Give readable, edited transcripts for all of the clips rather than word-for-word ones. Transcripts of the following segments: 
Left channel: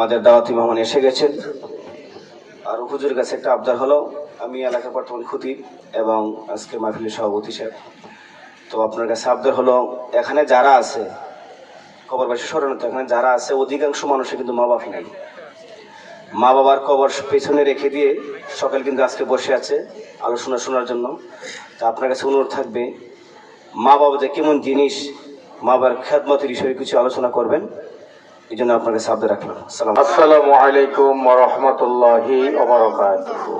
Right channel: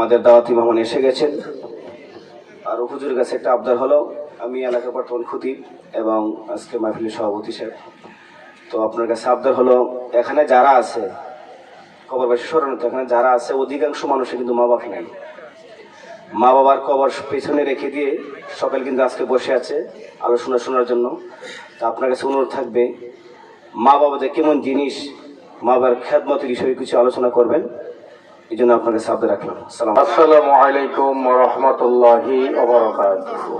আমাদের দাওয়াতি মেহমান এসে গেছেন। আর হুজুরের কাছে একটা আবদার হলো, আমি এলাকার বর্তমান খতিব এবং আজকে মাহফিলের সভাপতি সাহেব, তো আপনার কাছে আবদার হলো, এখানে যারা আছে কবরবাসী স্মরণত, এখানে যারা আছে অধিকাংশ মানুষের কিন্তু মা বাবা নাই। মা বাবার কবর পেছনে রেখে দিয়ে সকাল কিন্তু আজকে বসে আছে আলোচনা শোনার জন্য। তো আপনার কাছে অনুরোধ থাকবে, মা বাবা যে কেমন জিনিস, মা বাবার খেদমতের বিষয়ে কিছু আলোচনা করবেন, এই জন্য আপনার কাছে আবদার রাখলাম। আসসালামু আলাইকুম ওয়া রাহমাতুল্লাহি ওয়া বারাকাতুহু।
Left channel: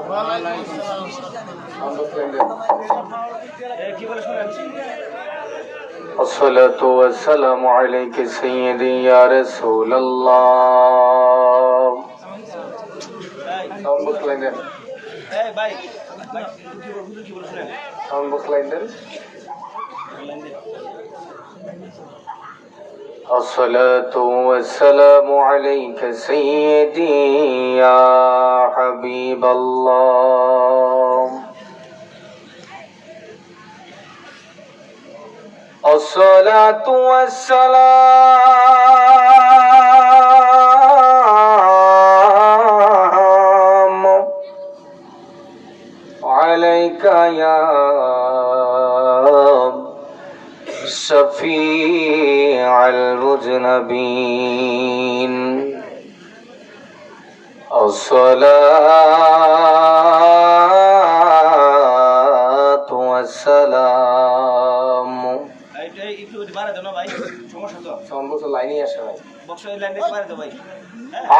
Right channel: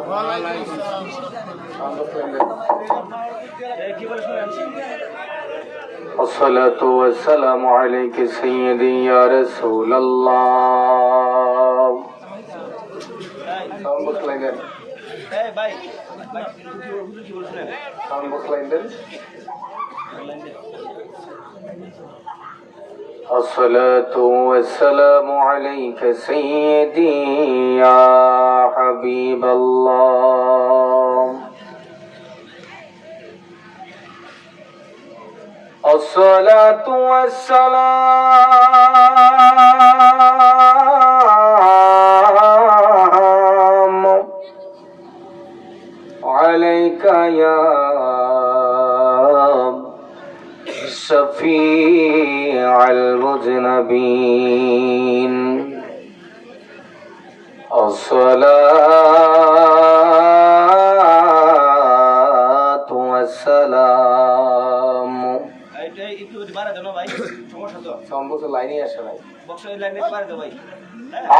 আসসালাতু ওয়াসসালামু আলাইকা সাইয়্যিদি ইয়া রাসূলুল্লাহ। সাউন্ড বক্স লাইন দেন। এই ভাই হুজুর কি বলে শুনেন, সাউন্ড বক্স লাইন দেন। الصلاة والسلام عليك سيدي يا حبيب الله. الصلاة والسلام عليك يا شفيع المذنبين. الصلاة والسلام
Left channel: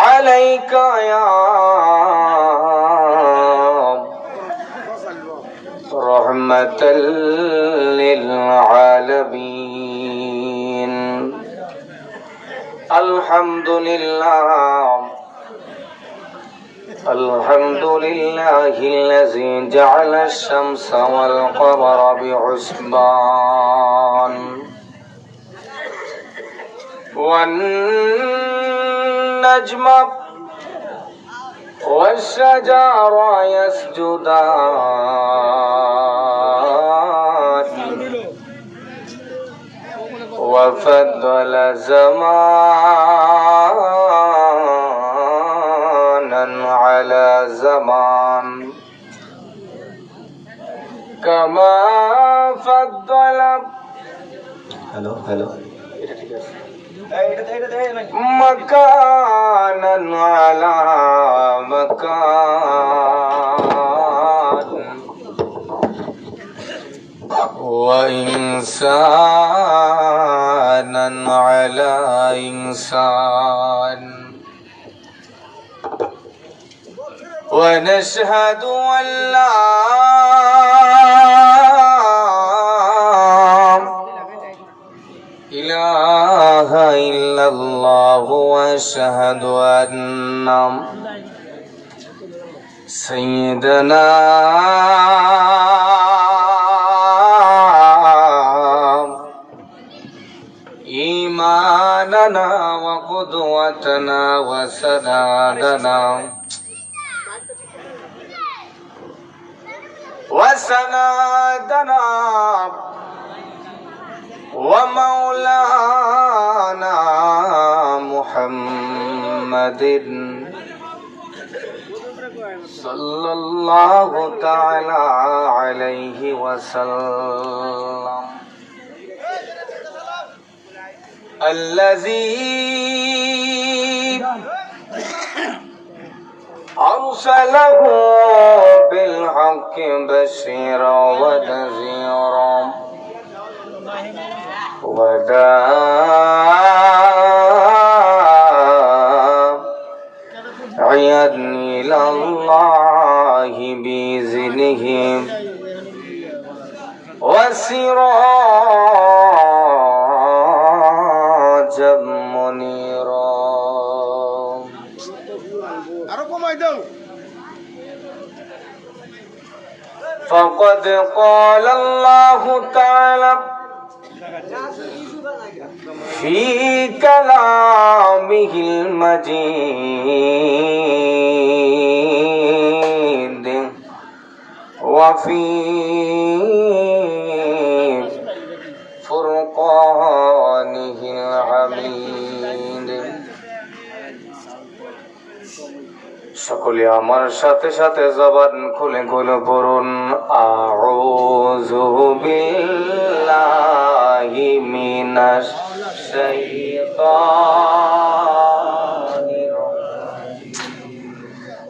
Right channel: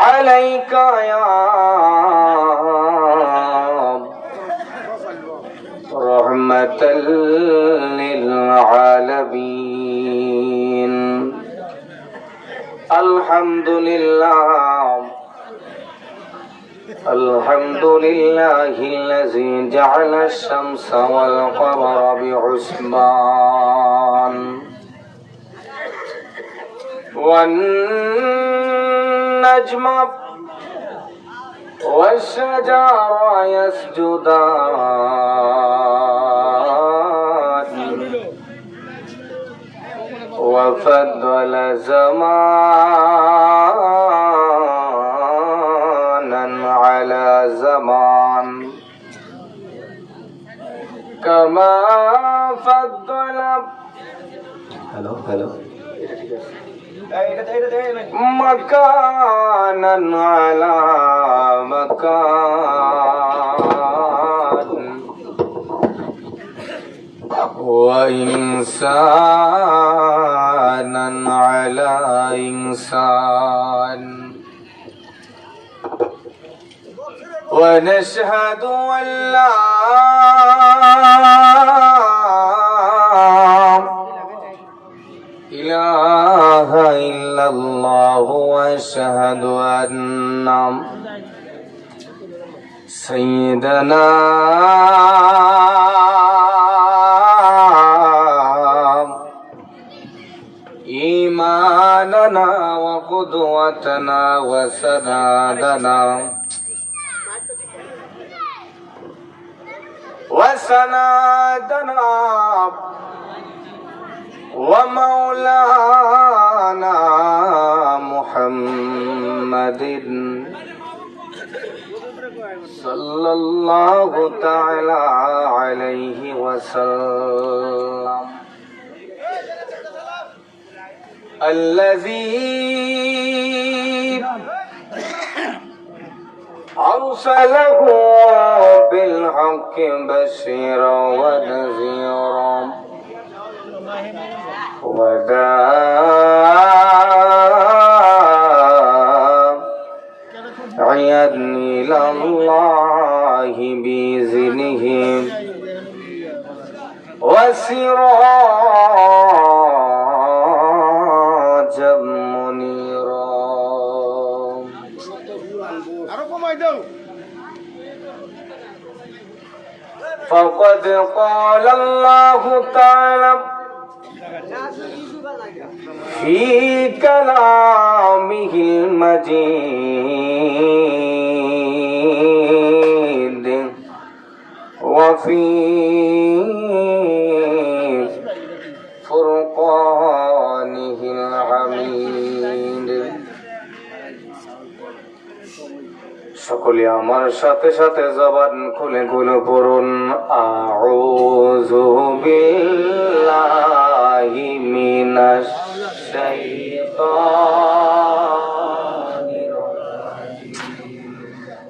عليك يا رحمة للعالمين. الحمد لله الحمد لله الذي جعل الشمس والقمر بحسبان والنجم والشجر يسجدان وفضل زمانا على زمان كما فضل مكانا على مكان وإنسانا على إنسان. ونشهد أن لا إله إلا الله وأشهد أن سيدنا إيماننا وقدوتنا وسندنا ومولانا محمد صلى الله تعالى عليه وسلم الذي أرسله بالحق بشيرا ونذيرا وداعيا إلى الله بإذنه وسراجا منيرا. فقد قال الله تعالى في كلامه المجيد وفي فرقانه الحميد সকলে আমার সাথে সাথে জবান খুলে খুলে পড়ুন, আউযু বিল্লাহি মিনাশ শাইতানির রাজিম।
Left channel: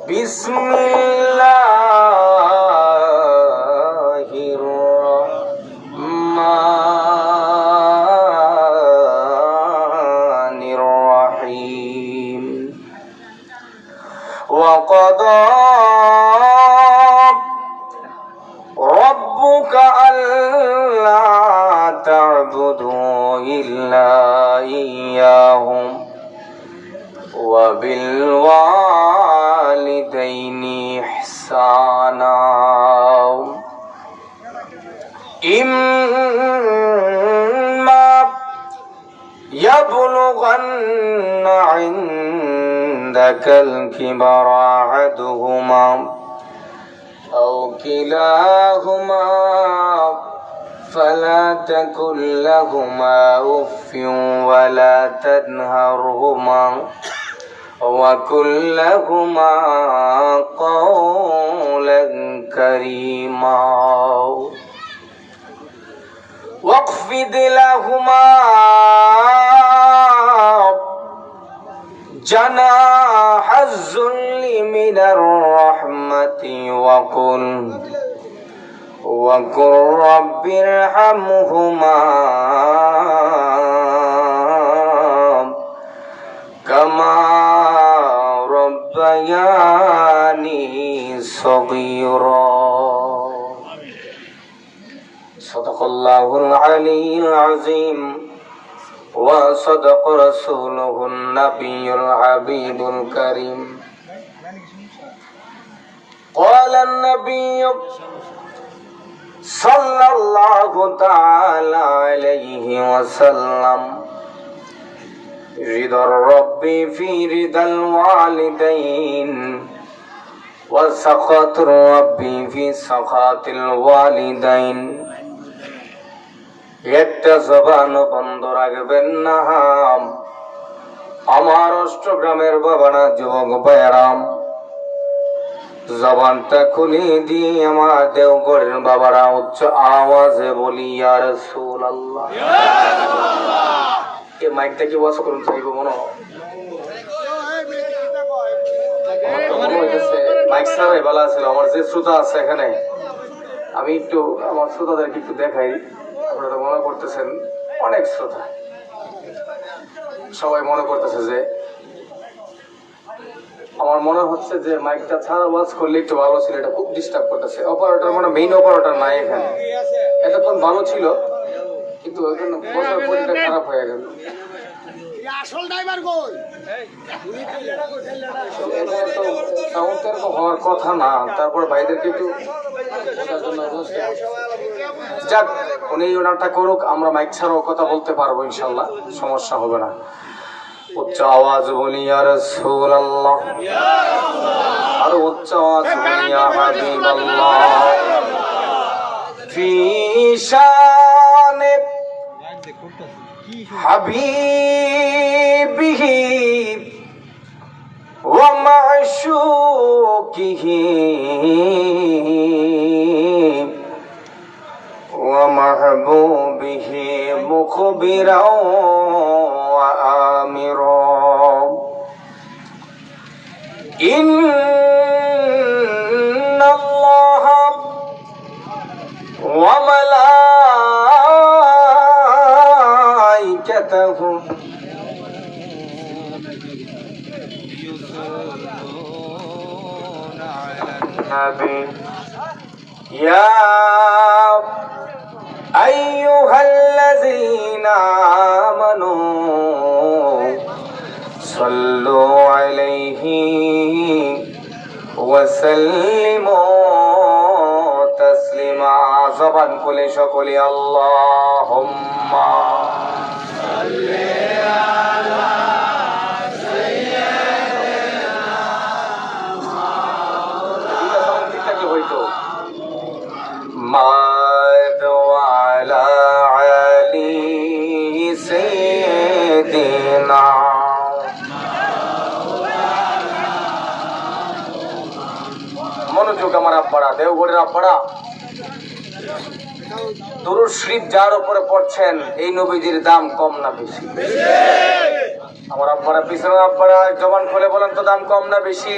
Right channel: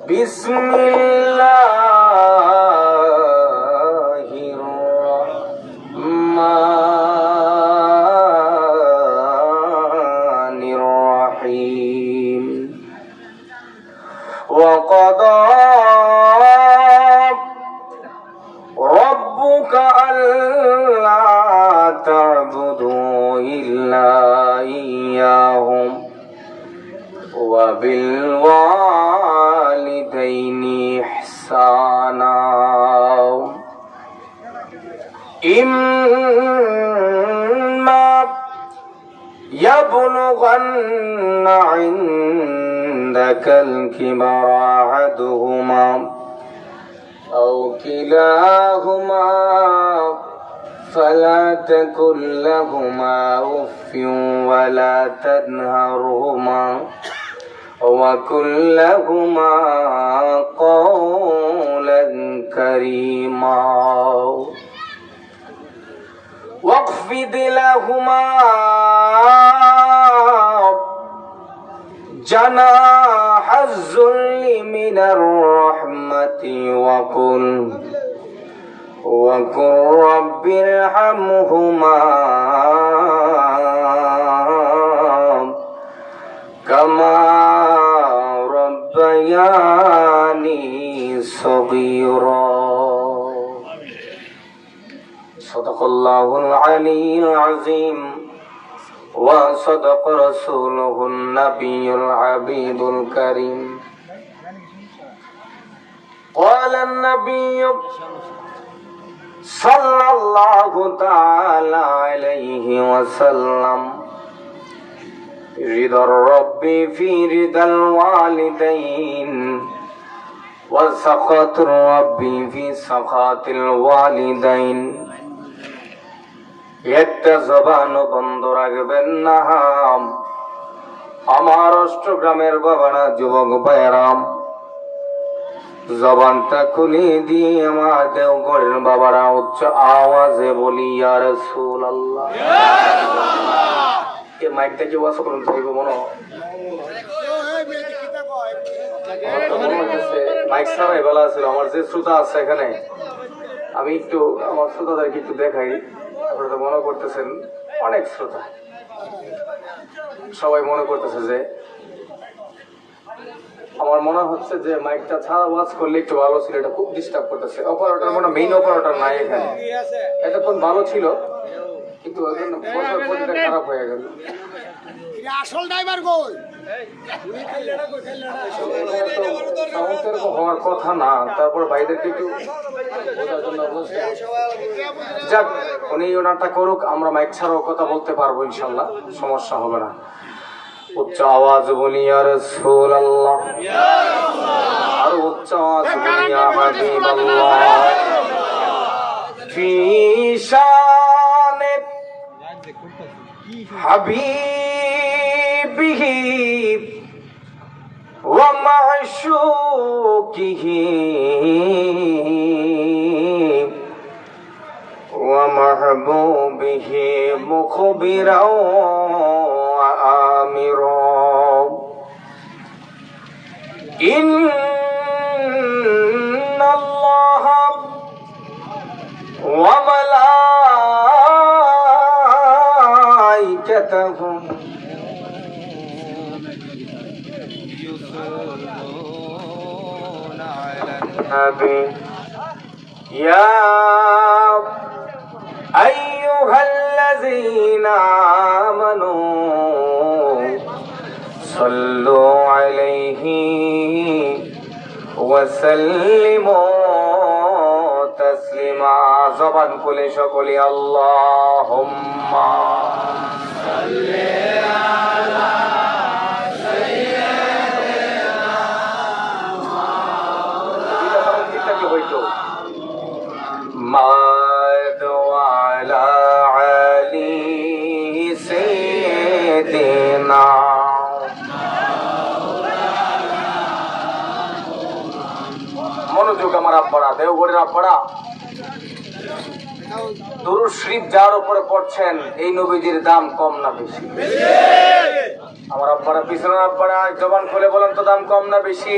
বিসমিল্লাহির রাহমানির রাহিম। وقضى ربك ألا تعبدوا إلا إياه وبالوالدين إحسانا إما يبلغن عندك الكبر أحدهما أو كلاهما فلا تقل لهما أف ولا تنهرهما وقل لهما قولا كريما واخفض لهما جناح الذل من الرحمة وقل رب ارحمهما كما ربياني صغيرا صدق الله العلي العظيم وصدق رسوله النبي الحبيب الكريم. قال النبي صلى الله تعالى عليه وسلم رضا الرب في رضا الوالدين وسخط الرب في سخط الوالدين. একটা জবান বন্ধ রাখবেন না আমার অষ্টগ্রামের বাবারা, যুবক ভাইয়েরাম, জবানটা খুলে দিয়ে আমার দেওঘরের বাবারা উচ্চ আওয়াজে বলি ইয়া রাসূলুল্লাহ। এই মাইকটা কি ওয়াজ করুন চাইব মনে হইতেছে মাইক ছাড়াই বলা ছিল। আমার যে শ্রোতা আছে এখানে, আমি একটু আমার শ্রোতাদেরকে একটু দেখাই। আপনারা মনে করতেছেন অনেক শ্রোতা, সবাই মনে করতেছে যে আমার মনে হচ্ছে যে মাইকটা ছাড়া ওয়াজ করলে একটু ভালো ছিল, এটা খুব ডিস্টার্ব করতেছে। অপারেটর মানে মেইন অপারেটর নাই এখানে, এতক্ষণ ভালো ছিল কিন্তু এখন বসার পরিটা খারাপ হয়ে গেল। আসল ড্রাইভার কই? এখানে তো সাউন্ড এরকম হওয়ার কথা না, তারপর ভাইদেরকে একটু বোঝার জন্য যাক, উনি ওনারটা করুক, আমরা মাইক ছাড়াও কথা বলতে পারবো ইনশাল্লাহ, সমস্যা হবে না। উচ্চ আওয়াজ বলি ইয়া রাসূলুল্লাহ, আর উচ্চ আওয়াজ বলি ইয়া হাবিবাল্লাহ। ফি শানে হাবিবিহি ওয়া মা'শুকিহি ওয়া মাহবুবিহি মুখবিরা ওয়া আমিরা। ইন্নাল্লাহা ওয়া মালাইকাতাহু يصلون على النبي يا أيها الذين آمنوا صلوا عليه وسلموا تسليما. জবান খুলে সকলে আল্লাহুম্মা সাল্লি আলা محمد وعلى علي سيدنا মনোযোগ আমার আব্বারা, দেওঘরের আব্বারা, দুরূদ শরীফ যার উপরে পড়ছেন এই নবীজির দাম কম না বেশি? আমার আব্বারা, পিছনের আব্বারা জবান খুলে বলেন তো, দাম কম না বেশি?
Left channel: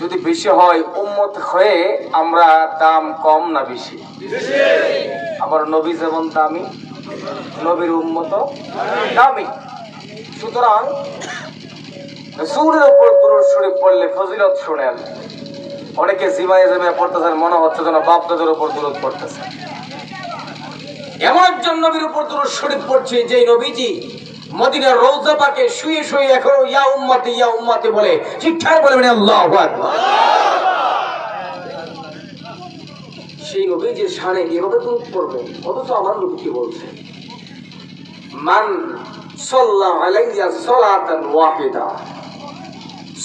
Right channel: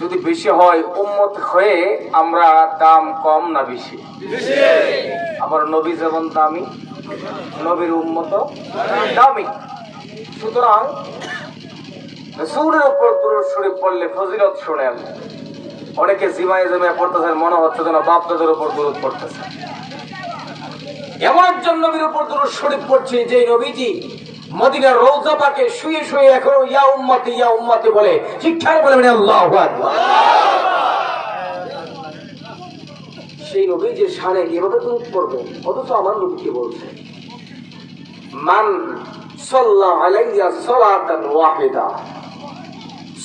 যদি বেশি হয় উম্মত হয়ে আমরা দাম কম না বেশি? আবার নবী যেমন দামি, নবীর উম্মত দামি। সুতরাং রাসূলের উপর দুরূদ শরীফ পড়লে ফজিলত শুনেন। অনেকে জিমায়ে জিমায়ে পড়তেছেন, মনে হচ্ছে যেন বাপ দাদার উপর দুরূদ পড়তেছে। এমন একজন নবীর উপর দুরূদ শরীফ পড়ছে যে নবীজি মদিনার রওজা পাকে শুয়ে শুয়ে এখনো ইয়া উম্মতি বলে। ঠিকঠাক বলে আল্লাহু আকবার। সেই নবীজির শানে কিভাবে দুরূদ পড়বে? অথচ আমার নবী কি বলছে, মান সাল্লা আলাইয়া সালাতান ওয়াহিদা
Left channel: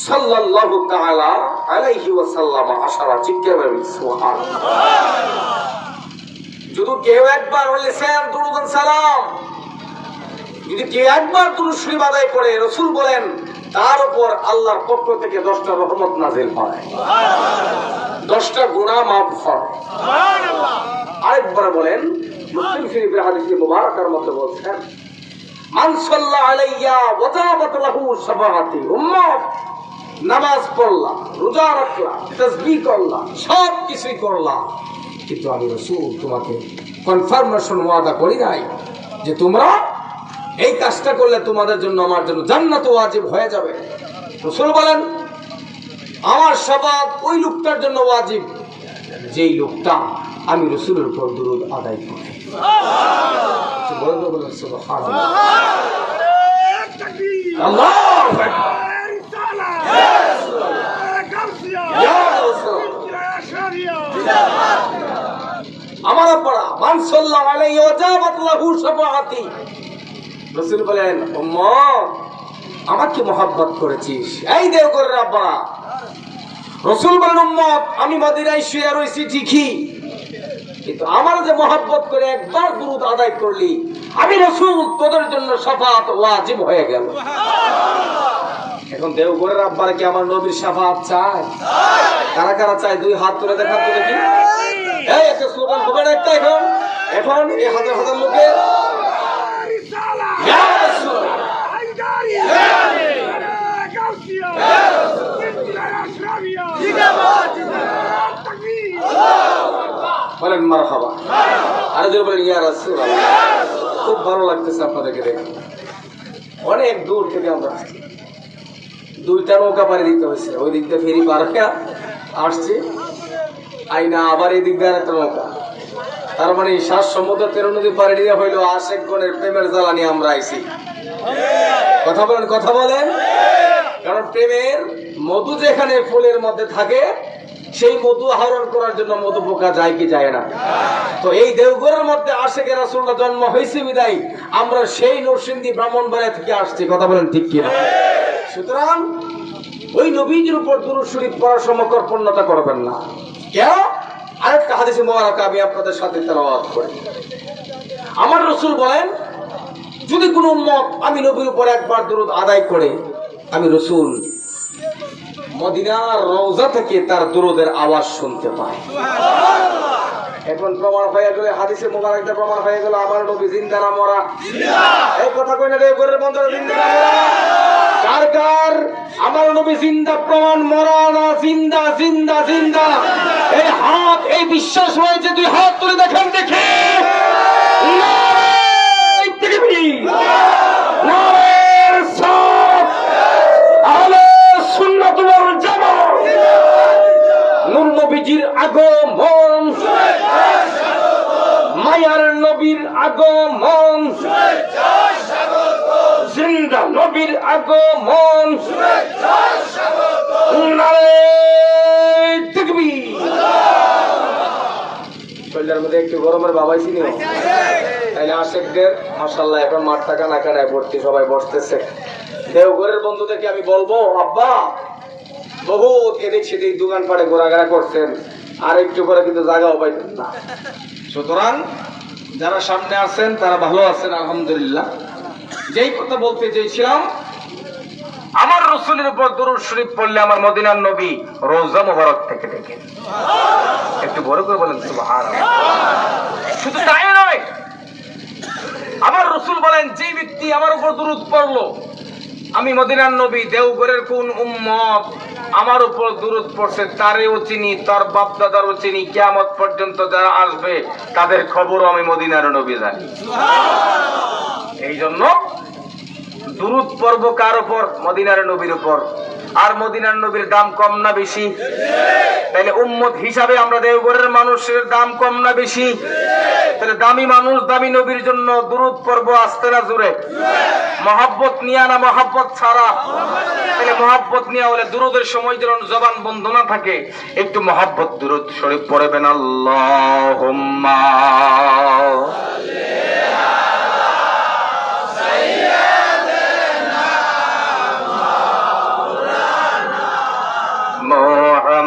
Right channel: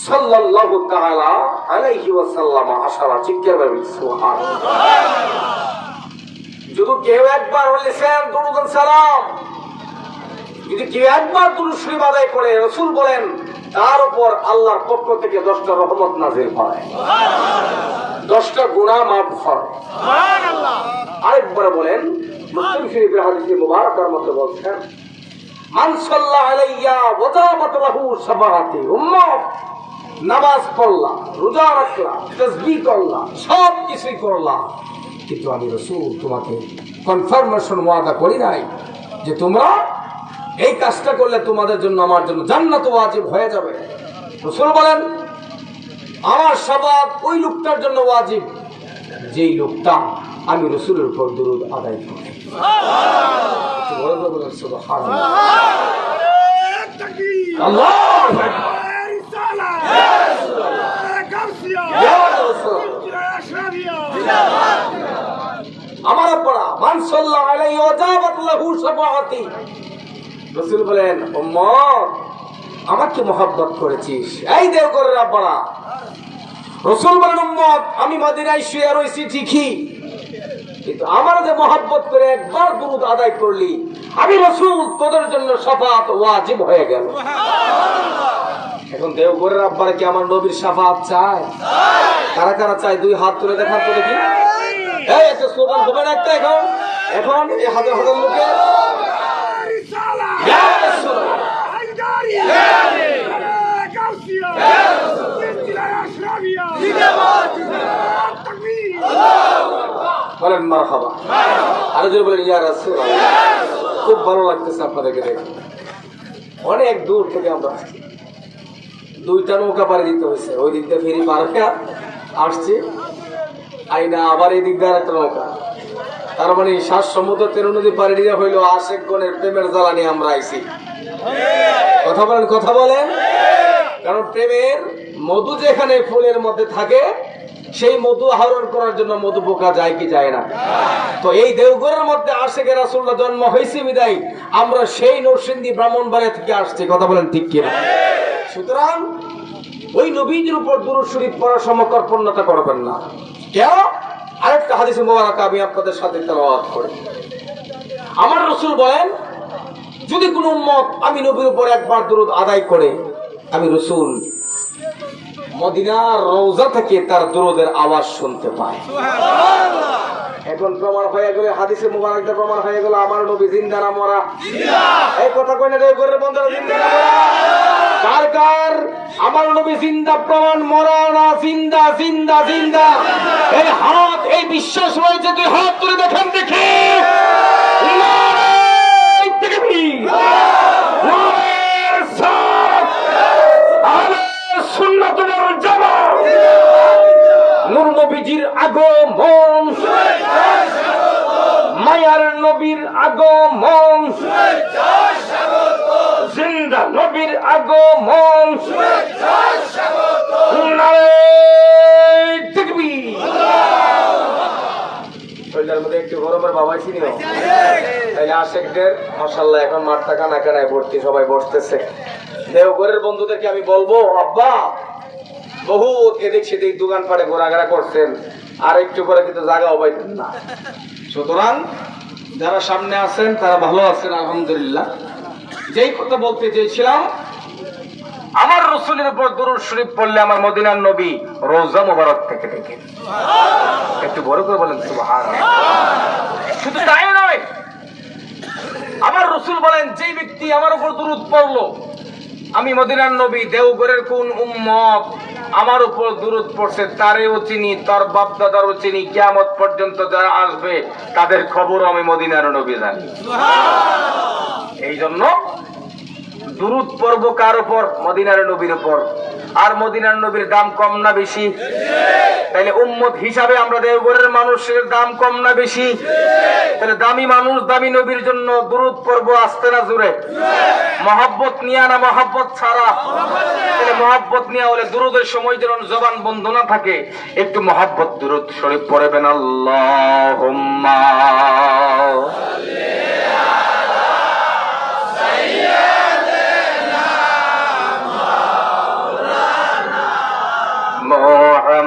সাল্লাল্লাহু তাআলা আলাইহি ওয়া সাল্লাম আশারা। চিৎকার করে সুবহানাল্লাহ। যদি কেউ একবার বলেছেন দুরূদ সালাম, যদি কেউ একবার দুরূদ শরীফ আদায় করে, রাসূল বলেন তার উপর আল্লাহর পক্ষ থেকে 10টা রহমত নাযিল হয়, 10টা গুনাহ মাফ হয়। সুবহানাল্লাহ। আরেকবার বলেন, মুসলিম শরীফের হাদিসে মুবারাকার মধ্যে বলছেন, মান সাল্লা আলাইয়া ওয়াজাবাত লাহু সাফাহাতি। উম্মত নামাজ পড়লা, রোজা রাখলা, তাসবিহ করলা, সব কিছুই করলা, কিন্তু আমি রাসূল তোমাকে কনফার্মেশন ওয়াদা করি নাই যে তোমরা এই কাজটা করলে তোমাদের জন্য আমার জন্য জান্নাত ওয়াজিব হয়ে যাবে। রাসূল বলেন আমার শাফাত ওই লোকটার জন্য ওয়াজিব যেই লোকটা আমি রাসূলের উপর দুরূদ আদায় করে। সুবহানাল্লাহ। আল্লাহু আকবার। আমার পড়া মান সাল্লাল্লাহু আলাইহি ওয়া জাবাত লাহু শাফাআতি। রাসূল বলেন উম্মত আমাকে মহব্বত করেছিস, এই দেওঘরের আব্বারা। রাসূল বলেন উম্মত আমি মদিনায় শুয়ে রয়েছি ঠিকই, কিন্তু আমার যে মহব্বত করে একবার দুরূদ আদায় করলি আমি রাসূল তোদের জন্য শাফাআত ওয়াজিব হয়ে গেল। এখন দেওঘরের আব্বারা কি আমার নবীর শাফাআত চায়? কারা কারা চায়? দুই হাত তুলে দেখার তো দেখি। এই একটা স্লোগান হবে না একটা? এখন এই হাজার হাজার লোকে বলেন মারহাবা। আরো জোরে বলেন ইয়া রাসূলুল্লাহ। খুব ভালো লাগতেছে আপনাদেরকে দেখে। অনেক দূর থেকে আমরা 2টা নৌকা পাড়ি দিতে হয়েছে, ওই দিক দিয়ে ফেরি পার হয়ে আসছি, আইনা আবার এই দিক দিয়ে একটা নৌকা। তার মানে 7 সমুদ্র 13 নদী পাড়ি দিয়ে হইল আশেকগণের প্রেমের জ্বালানি আমরা আইছি। কথা বলেন। কারণ প্রেমের মধু যেখানে ফুলের মধ্যে থাকে সেই মধু আহরণ করার জন্য মধু পোকা যায় কি যায় না? তো এই দেওঘরের মধ্যে আশেকে রাসূলুল্লাহ জন্ম হয়েছে বিদায় আমরা সেই নরসিংদী ব্রাহ্মণবাড়িয়া থেকে আসছি। কথা বলেন ঠিক কিনা? সুতরাং ওই নবীজির উপর দুরূদ শরীফ পড়ার সময় কর্পণ্যতা করবেন না। কেন? আরেকটা হাদিসে মোবারক আমি আপনাদের সাথে তেলাওয়াত করি। আমার রাসূল বলেন যদি কোনো উম্মত আমি নবীর উপর একবার দুরূদ আদায় করে আমি রাসূল মদিনার রওজা থেকে তার দুরূদের আওয়াজ শুনতে পাই। এখন প্রমাণ হয়ে গেল, হাদিসে মুবারকটা প্রমাণ হয়ে গেল আমার নবী জিন্দা না মরা? এই কথা কইলে দেওঘরের বন্ধুরা জিন্দা না মরা? কার কার আমার নবী জিন্দা প্রমাণ, মরা না? জিন্দা জিন্দা জিন্দা। এই হাত, এই বিশ্বাস হয়েছে, তুই হাত তুলে দেখেন দেখে। নারে তাকবীর, নারে রিসালাত, আহলে সুন্নাত ওয়াল জামাত। নূর নবীজির আগমন, মায়ার নবীর আগমন, জিন্দা নবীর আগমন, নারে তাকবীর। শরীরের মধ্যে একটু গরমের বাবাই ছিল তাইলে আশেকদের মাশাআল্লাহ এখন মাঠটা কানায় ভর্তি, সবাই বসতেছে। দেওঘরের বন্ধুদেরকে আমি বলবো আব্বা বহুত এদিক সেদিক দোকান পাড়ে ঘোরাঘোরা করছেন, আর একটু করে কিন্তু জায়গাও পাইতেন না। সুতরাং যারা সামনে আছেন তারা ভালো আছেন আলহামদুলিল্লাহ। যেই কথা বলতে চেয়েছিলাম, আমার রসুলের উপর দুরূদ শরীফ পড়লে আমার মদিনার নবী রোজা মোবারক থেকে ডেকে। একটু বড় করে বলেন সুবহানাল্লাহ। শুধু তাই নয়, আমার রসুল বলেন যে ব্যক্তি আমার উপর দুরূদ পড়লো, আমি মদিনার নবী দেওঘরের কোন উম্মত আমার উপর দুরূদ পড়ছে তারেও চিনি, তার বাপ দাদারও চিনি, কিয়ামত পর্যন্ত যারা আসবে তাদের খবরও আমি মদিনার নবী জানি। এই জন্য দুরূদ পড়ব কার উপর? মদিনার নবীর উপর। আর মদিনার নবীর দাম কম না বেশি? তাহলে উম্মত হিসাবে আমরা দেওঘরের মানুষের দাম কম না বেশি? তাহলে দামি মানুষ দামি নবীর জন্য দুরূদ পড়ব আসতে না জুড়ে? মহাব্বত নিয়া না মহাব্বত ছাড়া? তাহলে মহাব্বত নিয়া হলে দুরূদের সময় যেন জবান বন্ধ না থাকে, একটু মহাব্বত দুরূদ শরীফ পড়বেন। আল্লাহুম্মা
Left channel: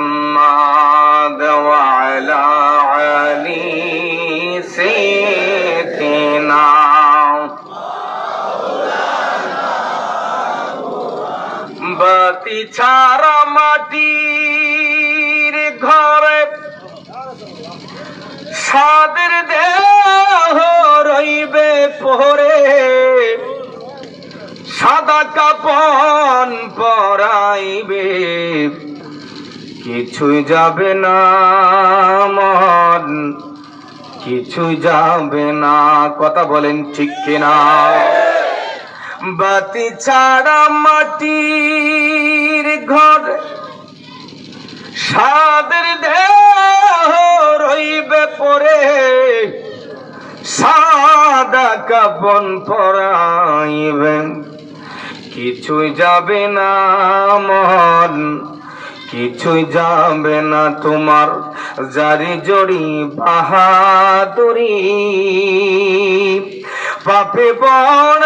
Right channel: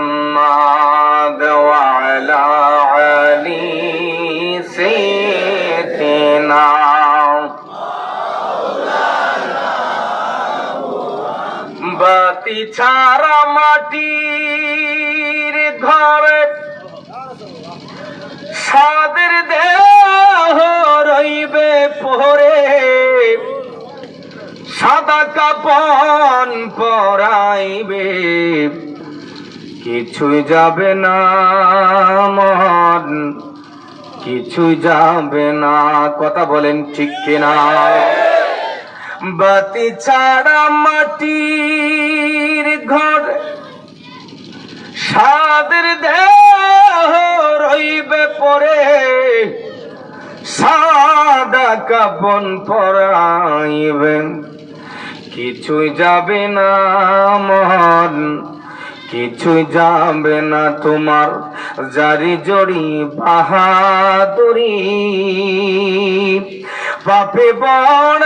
মুহাম্মাদ ওয়া আলা আলি সাইয়্যিদিনা বাতি ছাড়া মাটির ঘরে সাদের দেহ রইবে পরে, সাদা কাপন পরাইবে, কিছুই যাবে না মন, কিছুই যাবে না। কথা বলেন ঠিক কিনা? বাতি ছাড়া মাটির ঘর সাদের দেহ রইবে পরে, সাদা কাপন পরাইবেন, কিছুই যাবে না মন, কিছুই যাবে না তোমার জারি জড়ি বাহাদুরি, পাপে বড়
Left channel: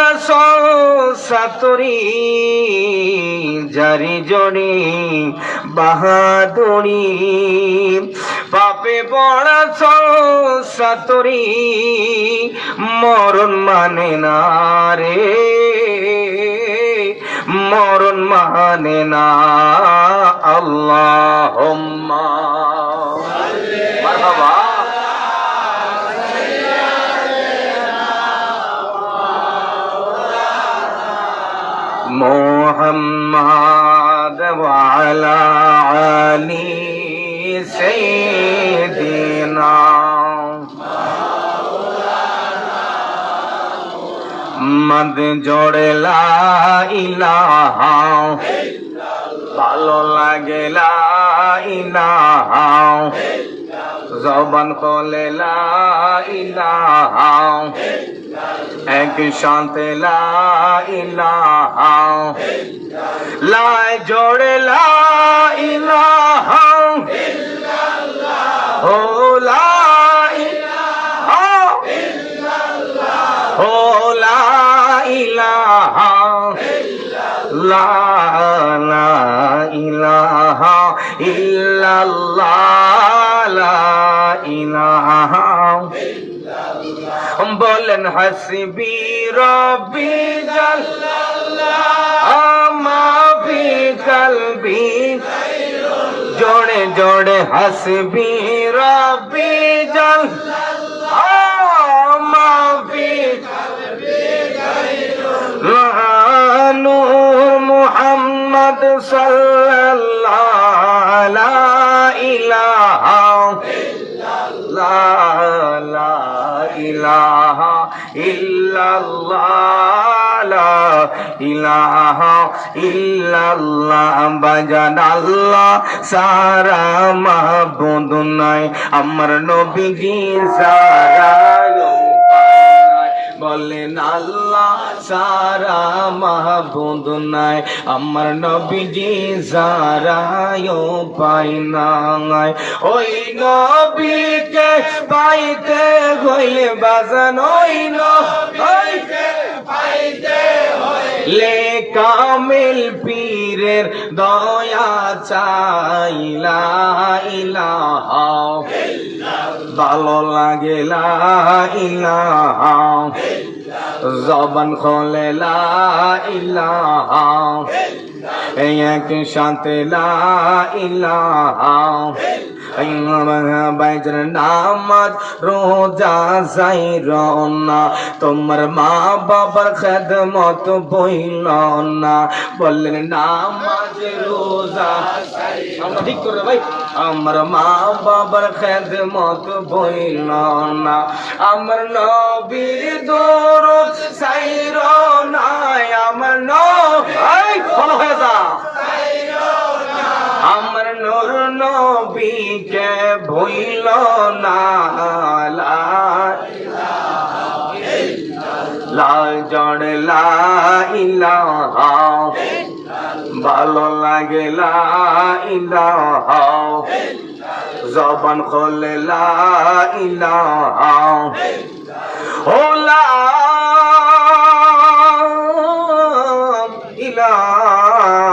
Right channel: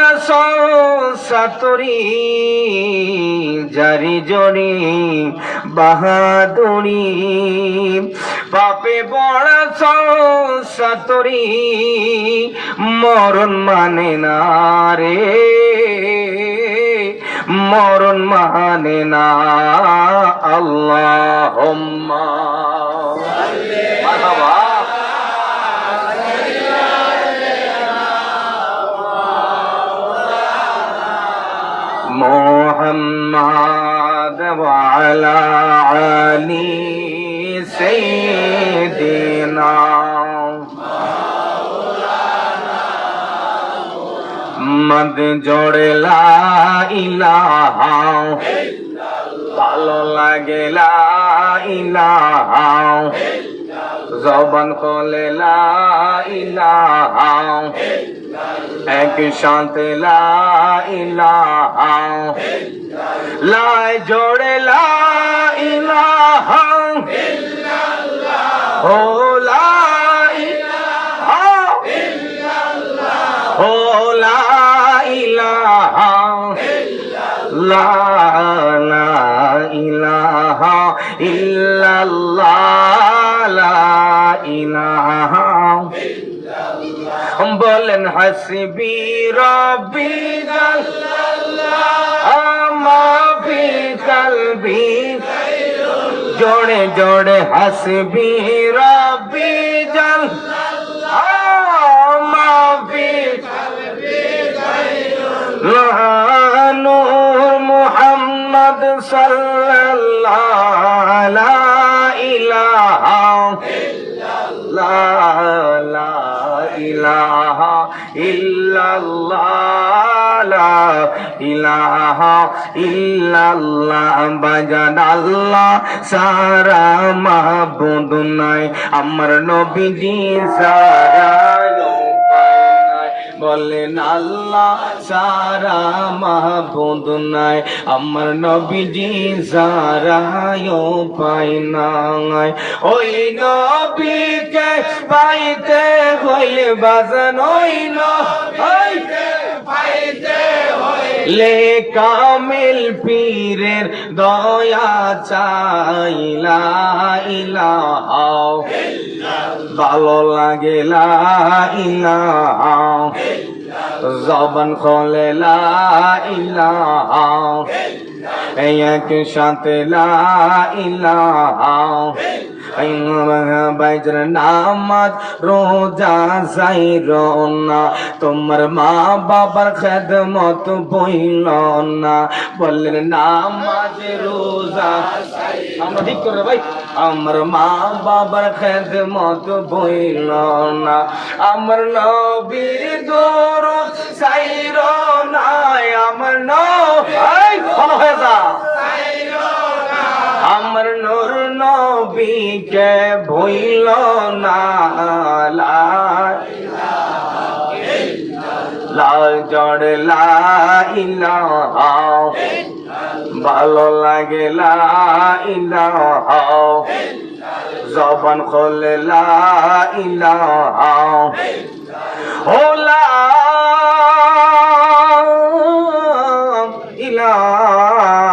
সাতরি জারি জড়ি বাহাদুরি, পাপে বড় সাতরি মরণ মানে না রে, মরণ মানে না। আল্লাহুম্মা মারহাবা। মুহাম্মাদ ওয়া আলা আলি সাইয়্যিদিনা মদ জোড়ে লা ইলাহা, ভালো লাগে লা ইলাহা, জবান খোলে লা ইলাহা, এক সাথে লা ইলাহা, লাই জোড়ে লা ইলাহা, ও লা ইলাহা, ও লা ইলাহা, লা ইলাহা ইল্লাল্লাহ, লা ইলাহা। বলেন হাসবি রব্বি জাল্লাল্লাহ মা ফি কলবি, জোড়ে জোড়ে হাসবি রব্বি জাল্লাল্লাহ মা ফি নূর মুহাম্মদ সাল্লাল্লাহু লা ইলাহা ইল্লাল্লাহ, লা ইলাহা ইল্লাল্লাহ, লা ইলাহা ইল্লাল্লাহ। বাজান আল্লাহ সারা মাহবুদ নাই, আমার নবীজি সারা বলেন আল্লাহ সারা মাহবুদ নাই, আমার নবীজি সারায়ও পাই নাই। ওই নবীকে পাইতে হইলে বাজান, ওই নবীকে পাইতে হইলে কামিল পীরের দয়া চাই, লা ইলাহা ভালো লাগে লা ইলাহা, জবান খোলে লা ইলাহা এক সাথে লা ইলাহা বাইজের নামাজ রোজা যাইর না, তোমার মা বাবার খেদমত বইল না, বললেন নামাজ রোজা আমরা ঠিক করে ভাই, আমার মা বাবার খেদমত বইল না, আমার নবীর দরুদ সাইর না, আমার নবী ভালো হয়ে যা, আমার নূর নবীকে ভুইল না, লাল জড় লা ইলাহা, ভালো লাগে লা ইলাহা, জবান খোলে লা ইলাহা, ও লা ইলাহা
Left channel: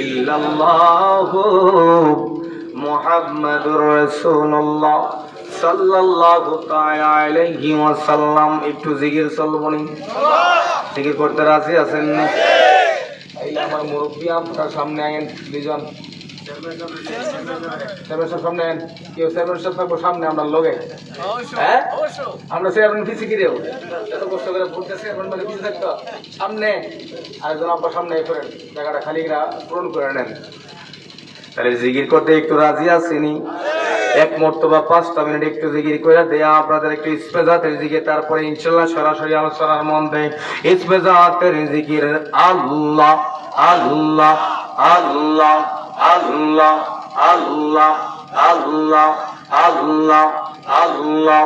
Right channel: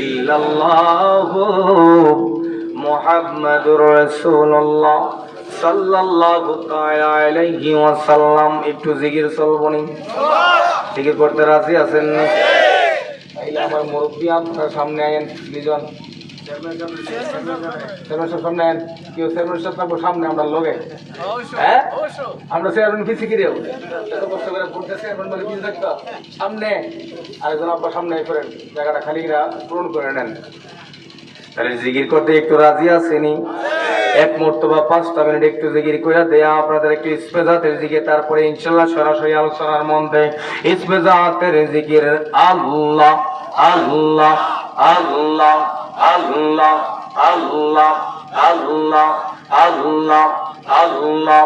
ইল্লাল্লাহু মুহাম্মাদুর রাসূলুল্লাহ সাল্লাল্লাহু তাআলা আলাইহি ওয়াসাল্লাম। একটু জিকির চলবনি, জিকির করতে রাজি আছেন নি? তাইলে আমার মুরব্বী আপনার সামনে আইন, দুজন চেয়ারম্যান সামনে আইন, কেউ চেয়ারম্যান সাহেব থাকবো সামনে, আমরা লগে হ্যাঁ আমরা চেয়ারম্যান কি শিখি দেব, এত কষ্ট করে ভোট দিয়ে চেয়ারম্যান মানে কিছু থাকতো সামনে, আরেকজন আব্বা সামনে করেন, জায়গাটা খালি পূরণ করে নেন। তাহলে জিকির করতে একটু রাজি আসেনি? এক মর্তবা 5টা মিনিট একটু জিকির করে দেয়া আপনাদের একটু ইসপেজাতের জিকির, তারপরে ইনশাআল্লাহ সরাসরি আলোচনার মধ্যে। ইসপেজাতের জিকির আল্লাহ আল্লাহ আল্লাহ আল্লাহ আল্লাহ আল্লাহ আল্লাহ আল্লাহ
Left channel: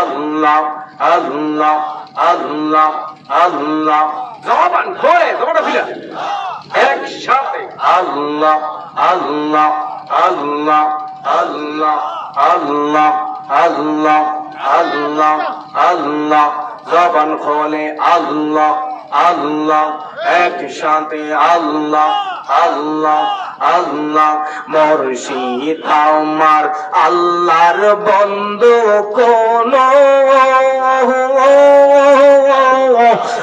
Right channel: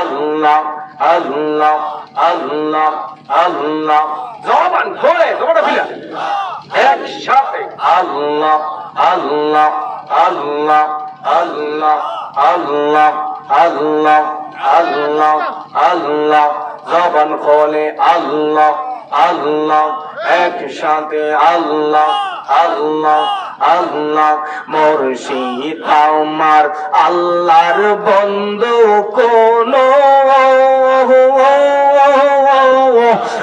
আল্লাহ আল্লাহ আল্লাহ আল্লাহ, জবান ধরে জবানটা ফিলা একসাথে আল্লাহ আল্লাহ আল্লাহ আল্লাহ আল্লাহ আল্লাহ আল্লাহ আল্লাহ, জবান খোলে আল্লাহ আল্লাহ, একসাথে আল্লাহ আল্লাহ আল্লাহ। মুর্শিদ আমার আল্লাহর বন্ধু কোন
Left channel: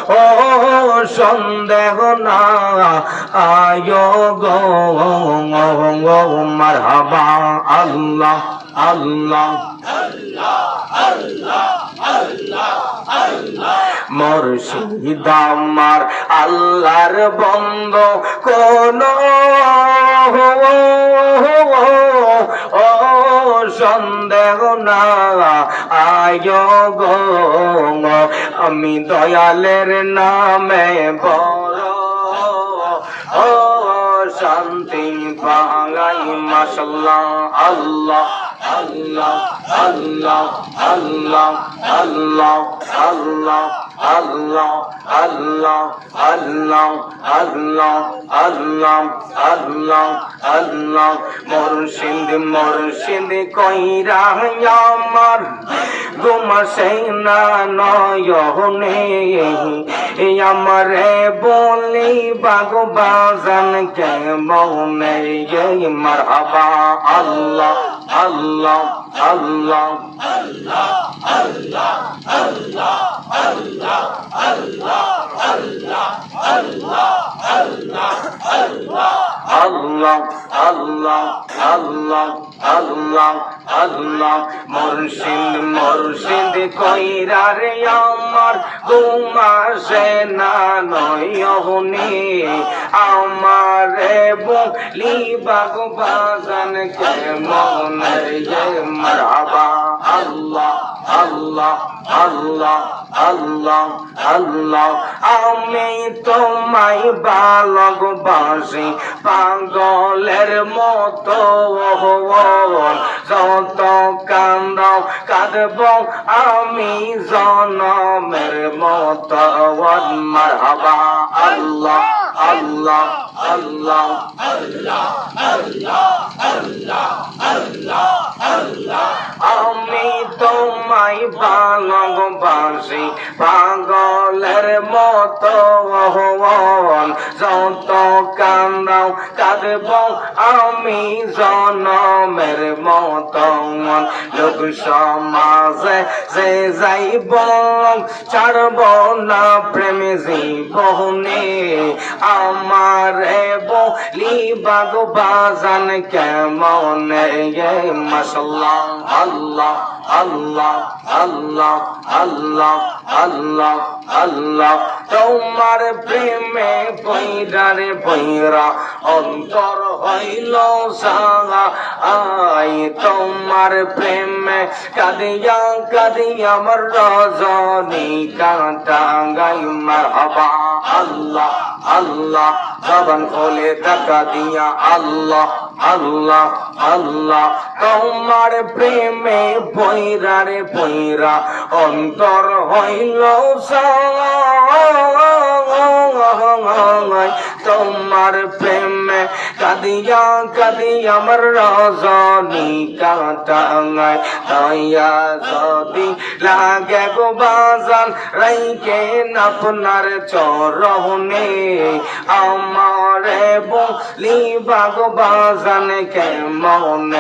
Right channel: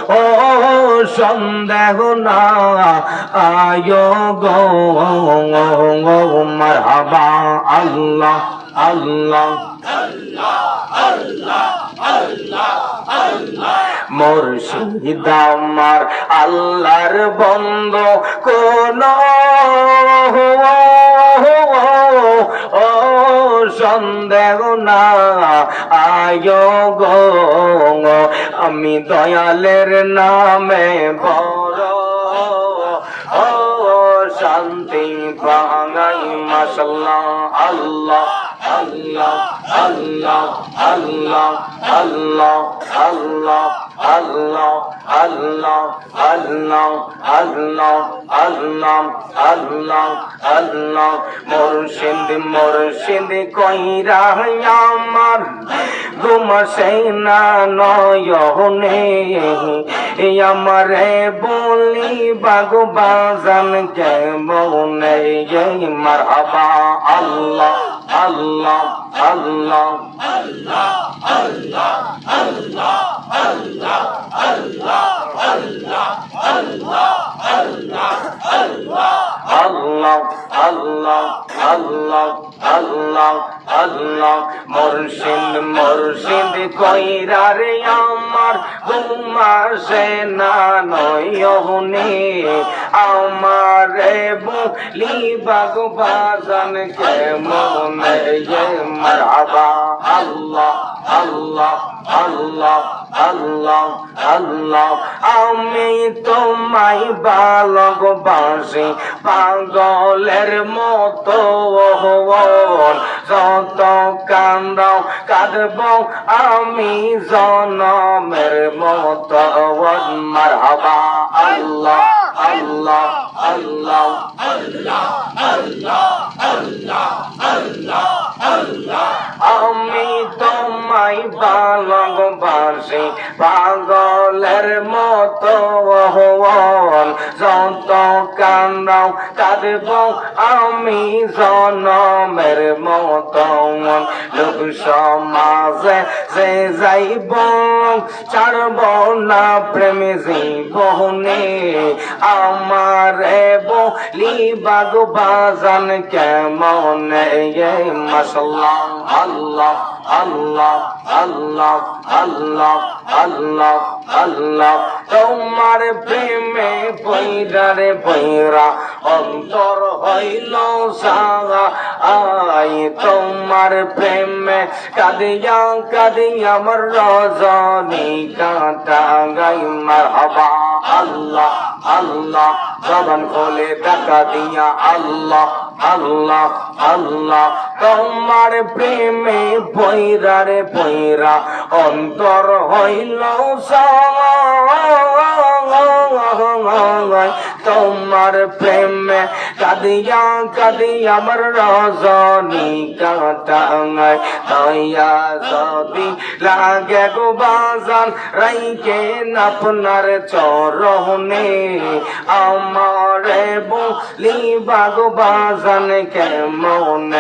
ও সন্দেহ না আয়ো গো মারহাবা আল্লাহ আল্লাহ মুর্শিদ আমার আল্লাহর বন্ধু কোন ও সন্দেহ না আয়ো গো, আমি দয়ালের নামে বড় ও শান্তি পাই মাশাআল্লাহ আল্লাহ আল্লাহ আল্লাহ আল্লাহ আল্লাহ আল্লাহ আল্লাহ আল্লাহ আল্লাহ আল্লাহ আল্লাহ আল্লাহ আল্লাহ। মুর্শিদ মুর্শিদ কইরা আমার ঘুমাসে না নয়নে, আমারে বলি বাগু বাজান কে মনে মারহাবা আল্লাহ আল্লাহ আল্লাহ আল্লাহ আল্লাহ আল্লাহ আল্লাহ আল্লাহ আল্লাহ আল্লাহ আল্লাহ আল্লাহ আল্লাহ আল্লাহ আল্লাহ আল্লাহ আল্লাহ। মুর্শিদ মুর্শিদ কইরা রে আমার ঘুমাসে না নয়নে, আমারে বলি বাগু বাজান কে মনে মারহাবা আল্লাহ আল্লাহ আল্লাহ আল্লাহ আল্লাহ। আমি তোমায় ভালোবাসি পাগলের মতো, যত কান্দাও কাঁদব আমি জনমের মতো মারহাবা আল্লাহ আল্লাহ আল্লাহ আল্লাহ আল্লাহ আল্লাহ আল্লাহ আমি তোমায় ভালোবাসি পাগলের মতো যত কান্দাও কাঁদব আমি জনমের মতো লোক সমাজে যে যাইব ছাড়ব না প্রেম জীবনে আমার বলি বাগো বাজান কেমন মাশাল্লাহ আল্লাহ আল্লাহ আল্লাহ আল্লাহ আল্লাহ আল্লাহ তোমার প্রেমে বৈরা রে বৈরা অন্তর হইল সাগা আই তোমার প্রেমে কাঁদিয়া কাঁদিয়া আমার রজনী কাঁটা গাই মারহাবা আল্লাহ আল্লাহ জবান খোলে টাকা দিয়া আল্লাহ আল্লাহ আল্লাহ তোমার প্রেমে বৈরা রে বৈরা অন্তর হইল তোমার প্রেমে কাঁদিয়া কাঁদিয়া আমার রজনী কাটাঙ্গায় তৈয়া যদি লাগে গো বাজান রাইকে আপনার চরণে আমারে বলি বাগো বাজান কেমন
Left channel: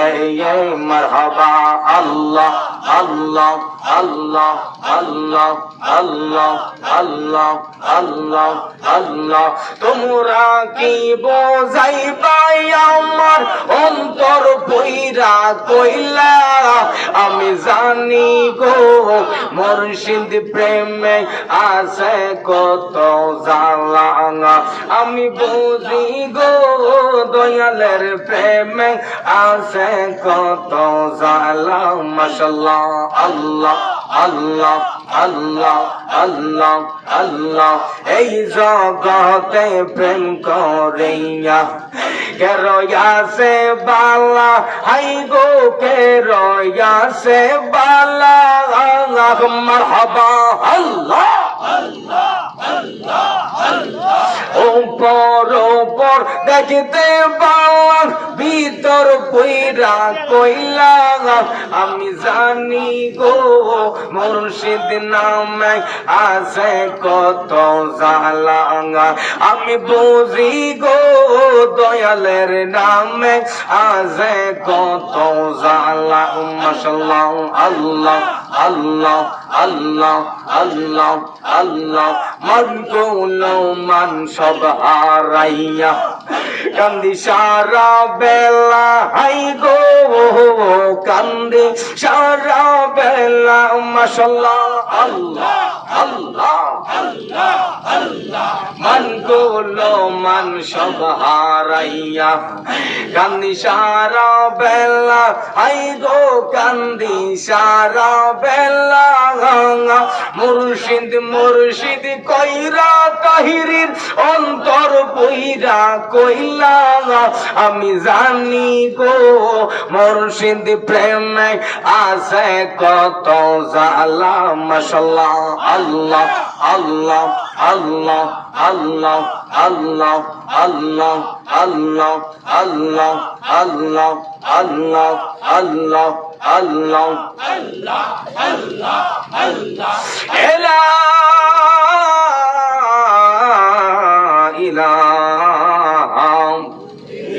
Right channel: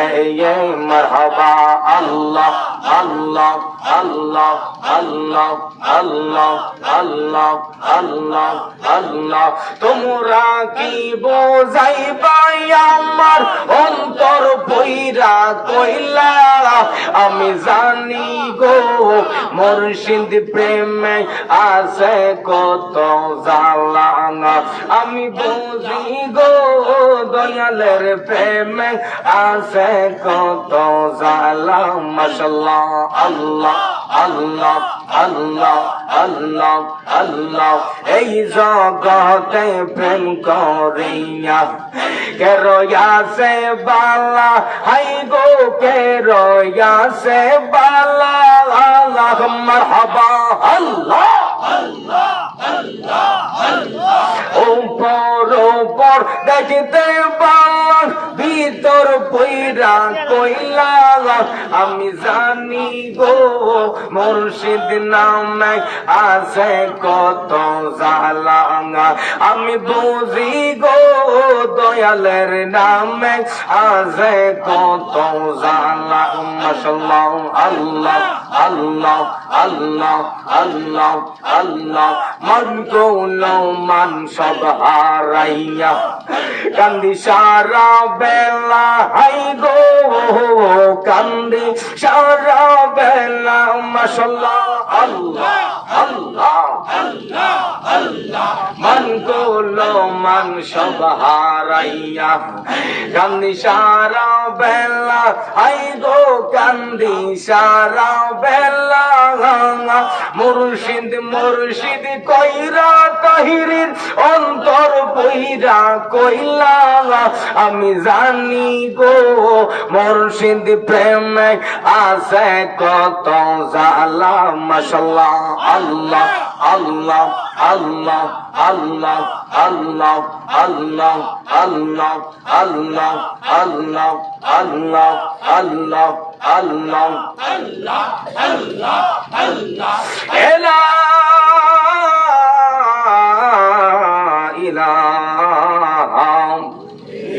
মারহাবা আল্লাহ আল্লাহ আল্লাহ আল্লাহ আল্লাহ আল্লাহ আল্লাহ আল্লাহ তোমরা কি বোঝাইবাই আমার অন্তর বইরা কইলা আমি জানি গো মুর্শিদ প্রেমে আছে কত জ্বালা আমি বুঝি গো দয়ালের প্রেমে আছে কত জ্বালা মাশাল্লাহ আল্লাহ আল্লাহ আল্লাহ আল্লাহ আল্লাহ এই জগতে প্রেম করিয়া কে রয়াছে বালা হাই গো কে রয়াছে বালা আল্লাহ মারহাবা আল্লাহ উপর উপর দেখতে পাওয়ার ভিতর পইরা কইলা আমি জানি গো মুর্শিদ নামে আছে কত জ্বালা আমি বুঝি গো দয়ালের নামে আছে কত জ্বালা মাশাল্লাহ আল্লাহ আল্লাহ আল্লাহ আল্লাহ আল্লাহ মন কোলো মান সব হারাইয়া কান্দি সারা বেলা হাই গো কান্দি সারা বেলা মাশাল্লাহ আল্লাহ আল্লাহ আল্লাহ আল্লাহ মন কোলো মান সব হারাইয়া কান্দি সারা বেলা হাই গো কান্দি সারা বেলা মুর্শিদ মুর্শিদ কইরা তাহিরির অন্তর বইরা কইলা আমি জানি গো মুর্শিদ প্রেমে আছে কত জ্বালা মাশাল্লাহ আল্লাহ আল্লাহ আল্লাহ আল্লাহ আল্লাহ আল্লাহ আল্লাহ আল্লাহ আল্লাহ আল্লাহ আল্লাহ আল্লাহ আল্লাহ আল্লাহ আল্লাহ লা ইলাহা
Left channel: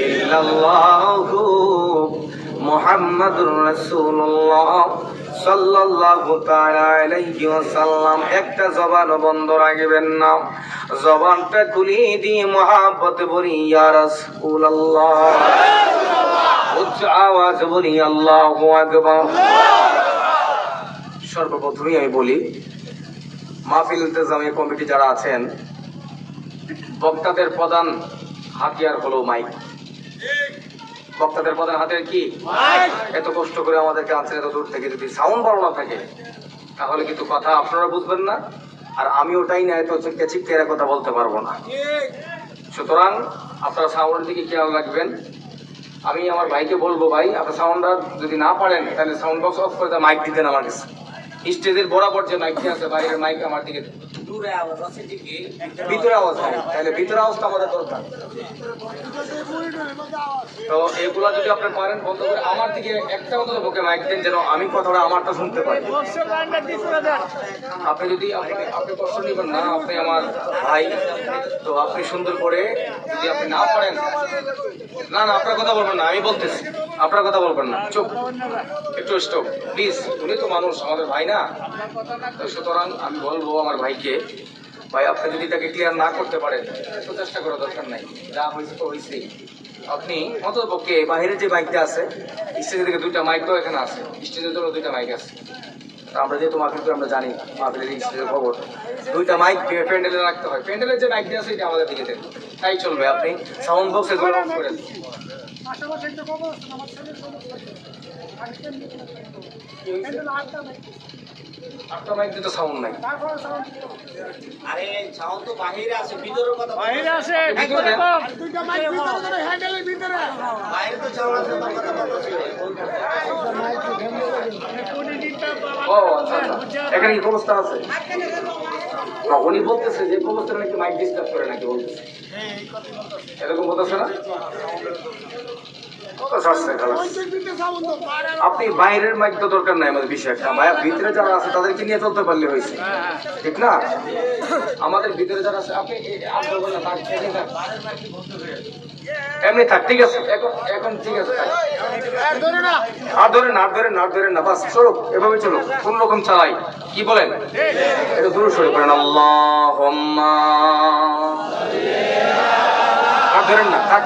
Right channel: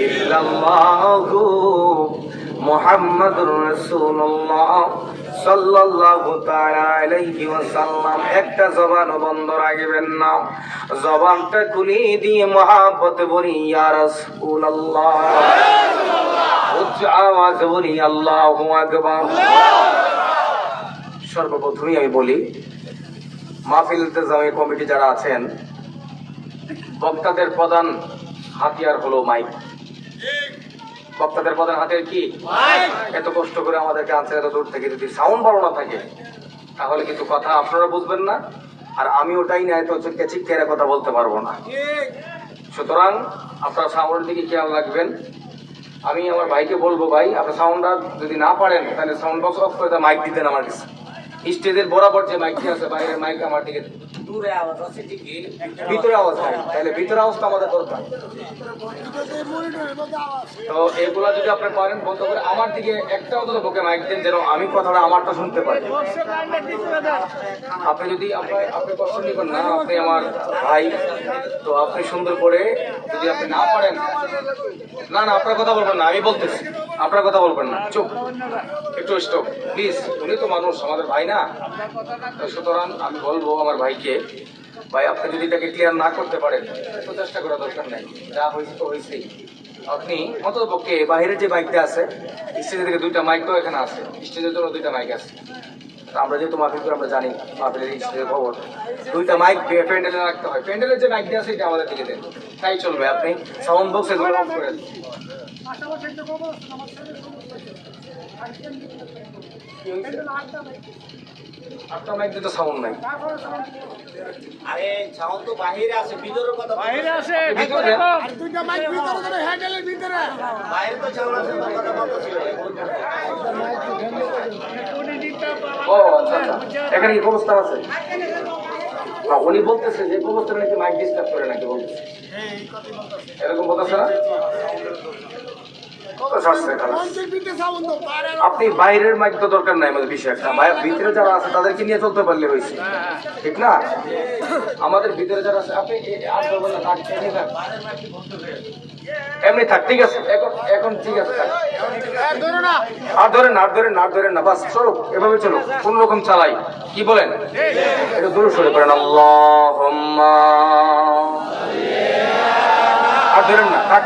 ইল্লাল্লাহু মুহাম্মাদুর রাসূলুল্লাহ সাল্লাল্লাহু তাআলা আলাইহি ওয়াসাল্লাম একটা জবান বন্ধ রাখবেন না জবানটা খুলে দিয়ে মহব্বত বলি ইয়া রাসূলুল্লাহ উচ্চ আওয়াজে বলি আল্লাহু আকবার সর্বপ্রথমে আমি বলি মাহফিল ইলতিজামি কমিটি যারা আছেন বক্তাদের প্রধান হাতিয়ার হলো মাইক বক্তাদের প্রধান হাতিয়ার কি এত কষ্ট করে আমাদেরকে আনছেন এত দূর থেকে যদি সাউন্ড ভালো না থাকে তাহলে কিন্তু কথা আপনারা বুঝবেন না আর আমি ওটাই না এত চিৎকারে কথা বলতে পারবো না সুতরাং আপনারা সাউন্ডের দিকে খেয়াল রাখবেন আমি আমার ভাইকে বলবো ভাই আপনার সাউন্ডটা যদি না পারেন তাহলে সাউন্ড বক্স অফ করে মাইক দিতেন আমার কাছে স্টেজের বরাবর যে মাইকটি আছে বাইরের মাইক আমার দিকে ভিতরে আওয়াজ হয়, তাহলে ভিতরে আওয়াজ তো আমাদের দরকার। তো এইগুলা যদি আপনি পারেন বন্ধ করে আমার দিকে একটা অন্তত বুকে মাইক দেন, যেন আমি কথাটা আমারটা শুনতে পারি। আপনি যদি আপনি কষ্ট নেবেন না, আপনি আমার ভাই, তো আপনি সুন্দর করে যদি আপনি না পারেন, না না আপনার কথা বলবেন না, আমি বলতেছি আপনার কথা বলবেন না, চুপ একটু স্টপ প্লিজ। উনি তো মানুষ, আমাদের ভাই না, তো সুতরাং আমি বলবো আমার ভাইকে, ভাই আপনি যদি তাকে ক্লিয়ার না করতে পারেন তো চেষ্টা করার দরকার নাই, যা হয়েছে তো হয়েছেই। আপনি অন্তত পক্ষে বাইরে যে মাইকটা আছে, স্টেজের থেকে 2টা মাইক তো এখানে আছে, স্টেজের জন্য 2টা মাইক আছে। আমরা যেহেতু মাহফিল করে আমরা জানি মাহফিলের স্টেজের খবর, 2টা মাইক প্যান্ডেলে রাখতে হয়, প্যান্ডেলের যে মাইকটা আছে এটা আমাদের দিকে দেন, তাই চলবে। আপনি সাউন্ড বক্স এগুলো অফ করেন। কি হয়েছে? 8টা মাইক দিতে সাউন্ড নাই। আরে সাউন্ড তো বাইরে আছে, ভিতরের কথা বাইরে আছে, ভিতরে কম। দুইটা মাইক ভিতরে করে হ্যান্ডেলের ভিতরে বাইরে তো সাউন্ড আছে, কথা বলতেছি। ও আচ্ছা আচ্ছা, এখানে কি কবরস্থান আছে? না, উনি বলতেছে যে কবরস্থানে নাকি মাইক ডিস্টার্ব করে নাকি বলতেছে, এরকম বলতেছে না? আপনি বাইরের মাইক তো দরকার নাই, আমাদের বিষয় একটা ভিতরে যারা আছে তাদেরকে নিয়ে চলতে পারলে হয়েছে, ঠিক না? আমাদের ভিতরে যারা আছে আপনি এমনি থাক, ঠিক আছে, এখন এখন ঠিক আছে থাক। আর ধরেন না, বাস চলুক, এভাবে চলুক, কোন রকম চালাই, কি বলেন? এটা দূর সরে করেন, আল্লাহুম্মা, আর ধরেন না, থাক।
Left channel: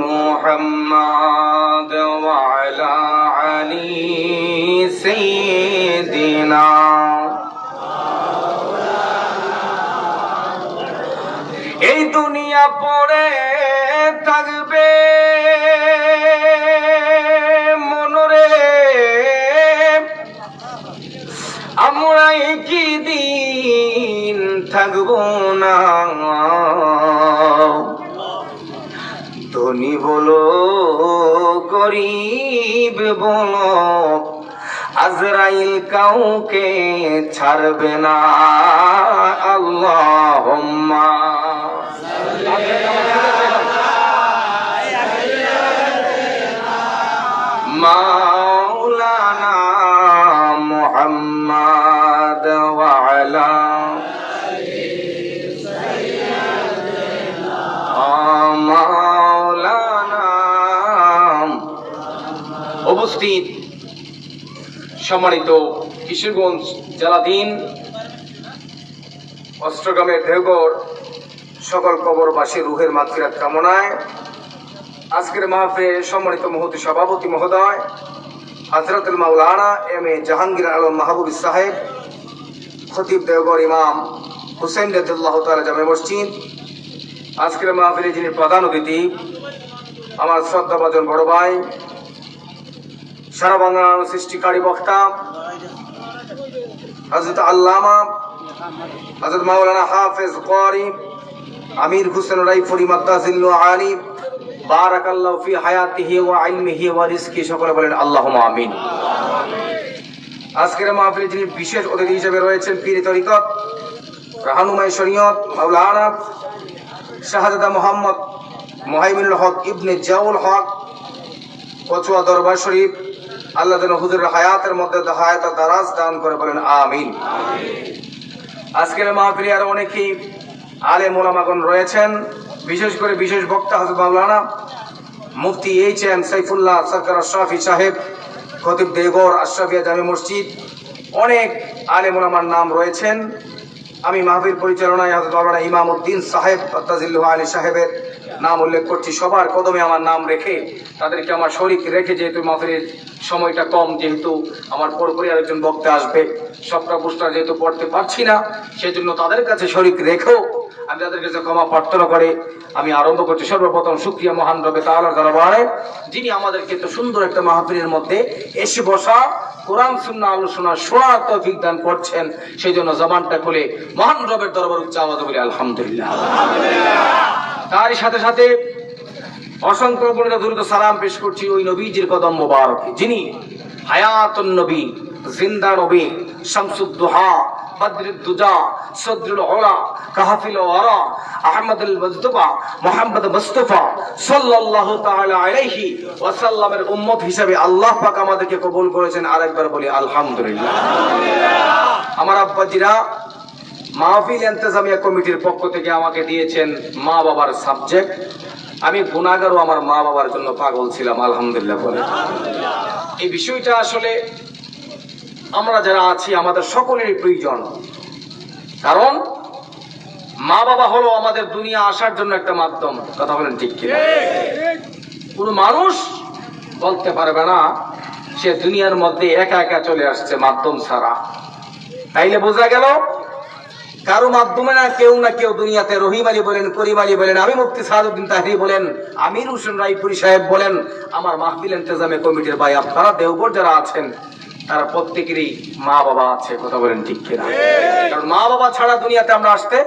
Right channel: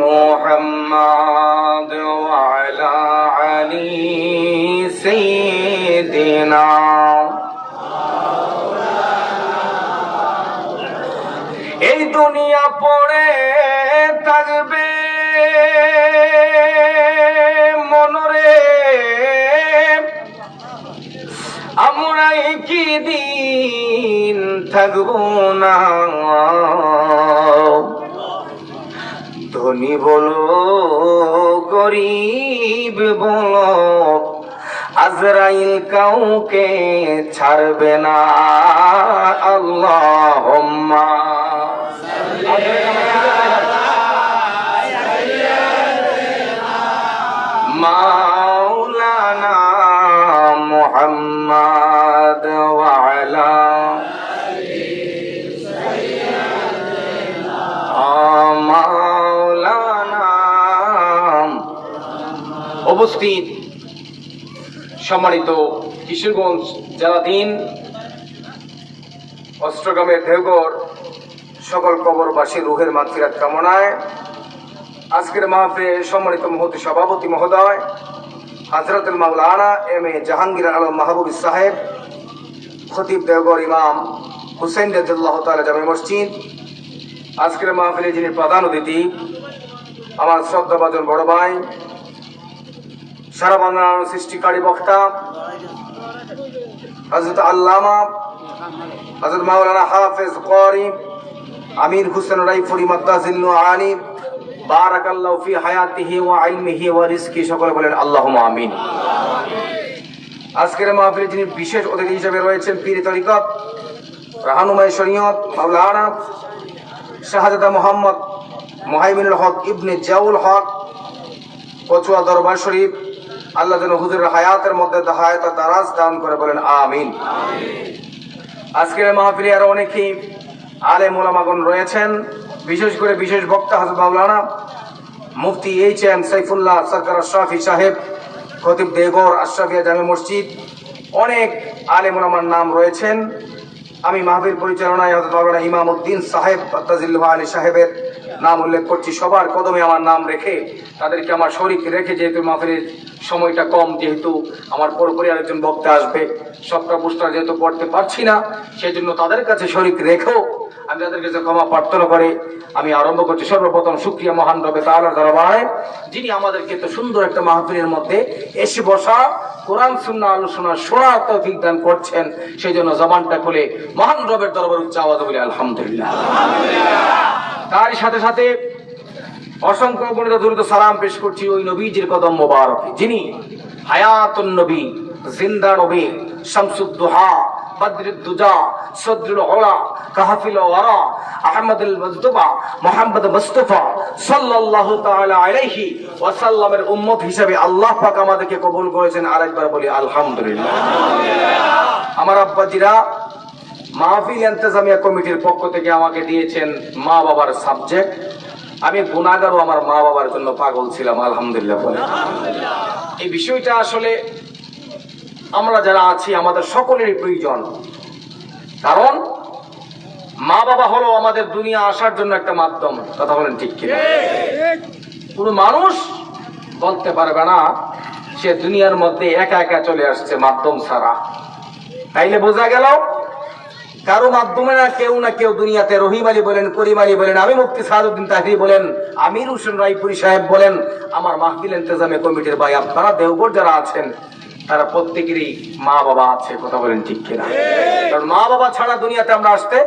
মুহাম্মাদ ওয়া আলা আলি সাইয়্যিদিনা। এই দুনিয়া পড়ে থাকবে মনরে, আমরাই কি দিন থাকবো না, ধনী বলো গরিব বলো, আজরাইল কাউকে ছাড়বে না। আল্লাহুম্মা মাওলানা মুহাম্মদ ওয়া আলা মাওলানা। উপস্থিত সম্মানিত কিশোরগঞ্জ জেলাধীন অষ্টগ্রামের দেওঘর সকল কবরবাসী রুহের মাগফিরাত কামনায় আজকের মাহফিলে সম্মানিত মুহূর্তে সভাপতি মহোদয় হযরতুল মাওলানা এম.এ. জাহাঙ্গীর আলম মাহবুব সাহেব, খতিব দেওঘর ইমাম হুসেইন রাদিয়াল্লাহু তাআলা জামে মসজিদ, আজকের মাহফিলে যিনি প্রধান অতিথি আমার শ্রদ্ধাভাজন বড় ভাই, সারা বাংলার সৃষ্টিকারী বক্তা হযরত আল্লামা হযরত মাওলানা হাফেজ কারি আমির হোসেন রাইফুরি মাদ্দাজিল্লু আনি, বারাকাল্লাহু ফি হায়াতিহি ওয়া ইলমিহি ওয়া রিজকি, সকলে বলেন আল্লাহুম্মা আমিন। আজকের মাহফিলে যিনি বিশেষ অতিথি হিসেবে রয়েছেন পীর তরিকত রাহনুমায়ে শরীয়ত মাওলানা শাহজাদা মোহাম্মদ মুহাইমিনুল হক ইবনে জিয়াউল হক কচুয়া দরবার শরীফ, আল্লাহ যেন হুজুরের হায়াতের মধ্যে হায়াত দারাজ দান করে, বলেন আমিন। আজকের মাহফিলে আরো অনেকেই আলেম ওলামাগণ রয়েছেন, বিশেষ করে বিশেষ বক্তা হযরত মাওলানা মুফতি এইচ.এম. সাইফুল্লাহ সরকার আশরাফি সাহেব, খতিব দেওঘর আশরাফিয়া জামে মসজিদ, অনেক আলেম ওলামার নাম রয়েছেন। আমি মাহফিল পরিচালনায় হযরত মাওলানা ইমামউদ্দিন সাহেব তাজিল্লু আলী সাহেবের নাম উল্লেখ করছি। সবার কদমে আমার নাম রেখে তাদেরকে আমার শরীক রেখে, যেহেতু মাহফিলের সময়টা কম, যেহেতু আমার পরপরই আরেকজন বক্তা আসবে, সবটা পোস্টার যেহেতু পড়তে পারছি না, সেই জন্য তাদের কাছে শরীক রেখেও আমি তাদের কাছে ক্ষমা প্রার্থনা করে আমি আরম্ভ করছি। সর্বপ্রথম শুকরিয়া মহান রবে তাআলার দরবারে, যিনি আমাদেরকে এত সুন্দর একটা মাহফিলের মধ্যে এসে বসা, কোরআন সুন্নাহ আলোচনা শোনার তৌফিক দান করছেন। সেই জন্য জবানটা খুলে মহান রবের দরবারে উচ্চ আওয়াজে বলি আলহামদুলিল্লাহ। তারই সাথে সাথে অসংখ্য গণিত দ্রুত সালাম পেশ করছি ওই নবীজির কদম মোবারকে, যিনি হায়াতুন নবী, জিন্দা নবী, শামসুদ দুহা, বদরুদ দুজা, সদরুল উলা, কাহাফিল ওয়ারা, আহমদুল মুজতবা, মুহাম্মদ মুস্তাফা সাল্লাল্লাহু তাআলা আলাইহি ওয়াসাল্লামের উম্মত হিসেবে আল্লাহ পাক আমাদেরকে কবুল করেছেন। আরেকবার বলি আলহামদুলিল্লাহ। আমার আব্বাজিরা মাহফিল ইন্তেজামিয়া কমিটির পক্ষ থেকে আমাকে দিয়েছেন মা বাবার সাবজেক্ট। আমি গুনাহগার ও আমার মা বাবার জন্য পাগল ছিলাম, আলহামদুলিল্লাহ বলে। এই বিষয়টা আসলে আমরা যারা আছি আমাদের সকলেরই প্রয়োজন, কারণ মা বাবা হলো আমাদের দুনিয়া আসার জন্য একটা মাধ্যম। কথা বলেন ঠিক কিনা? কোন মানুষ বলতে পারবে না সে দুনিয়ার মধ্যে একা একা চলে আসছে মাধ্যম ছাড়া। তাইলে বোঝা গেল কারো মাধ্যমে না কেউ দুনিয়াতে, রহিম আলী বলেন, করিম আলী বলেন, আমি মুফতি সাদউদ্দিন তাহিরি বলেন, আমির হোসেন রায়পুরি সাহেব বলেন, আমার মাহফিল ইন্তেজামে কমিটির ভাই আপনারা দেওঘর যারা আছেন তারা প্রত্যেকেরই মা বাবা আছে। কথা বলেন ঠিক কিনা? কারণ মা বাবা ছাড়া দুনিয়াতে আমরা আসতে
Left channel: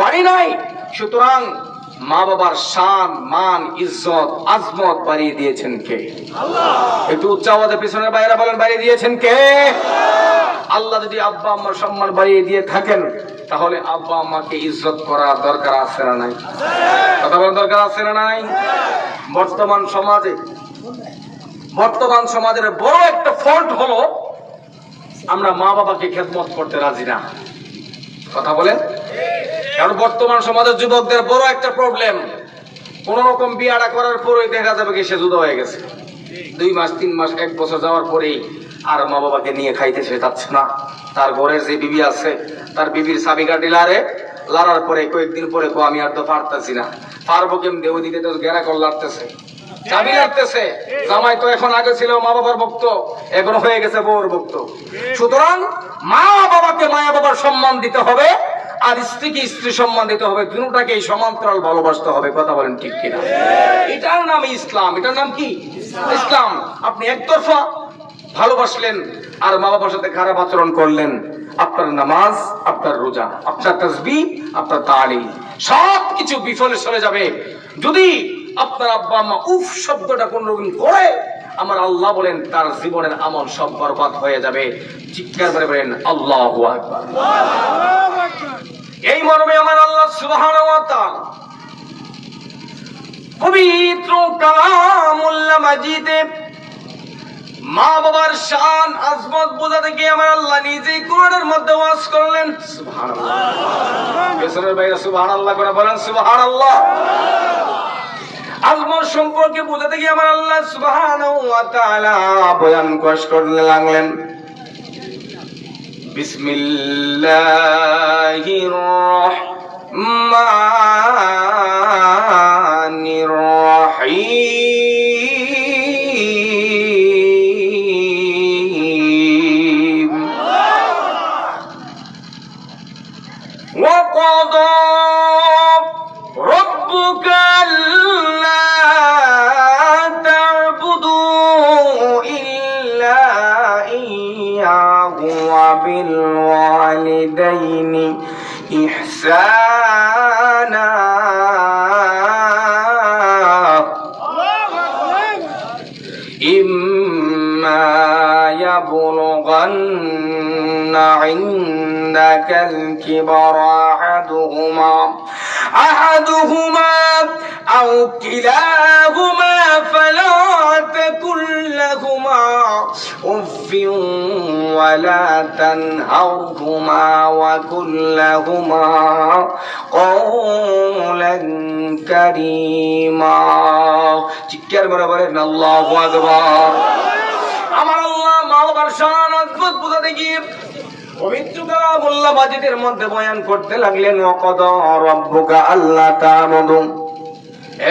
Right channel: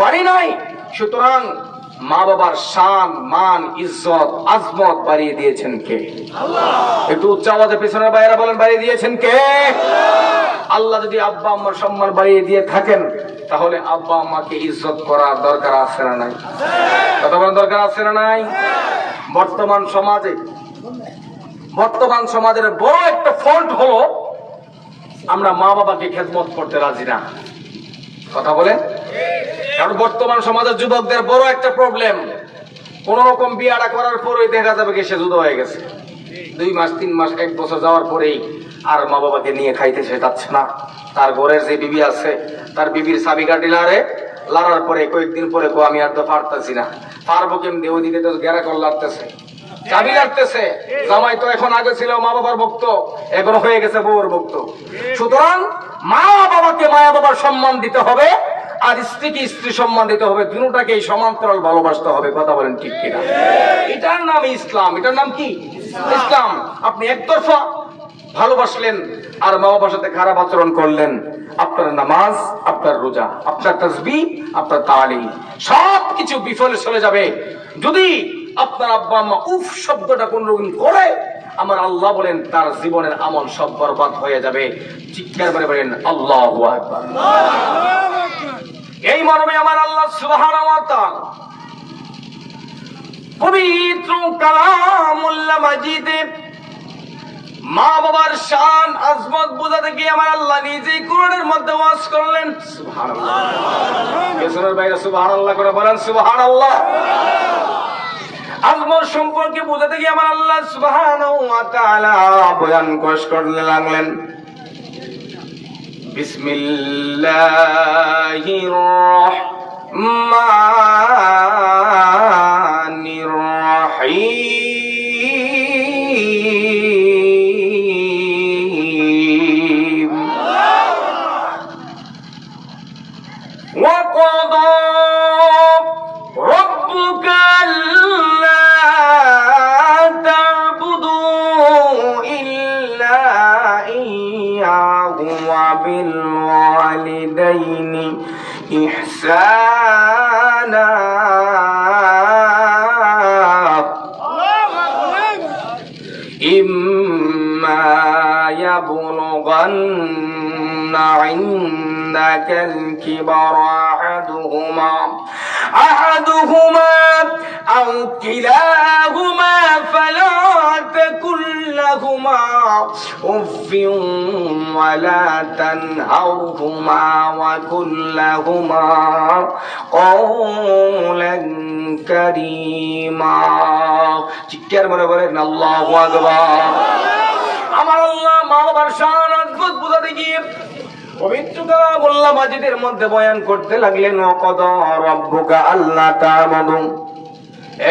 পারি নাই। সুতরাং মা বাবার শান, মান, ইজ্জত, আজমত বাড়িয়ে দিয়েছেন কে? একটু উচ্চ আওয়াজে পিছনের বাইরে বলেন, বাড়িয়ে দিয়েছেন কে? আল্লাহ যদি আব্বা আম্মার সম্মান বাড়িয়ে দিয়ে থাকেন তাহলে আব্বা আম্মাকে ইজ্জত করার দরকার আছে না নাই? কথা বলার দরকার আছে না নাই? বর্তমান সমাজের বড় একটা ফল্ট হলো আমরা মা বাবাকে খেদমত করতে রাজি না। কথা বলেন? কারণ বর্তমান সমাজের যুবকদের বড় একটা প্রবলেম, কোন রকম বিয়াটা করার পরেই দেখা যাবে কি সে জুদা হয়ে গেছে। 2 মাস 3 মাস 1 বছর যাওয়ার পরেই আর মা বাবাকে নিয়ে খাইতে সে যাচ্ছে না। তার ঘরের যে বিবি আছে তার বিবির চাবিকাঠি লাড়ার পরে কয়েকদিন পরে আমি আর তো পারতেছি না, পারবো কেমনি, ওইদিকে তো গেরা কল লাগতেছে, চাবি লাগতেছে। জামাই তো এখন আগে ছিল মা বাবার ভক্ত, এখন হয়ে গেছে বউর ভক্ত। সুতরাং মা বাবাকে মা বাবার সম্মান দিতে হবে, আর স্ত্রীকে স্ত্রী সম্মান দিতে হবে, দুটোটাকেই সমান্তরাল ভালোবাসতে হবে। কথা বলেন ঠিক কিনা? এটার নাম ইসলাম। এটার নাম কি? ইসলাম। আপনি একতরফা ভালোবাসলেন আর মা বাবার সাথে খারাপ আচরণ করলেন, আপনার নামাজ, আপনার রোজা, আপনার তাসবিহ, আপনার তালিম সবকিছু বিফলে চলে যাবে। যদি আপনার আব্বা আম্মা উফ শব্দটা কোন রকম করে, আমার আল্লাহ বলেন তার জীবনের আমল সব বরবাদ হয়ে যাবে। চিৎকার করে বলেন আল্লাহু আকবার। এই মর্মে আমার আল্লাহ সুবহানাহু ওয়া তাআলা পবিত্র কালামুল মাজিদে মা বাবার শান, আজমত বোঝাতে গিয়ে আমার আল্লাহ নিজেই কোরআনের মধ্যে ওয়াজ করলেন। সুবহানাল্লাহ। পেছনের বাইরে সুবহানাল্লাহ করে বলেন সুবহানাল্লাহ। আজমত সম্পর্কে বোঝাতে গিয়ে আমার আল্লাহ সুবহানাহু ওয়া তাআলা বয়ান করতে লাগলেন। বিসমিল্লাহির রহমানির রহিম। وقضى ربك ألا تعبدوا إلا إياه وبالوالدين إحسانا إما يبلغن عندك الكبر أحدهما أو كلاهما فلا تقل لهما أف ولا تنهرهما وقل لهما قولا كريما। চিৎকার করে বলেন আল্লাহু আকবার। আমার আল্লাহ মা বাবার শান আজমত বোঝাতে গিয়ে পবিত্র কালামুল্লাহ মাজিদের মধ্যে বয়ান করতে লাগলেন। ওয়াকাদা রাব্বুকা আল্লা তা'বুদু,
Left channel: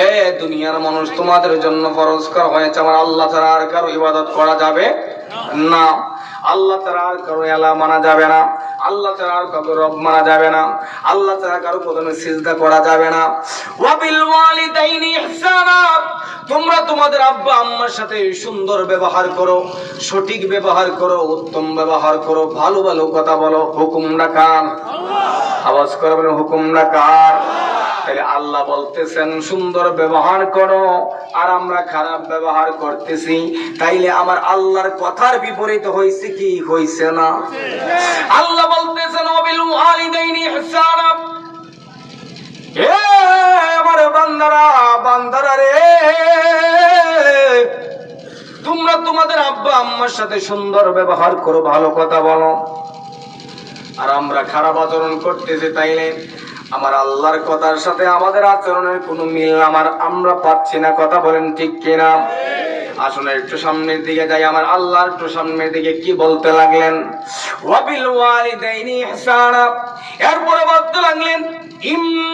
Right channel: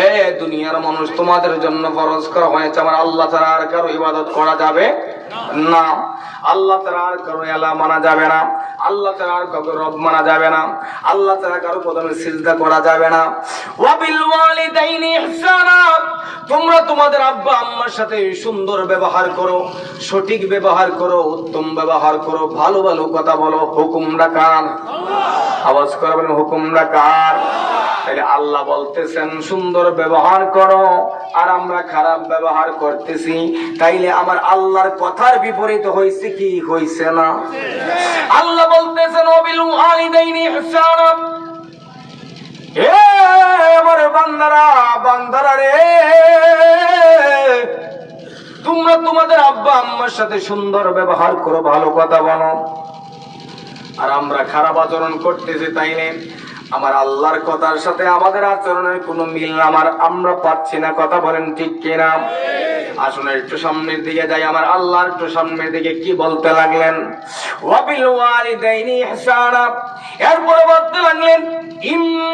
এ দুনিয়ার মানুষ তোমাদের জন্য ফরজ করা হয়েছে আমার আল্লাহ ছাড়া আর কারো ইবাদত করা যাবে না, আল্লাহ ছাড়া আর কারো আল্লাহ মানা যাবে না, আল্লাহ ছাড়া আর কারো রব মানা যাবে না, আল্লাহ ছাড়া কারো কদমে সিজদা করা যাবে না। ওয়া বিল ওয়ালিদাইনি ইহসানা, তোমরা তোমাদের আব্বা আম্মার সাথে সুন্দর ব্যবহার করো, সঠিক ব্যবহার করো, উত্তম ব্যবহার করো, ভালো ভালো কথা বলো। হুকুমটা কার? আওয়াজ করে বলেন হুকুমটা কার? তাহলে আল্লাহ বলতেছেন সুন্দর ব্যবহার করো, আর আমরা খারাপ ব্যবহার করতেছি। তাইলে আমার আল্লাহর কথার বিপরীত হয়েছে কি হয়েছে না? আল্লাহ বলতেছেন ওয়াবিল ওয়ালিদাইনি ইহসানা। এ আমার বান্দারা, বান্দারা রে, তোমরা তোমাদের আব্বা আম্মার সাথে সুন্দর ব্যবহার করো, ভালো কথা বলো। আর আমরা খারাপ আচরণ করতেছি, তাইলে আমার আল্লাহর কথার সাথে আমাদের আচরণের কোনো মিল আমরা পাচ্ছি না। কথা বলেন ঠিক কিনা? আসুন একটু সামনের দিকে যাই। আমার আল্লাহ একটু সামনের দিকে কি বলতে লাগলেন? ওয়াবিল ওয়ালিদাইনি ইহসানা। এরপরে বলতে লাগলেন ইম্মা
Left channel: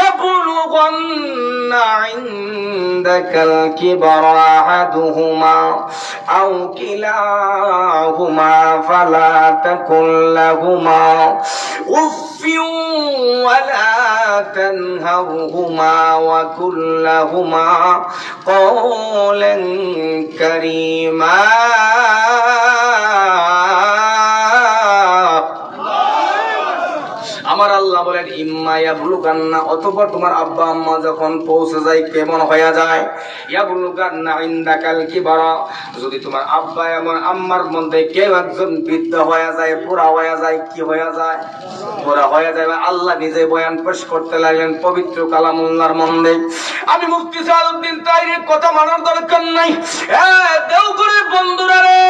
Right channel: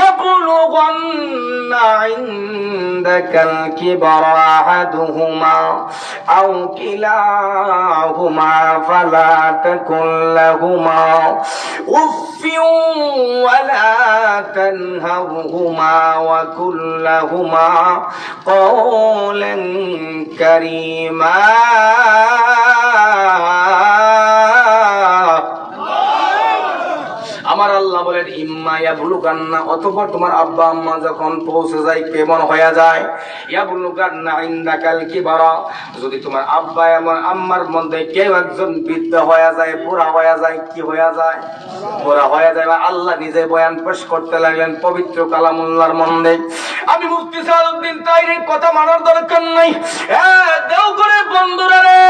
يبلغن عندك الكبر أحدهما أو كلاهما فلا تقل لهما أف ولا تنهرهما وقل لهما قولا كريما। আমার আল্লাহ বলেন ইম্মা ইয়াবলুগান্না, অথবা তোমার আব্বা আম্মা যখন পৌঁছে যায়, কেমন হয়ে যায়? ইয়াবলুগান্না ইনদাকাল কিবারা, যদি তোমার আব্বা এবং আম্মার মধ্যে কেউ একজন বৃদ্ধ হয়ে যায়, বুড়া হয়ে যায়, কি হয়ে যায়? বুড়া হয়ে যায়। আল্লাহ নিজে বয়ান পেশ করতে লাগলেন পবিত্র কালামুল্লাহর মধ্যে। আমি মুফতি সালাউদ্দিন তাইরের কথা মানার দরকার নাই। দেওঘরের বন্ধুরা রে,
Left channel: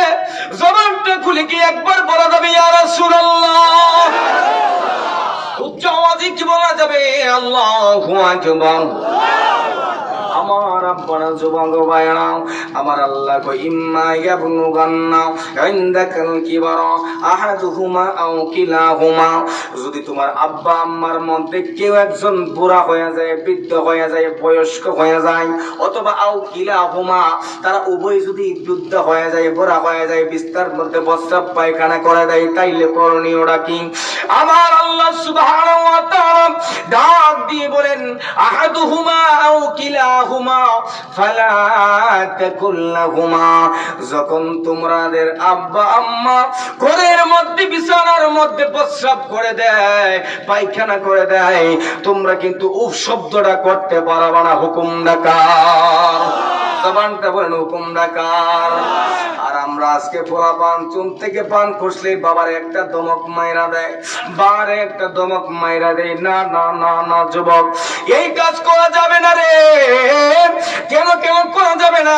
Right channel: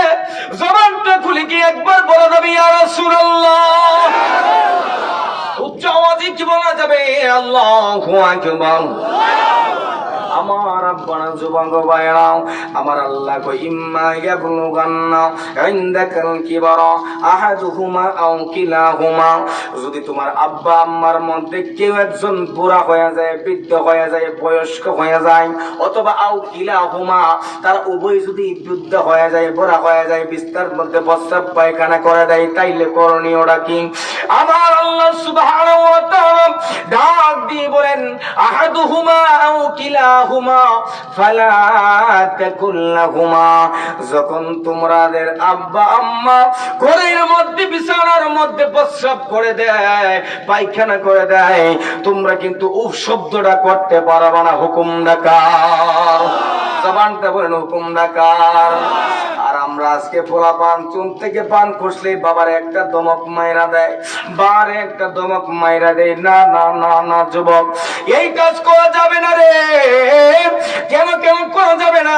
জবানটা খুলে কি একবার বলা যাবে ইয়া রাসূলুল্লাহ? উচ্চ আওয়াজে কি বলা যাবে? আল্লাহু আকবার। আমার আব্বানা যুবক ভাইরা, আমার আল্লাহ কই ইম্মা ইয়াবলুগান্না ইনদাকাল কিবারা আহাদুহুমা আও কিলাহুমা, যদি তোমার আব্বা আম্মার মধ্যে কেউ একজন বুড়া হয়ে যায়, বৃদ্ধ হয়ে যায়, বয়স্ক হয়ে যায়, অথবা আও কিলাহুমা, তারা উভয় যদি বৃদ্ধ হয়ে যায়, বুড়া হয়ে যায়, বিস্তার মধ্যে প্রস্রাব পায়খানা করে দেয়, তাইলে করণীয়টা কি? আমার আল্লাহ সুবহানাহু ওয়া তাআলা ডাক দিয়ে বলেন আহাদুহুমা আও কিলাহুমা ফালা তাকুল লাহুমা, যখন তোমাদের আব্বা আম্মা ঘরের মধ্যে বিছানার মধ্যে প্রস্রাব করে দেয়, পায়খানা করে দেয়, তোমরা কিন্তু উফ শব্দটা করতে পারবা না। হুকুম ডাকার, জবানটা বলেন হুকুম ডাকার। আর আমরা আজকে পোলা পান চুন থেকে পান খুঁজলে বাবার একটা দমক মাইরা দেয়, বারে একটা দমক মাইরা দেয়। না না না না যুবক, এই কাজ করা যাবে না রে। কেন কেন করা যাবে না?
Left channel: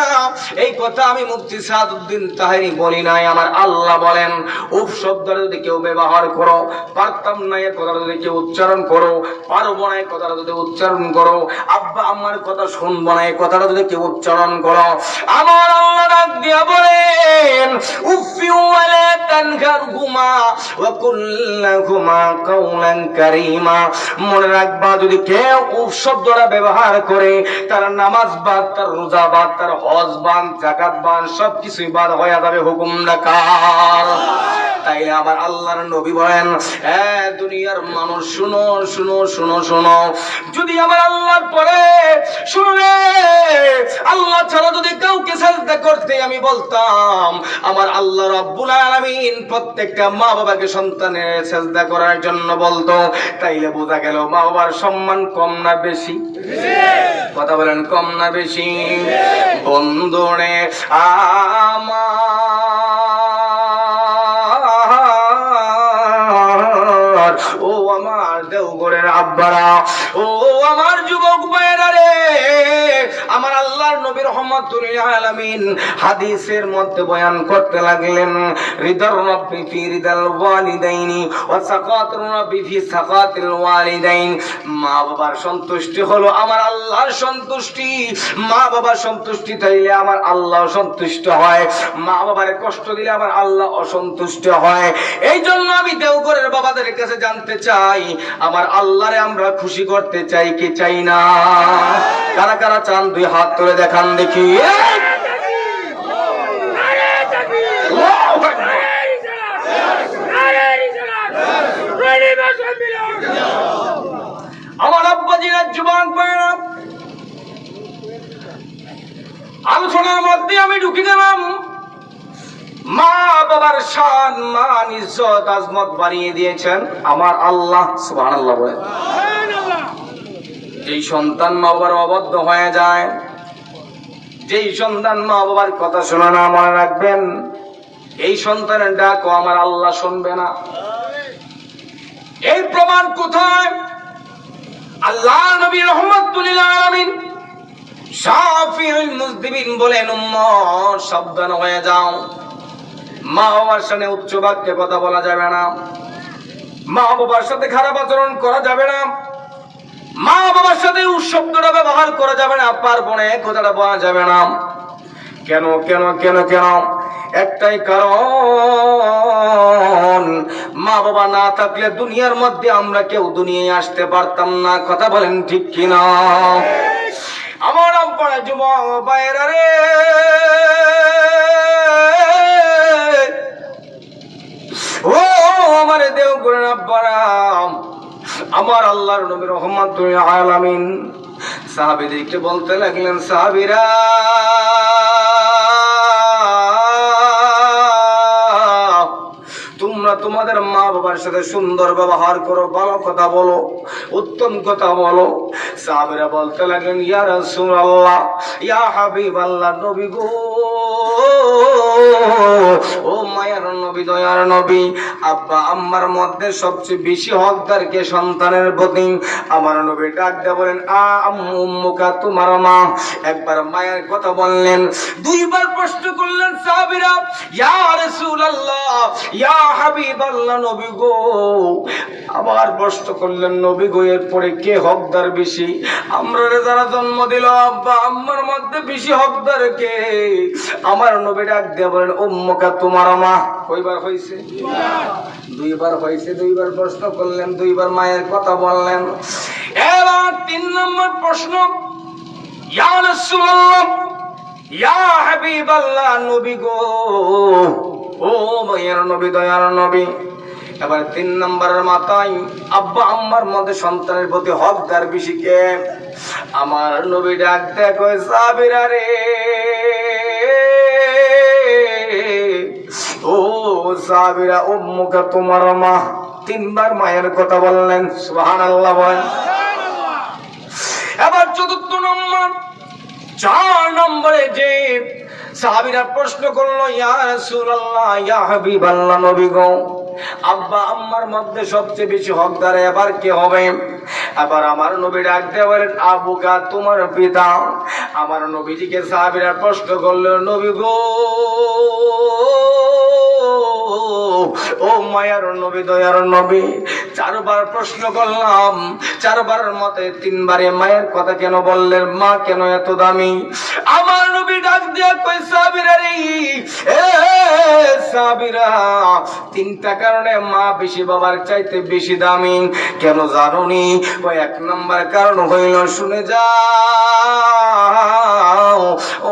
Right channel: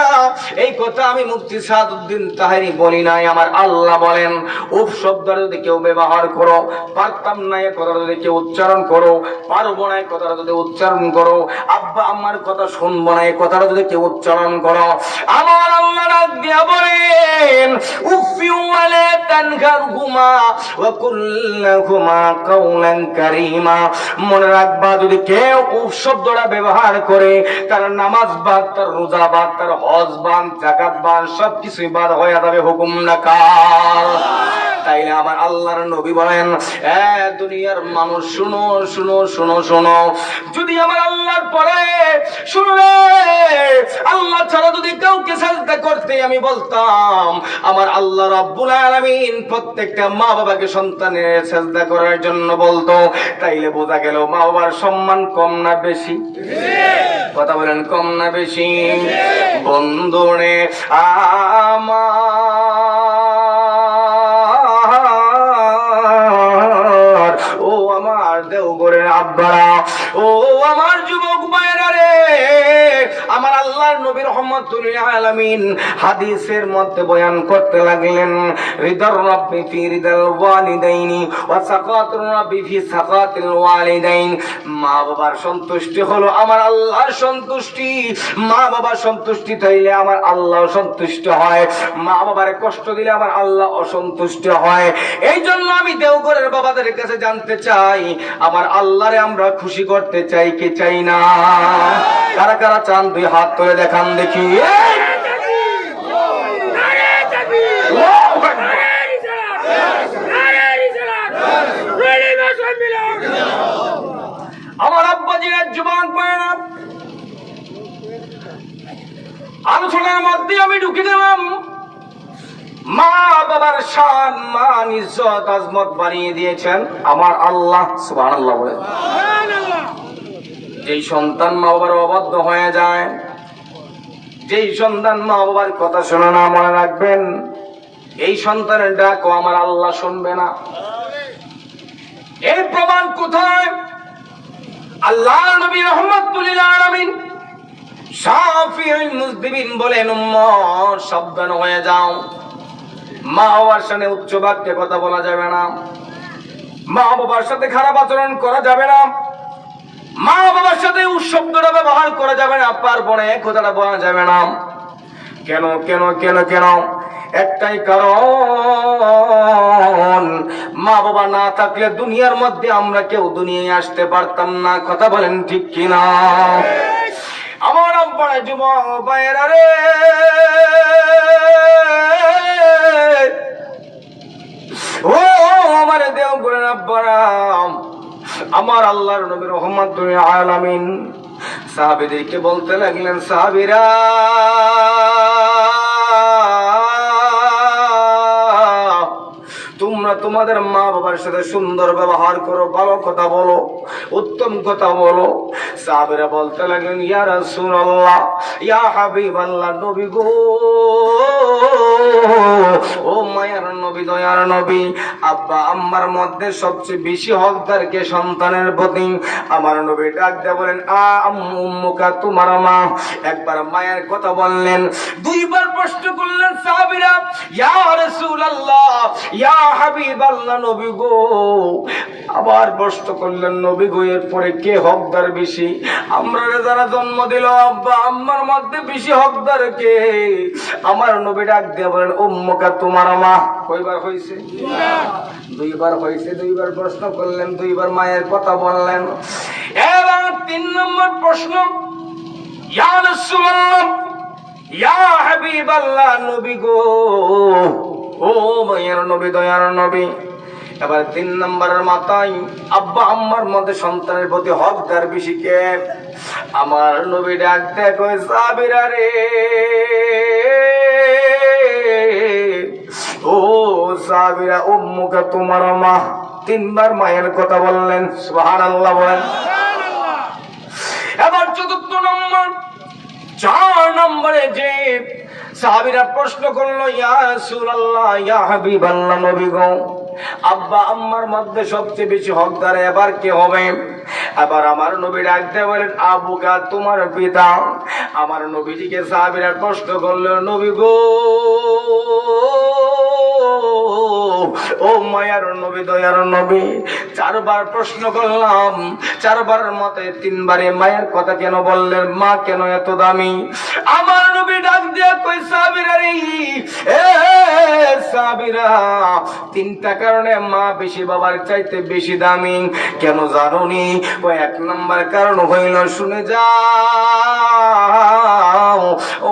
এই কথা আমি মুফতি সাদউদ্দিন তাহেরি বলি নাই, আমার আল্লাহ বলেন উফ শব্দটা যদি কেউ ব্যবহার করো, পারতাম না এই কথাটা যদি কেউ উচ্চারণ করো, পারবো না এই কথাটা যদি উচ্চারণ করো, আব্বা আম্মার কথা শুনবো না এই কথাটা যদি কেউ উচ্চারণ করো, আমার আল্লাহ ডাক দিয়া বলেন উফি ওয়ালা তানহারহুমা ওয়া কুল লাহুমা কাওলান কারীমা। মনে রাখবা, যদি কেউ উফ শব্দটা ব্যবহার করে, তার নামাজ বাদ, তার রোজা বাদ, তার হজ বাদ, যাকাত বাদ, সবকিছুই বাদ হয়ে যাবে। হুকুম নাকার। তাইলে আমার আল্লাহর নবী বলেন দুনিয়ার মানুষ শুনো শুনো শুনো শুনো, যদি আমার আল্লাহর পরে শুনলে, আল্লাহ ছাড়া যদি কাউকে সাজদা করতে আমি বলতাম, আমার আল্লাহ রাব্বুল আলামিন প্রত্যেকটা মা বাবাকে সন্তানের সাজদা করার জন্য বলতো। তাইলে বোঝা গেল মা বাবার সম্মান কম না বেশি? কথা বলেন কম না বেশি? বন্ধুরে আমার, ও আমার দেওঘরের আব্বারা, ও আমার যুবক ভাইরা রে, আমার আল্লাহর নবী রাহমাতুল লিল আলামিন হাদিসের মধ্যে বয়ান করতে লাগলেন রিদার রাব্বি ফি রিদাল ওয়ালিদাইনি ওয়া সাকাতুর রাব্বি ফি সাকাতিল ওয়ালিদাইন। মা বাবার সন্তুষ্টি হলো আমার আল্লাহর সন্তুষ্টি। মা বাবার সন্তুষ্টি তাইলে আমার আল্লাহ সন্তুষ্ট হয়। মা বাবারে কষ্ট দিলে আমার আল্লাহ অসন্তুষ্ট হয়। এই জন্য আমি দেওঘরের বাবাদের কাছে জানতে চাই, আমার আল্লাহরে আমরা খুশি করতে চাই কি চাই না? কারা কারা চান দুই হাত তুলে দেখান দেখি। আমার আব্বাজিরা যুবক ভাইরা, আলোচনার মধ্যে আমি ঢুকে গেলাম। মা বাবার শান মান ইজ্জত আজমত বাড়িয়ে দিয়েছেন আমার আল্লাহ। সুবহানাল্লাহ বলেন। যেই সন্তান মা বাবার অবাধ্য হয়ে যায়, যেই সন্তান মা বাবার কথা শোনে না, মনে রাখবেন এই সন্তানের ডাকও আমার আল্লাহ শুনবে না। এই প্রমাণ কোথায়? আল্লাহ নবী রাহমাতুল লিল আলামিন শাফিউল মুজদিবিন বলেন, উম্মত সাবধান হয়ে যাও, মা বাবার সামনে উচ্চ বাক্যে কথা বলা যাবে না, মা বাবার সাথে খারাপ আচরণ করা যাবে না, মা বাবার সাথে শব্দটা ব্যবহার করা যাবে না, পারবনে কথাটা বলা যাবে না। কেন কেন কেন কেন? একটাই কারণ, মা বাবা না থাকলে দুনিয়ার মধ্যে আমরা কেউ দুনিয়ায় আসতে পারতাম না। কথা বলেন ঠিক কিনা? আমার আব্বারা যুবক ভাইয়েরা রে, ও আমার দেও করে আব্বারা, আমার আল্লাহর নবী রাহমাতুল আলামিন সাহাবীদেরকে বলতে লাগলেন, সাহাবীরা তোমরা তোমাদের মা বাবার সাথে সুন্দর ব্যবহার করো, ভালো কথা বলো, উত্তম কথা বলো। সাহাবীরা বলতে লাগলেন, ইয়া রাসূলুল্লাহ, ইয়া হাবিবাল্লাহ, নবী গো, ও মায়ার নবী, দয়ার নবী, আব্বা আম্মার মধ্যে সবচেয়ে বেশি হকদার কে সন্তানের প্রতি? আমার নবী ডাক দিয়ে বলেন, আম্মু উম্মুকা, তোমার মা। একবার মায়ের কথা বললেন, দুইবার প্রশ্ন করলেন সাহাবীরা, ইয়া রাসূলুল্লাহ, ইয়া হাবিবাল্লাহ, নবী গো। আবার প্রশ্ন করলেন, নবী গো, এরপরে কে হকদার বেশি? আমরা যারা জন্ম দিল আব্বা আম্মার মধ্যে বেশি হকদার কে? আমার নবী ডাক দিয়ে বলেন, উম্মুকা, তোমার মা। কয়বার হয়েছে? দুইবার হয়েছে। দুইবার প্রশ্ন করলেন, দুইবার মায়ের কথা বললেন। এবার 3 নম্বর প্রশ্ন, ইয়া রাসূলুল্লাহ, ইয়া হাবিবাল্লাহ, নবী গো, ও মায়ের নবী, দয়ার নবী। এবার 3 নম্বরের মাথায় আব্বা আম্মার মধ্যে সন্তানের প্রতি হকদার বেশি কে? আমার নবী ডাক দেয়, কয় সাহাবীরা রে, ও সাহাবীরা, উম্মুকা, তোমার মা। 3বার মায়ের কথা বললেন। সুবহানাল্লাহ বলেন। এবার 4 নম্বর, 4 নম্বরে যে সাহাবীরা প্রশ্ন করলো, ইয়া রাসূলুল্লাহ, ইয়া হাবিবাল্লাহ, নবী গো, আব্বা আম্মার মধ্যে সবচেয়ে বেশি হকদার এবার কে হবে? এবার আমার নবী ডাক দিয়ে বলেন, আবুকা, তোমার পিতা। আমার নবীজিকে সাহাবীরা প্রশ্ন করলো, নবী গো, ও মায়ার নবী, দয়ার নবী, 4বার প্রশ্ন করলাম, 4বারের মতে 3বারে মায়ের কথা কেন বললেন? মা কেন এত দামি? আমার নবী ডাক দিয়ে কই, সাহাবীরা রে, এ সাহাবীরা, 3টা কারণে মা বেশি বাবার চাইতে বেশি দামি। কেন জানোনি? ওই 1 নম্বর কারণ হইল, শুনে যাও,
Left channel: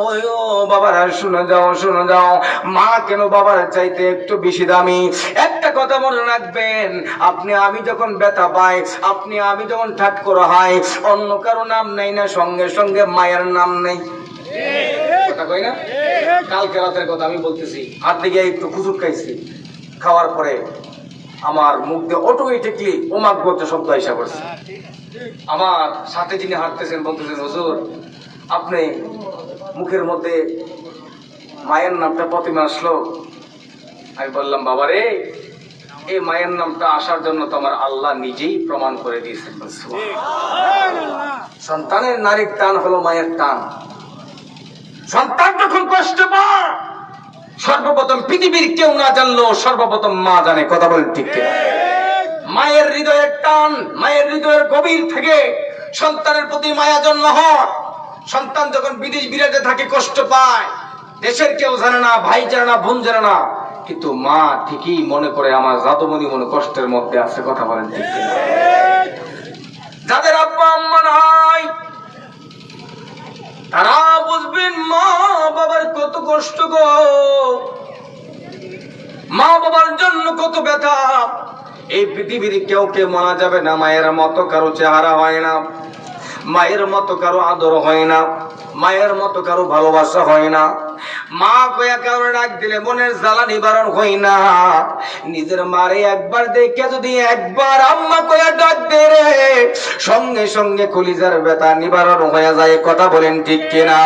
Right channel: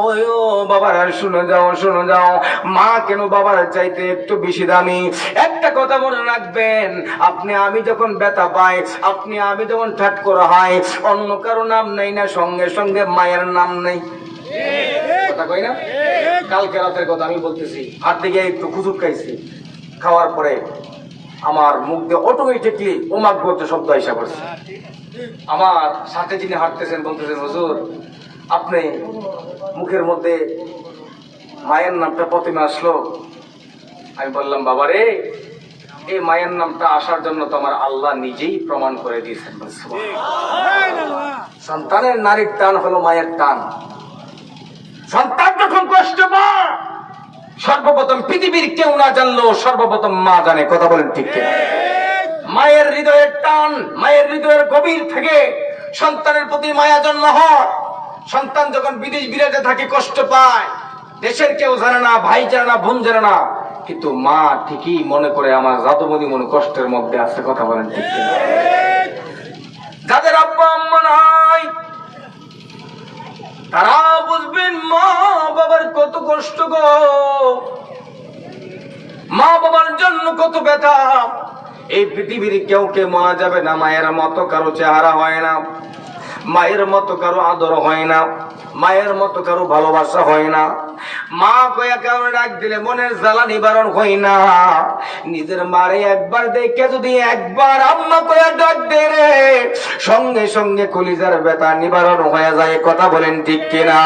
ওই ও বাবারা, শুনে যাও, শুনে যাও, মা কেন বাবার চাইতে একটু বেশি দামি। একটা কথা মনে রাখবেন, আপনি আমি যখন ব্যথা পাই, আপনি আমি যখন ঠাট করা হয়, অন্য কারো নাম নাই না, সঙ্গে সঙ্গে মায়ের নাম নেই। কথা কই না? কালকে রাতের কথা আমি বলতেছি, হাত দিকে একটু খুচুট খাইছি, খাওয়ার পরে আমার মুখ দিয়ে অটোমেটিকলি ওমাক করতে শব্দ আইসা করছে। আমার সাথে যিনি হাঁটতেছেন বলতেছেন, হুজুর আপনি মুখের মধ্যে মায়ের নামটা প্রথমে আসলো। আমি বললাম, বাবা রে, এই মায়ের নামটা আসার জন্য তোমার আল্লাহ নিজেই প্রমাণ করে দিয়েছেন। সন্তানের নারীর টান হলো মায়ের টান। সন্তান যখন কষ্ট পায়, সর্বপ্রথম পৃথিবীর কেউ না জানলেও সর্বপ্রথম মা জানে। কথা বলেন ঠিক কিনা? মায়ের হৃদয়ের টান, মায়ের হৃদয়ের গভীর থেকে সন্তানের প্রতি মায়া জন্ম হয়। সন্তান যখন বিদেশ বিরাটে থাকে, কষ্ট পায়, দেশের কেউ জানে না, ভাই জানে না, বোন জানে না, কিন্তু মা ঠিকই মনে করে আমার জাদুমণি মনে কষ্টের মধ্যে আছে। কথা বলেন ঠিক কিনা? যাদের আব্বা আম্মা নাই, তারা বুঝবেন মা বাবার কত কষ্ট গো, মা বাবার জন্য কত ব্যথা। এই পৃথিবীর কেউ কে মানা যাবে না। মায়ের মতো কারো চেহারা হয় না, মায়ের মতো কারো আদর হয় না, মায়ের মতো কারো ভালোবাসা হয় না। মা কয়া কারণে ডাক দিলে মনের জ্বালা নিবারণ হই না। নিজের মারে একবার দেখে যদি একবার আম্মা কয়া ডাক দে রে, সঙ্গে সঙ্গে কলিজার ব্যথা নিবারণ হয়ে যায়। কথা বলেন ঠিক কিনা?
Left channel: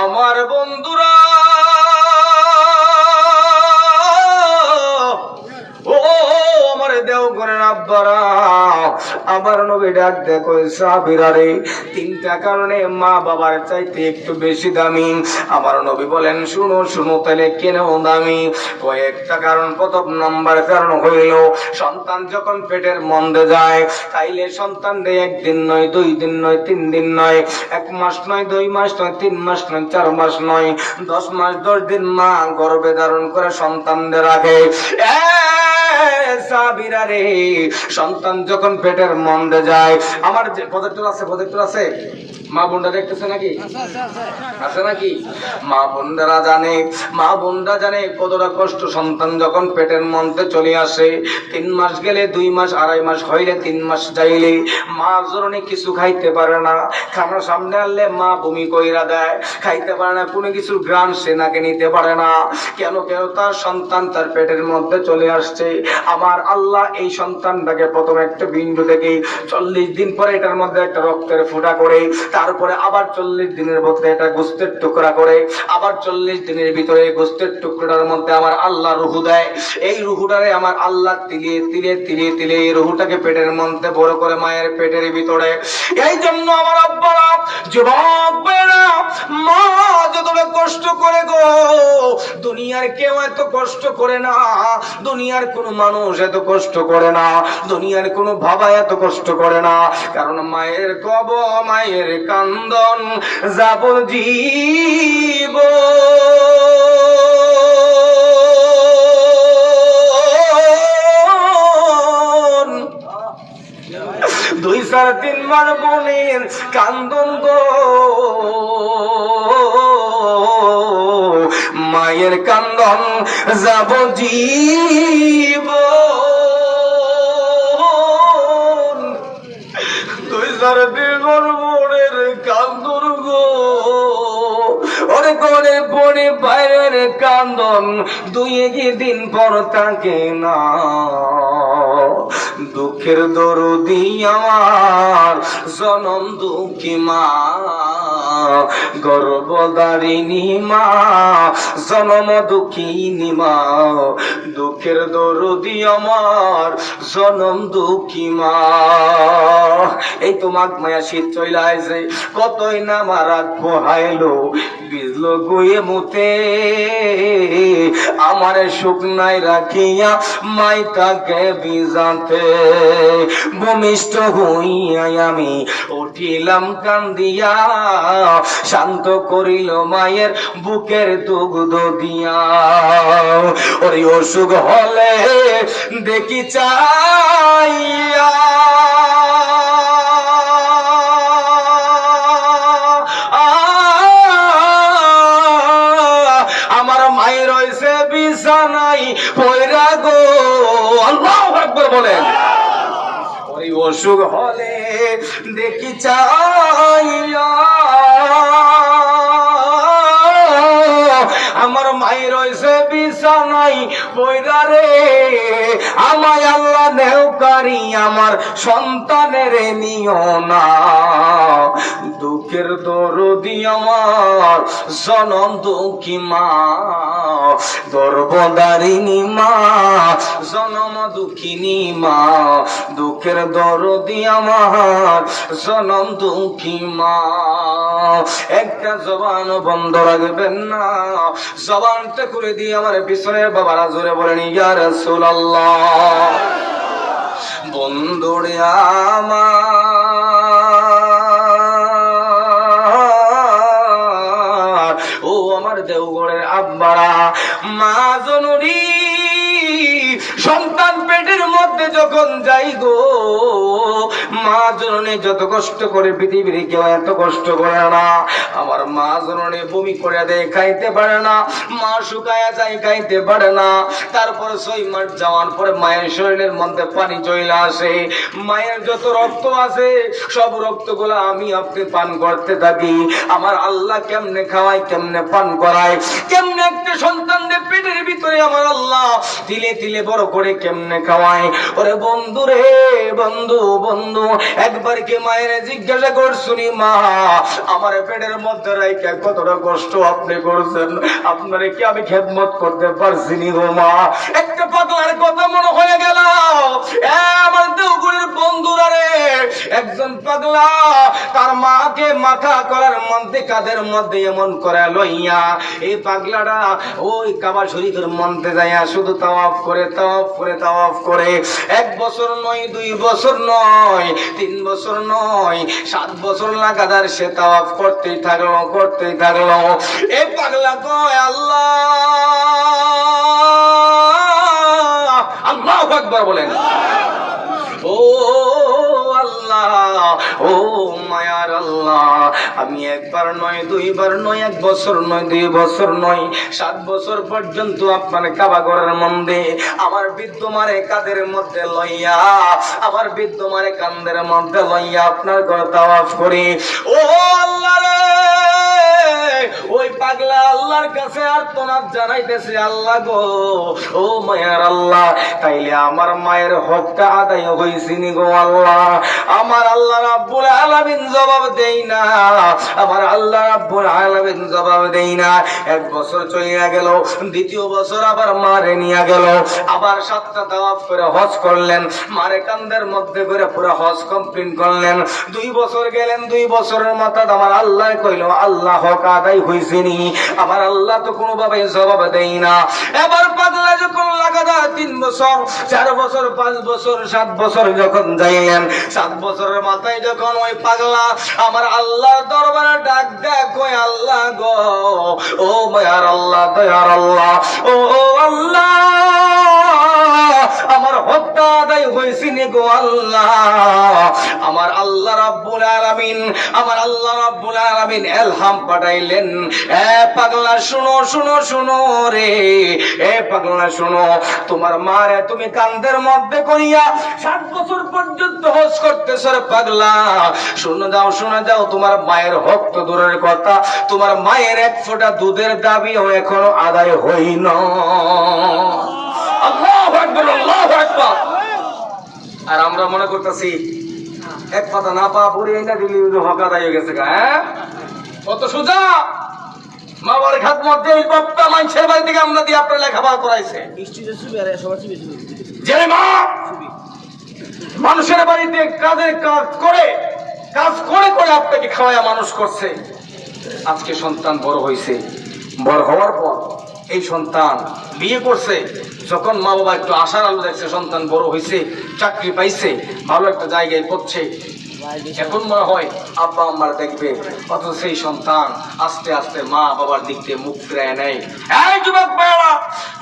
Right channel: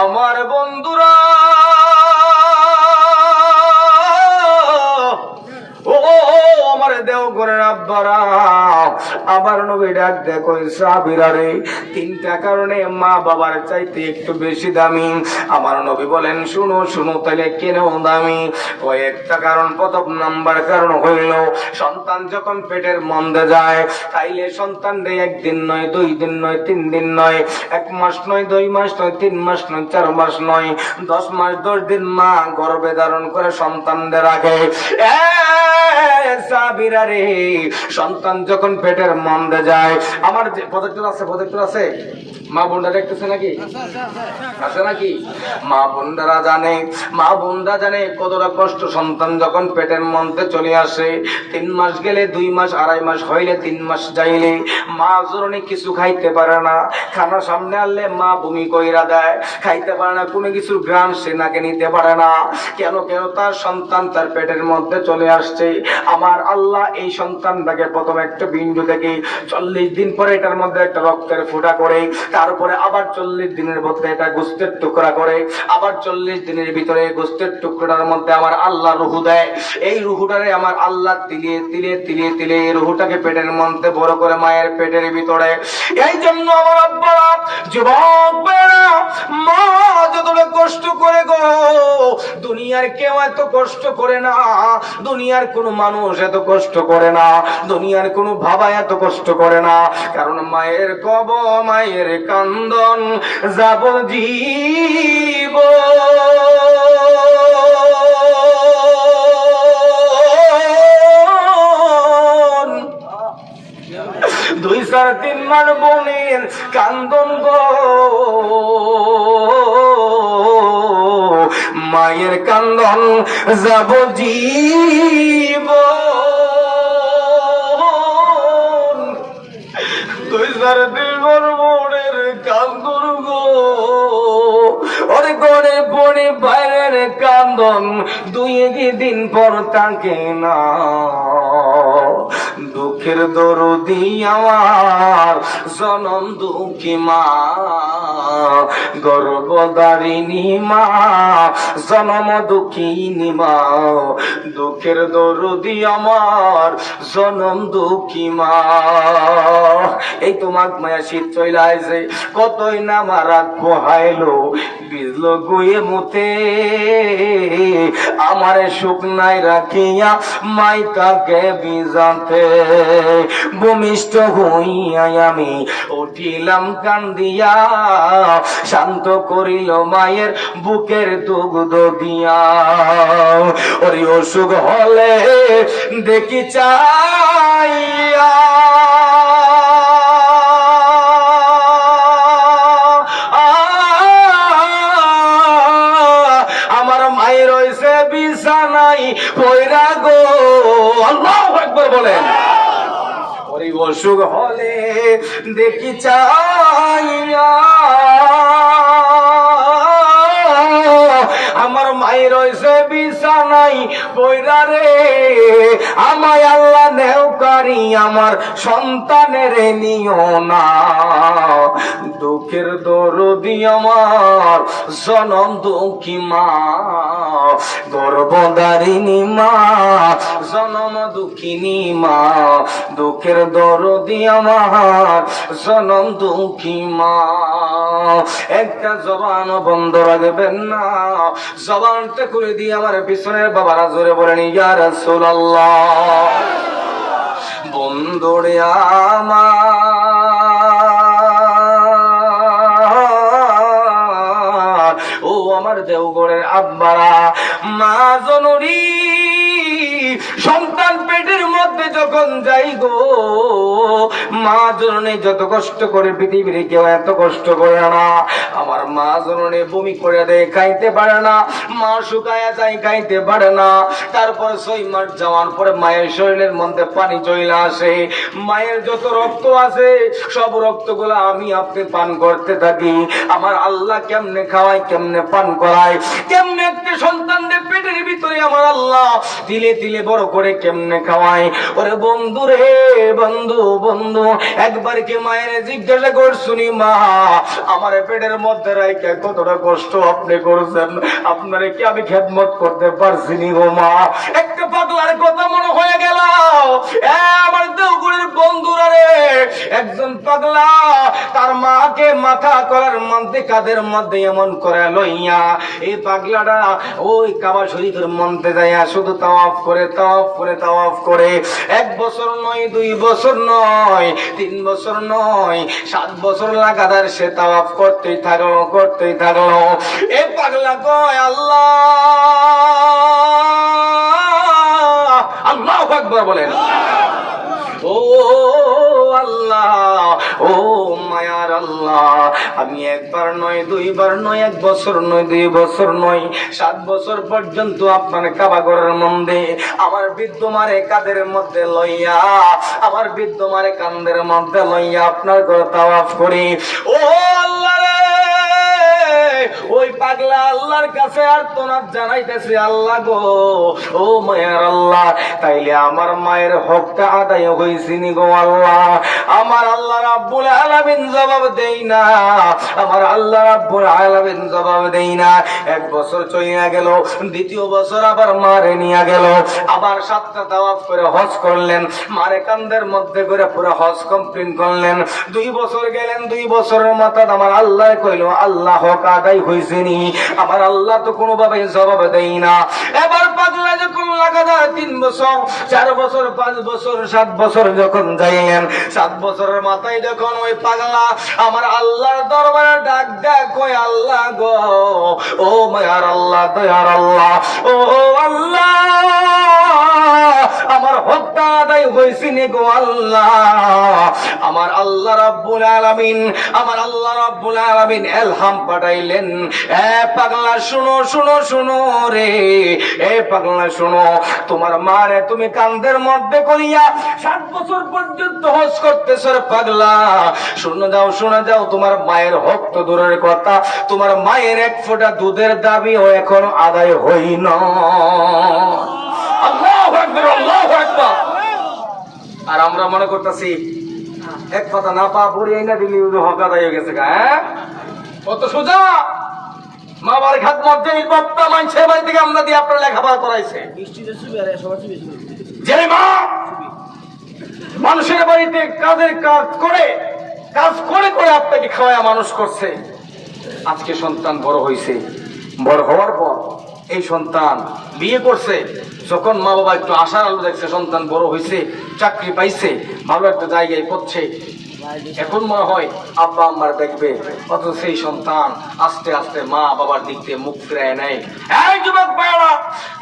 আমার বন্ধুরা, ও আমার দেওঘরের আব্বারা, আমার নবী ডাক দেখো সাহাবীরা রে, তিনটা কারণে মা বাবার চাইতে একটু বেশি দামি। আমার নবী বলেন শুনো শুনো, তাহলে কেন দামি? কয়েকটা কারণ। প্রথম নাম্বার কারণ হইল, সন্তান যখন পেটের মধ্যে যায়, তাইলে সন্তান রে একদিন নয়, 2 দিন নয়, 3 দিন নয়, 1 মাস নয়, 2 মাস নয়, 3 মাস নয়, 4 মাস নয়, 10 মাস 10 দিন মা গর্ভে ধারণ করে সন্তানদের রাখে। সাবিরা রে, সন্তান যখন পেটের মধ্যে যায়, আমার যে প্রজেক্টর আছে মা বোনরা দেখতেছে নাকি? আছে নাকি? মা বোনরা জানে কতটা কষ্ট সন্তান যখন পেটের মধ্যে চলে আসে। 3 মাস গেলে 2 মাস, 2.5 মাস হইলে 3 মাস যাইলে মা জরনে কিছু খাইতে পারে না। খানা সামনে আনলে মা বমি কইরা দেয়, খাইতে পারে না, কোনো কিছু গ্রাম সে নাকে নিতে পারে না। কেন? তার সন্তান তার পেটের মধ্যে চলে আসছে। আমার আল্লাহ এই সন্তানটাকে প্রথম একটা বিন্দু থেকে 40 দিন পরে এটার মধ্যে একটা রক্তের ফোঁটা করে, তারপরে আবার 40 দিনের মধ্যে এটা গোস্তের টুকরা করে, আবার 40 দিনের ভিতরে গোস্তের টুকরার মধ্যে আমার আল্লাহ রুহু দেয়। এই রুহুটারে আমার আল্লাহ তিলে তিলে তিলে তিলে এই রুহুটাকে পেটের মধ্যে বড় করে মায়ের পেটের ভিতরে। এই জন্য আমার আব্বারা, যুবক ভাইরা, মা যতটা কষ্ট করে গো, দুনিয়ার কেউ এত কষ্ট করে না, দুনিয়ার কোন মানুষ এত কষ্ট করে না, দুনিয়ার কোন বাবা এত কষ্ট করে না। কারণ মায়ের কব, মায়ের কান্দন যাবজ্জীব। দুই 4-3 মাস বোনের কান্দন গো, মায়ের কান্দন যাবজ্জীব। 2-4 মাস বোনের কান্দন গো, ওরে ঘরে পড়ে বাইরের কান্দন 2 দিন পর থাকে না। দুঃখের দরদি আমার জনম দুঃখী মা, গর্ভধারিণী মা, জনম দুঃখিনী মা। দুঃখের দরদি আমার জনম দুঃখী মা। এই তো মাঘ মায়া শীত চইলা আইছে, কতই না আমার রাত পোহাইলো, বিজলো গুয়ে মুতে আমারে শুকনাই রাখিয়া মাইকাকে বিজাতে। ভূমিষ্ঠ হইয়াই আমি উঠিলাম কান্দিয়া, শান্ত করিল মায়ের বুকের দুগ্ধ দিয়া। ওরে অসুখ হলে দেখি চাইয়া, আমার মায়ের রয়েছে বিছানাই পয়রা গো। আল্লাহু আকবার বলেন। ওরে অসুখ হলে দেখি চাইয়া, আমার মায়ের রয়েছে বিছানাই পয়রা রে। আমায় আল্লাহ নেওকারি আমার সন্তানের নিও না। দুঃখের দরদি আমার জনম দুঃখী মা, গর্ভধারিণী মা, জনম দুঃখিনী মা। দুঃখের দরদি আমার জনম দুঃখী মা। একটা জবান বন্ধ রাখবেন না, জবানটা করে দিয়ে আমার পিছনের বাবারা জোরে বলেন ইয়া রাসূলুল্লাহ। বন্ধুরে আমার, ও আমার দেওঘরের আব্বারা, মা জননী সন্তান পেটের মধ্যে যখন যাই গো, মা জননী যত কষ্ট করে পৃথিবীর কেউ এত কষ্ট করে না। আমার মা জননী বমি করে দেয়, খাইতে পারে না, মা শুকায় যায়, খাইতে পারে না। তারপর 6 মাস যাওয়ার পরে মায়ের শরীরের মধ্যে পানি চলে আসে। মায়ের যত রক্ত আছে সব রক্তগুলো আমি আপনি পান করতে থাকি। আমার আল্লাহ কেমনে খাওয়ায়, কেমনে পান করায়, কেমনে একটা সন্তানদের পেটের ভিতরে আমার আল্লাহ তিলে তিলে বড় করে কেমনে খাওয়ায়। ওরে বন্ধু রে বন্ধু, বন্ধু একবার কি মায়ের জিজ্ঞাসা করছুনি, মা আমার পেটের মধ্যে রাইখা কতটা কষ্ট আপনি করছেন, আপনারে কি আমি খেদমত করতে পারছি নি গো মা? একটা পাগলার কথা মনে হয়ে গেল। আমার দেওগুলির বন্ধুরা রে, একজন পাগলা তার মাকে মাথা করার মধ্যে কাদের মধ্যে এমন করে লইয়া এই পাগলাটা ওই কাবা শরীফের মধ্যে যাইয়া শুধু তাওয়াফ করে তাওয়াফ করে তাওয়াফ করে। 1 বছর নয়, 2 বছর নয়, 3 বছর নয়, 7 বছর লাগাতার সে তাওয়াফ করতেই থাকলো, করতেই থাকলো। এই পাগলা কয় আল্লাহ, আল্লাহু আকবার বলেন। ও আল্লাহ, ও মায়ার আল্লাহ, আমি 1 বার নয়, 2 বার নয়, 1 বছর নয়, 2 বছর নয়, 7 বছর পর্যন্ত আপনার কাবা ঘরের মধ্যে আমার বিদ্যমারে কাদের মধ্যে লইয়া, আমার বিদ্যমারে কান্দের মধ্যে লইয়া আপনার ঘরে তাওয়াফ করি। ও আল্লাহ রে, ওই পাগলা আল্লাহর কাছে আর্তনাদ জানাইতেছে, আল্লাহ গো, ও মায়ার আল্লাহ, তাইলে আমার মায়ের হকটা আদায় হইছে নি গো আল্লাহ? আমার আল্লাহ রাব্বুল আলামিন জবাব দেই না, আমার আল্লাহ রাব্বুল আলামিন জবাব দেই না। 1 বছর চলিয়া গেল, 2য় বছর আবার মারে নিয়ে গেল, আবার 7টা তাওয়াফ করে হজ করলেন, মারে কান্দের মধ্যে করে পুরো হজ কমপ্লিট করলেন। 2 বছর গেলেন, 2 বছরের মাথায় আমার আল্লাহ কইল, আল্লাহ হক আদায় হইছে নি? আমার আল্লাহ তো কোনোভাবে জবাব দেই না। এবার পাগলা যখন লাগাতার 3 বছর, 4 বছর, 5 বছর, 7 বছর যখন যাইলেন, 7 বছরের মাথায় যখন ওই পাগলা আমার আল্লাহর দরবারে ডাক দেয়, কই আল্লাহ গো, ও মায়ার আল্লাহ, দয়ার আল্লাহ, ও আল্লাহ, আমার হকটা আদায় হইছে নি গো আল্লাহ? আমার আল্লাহ রাব্বুল আলামিন, আমার আল্লাহ রাব্বুল আলামিন ইলহাম পাঠাইলেন, এ পাগলা শুনো, শুনো, শুনো রে, এ পাগলা শুনো, তোমার মারে তুমি কান্দের মধ্যে করিয়া 7 বছর পর্যন্ত হজ করতেছ রে পাগলা। শুনে যাও, শুনে যাও, তোমার মায়ের হক তো দূরের কথা, তোমার মায়ের 1 ফোঁটা দুধের দাবিও এখনো আদায় হই না। আল্লাহু আকবার, আল্লাহু আকবার। আর আমরা মনে করতেছি 1 পাতা না পা পুরি না দিলি হক আদায় হয়ে গেছে। হ্যাঁ, কত সোজা। মা বাবার খাদমত যেই বাপ্পা মানুষের বাড়ি থেকে আমরা দিয়ে আপনার লেখাপড়া করাইছে। যে মা মানুষের বাড়িতে কাজের কাজ করে করে আপনাকে খাওয়ায় মানুষ করছে, আজকে সন্তান বড় হয়েছে, বড় হওয়ার পর এই সন্তান বিয়ে করছে, যখন মা বাবা একটু আশার আলো দেখছে, সন্তান বড় হয়েছে, চাকরি পাইছে, ভালো একটা জায়গায় করছে, এখন মনে হয় আব্বা আম্মার দেখবে, অথচ সেই সন্তান আস্তে আস্তে মা বাবার দিক দিয়ে মুখ ফিরায় নেয়। এই যুবক ভাইরা,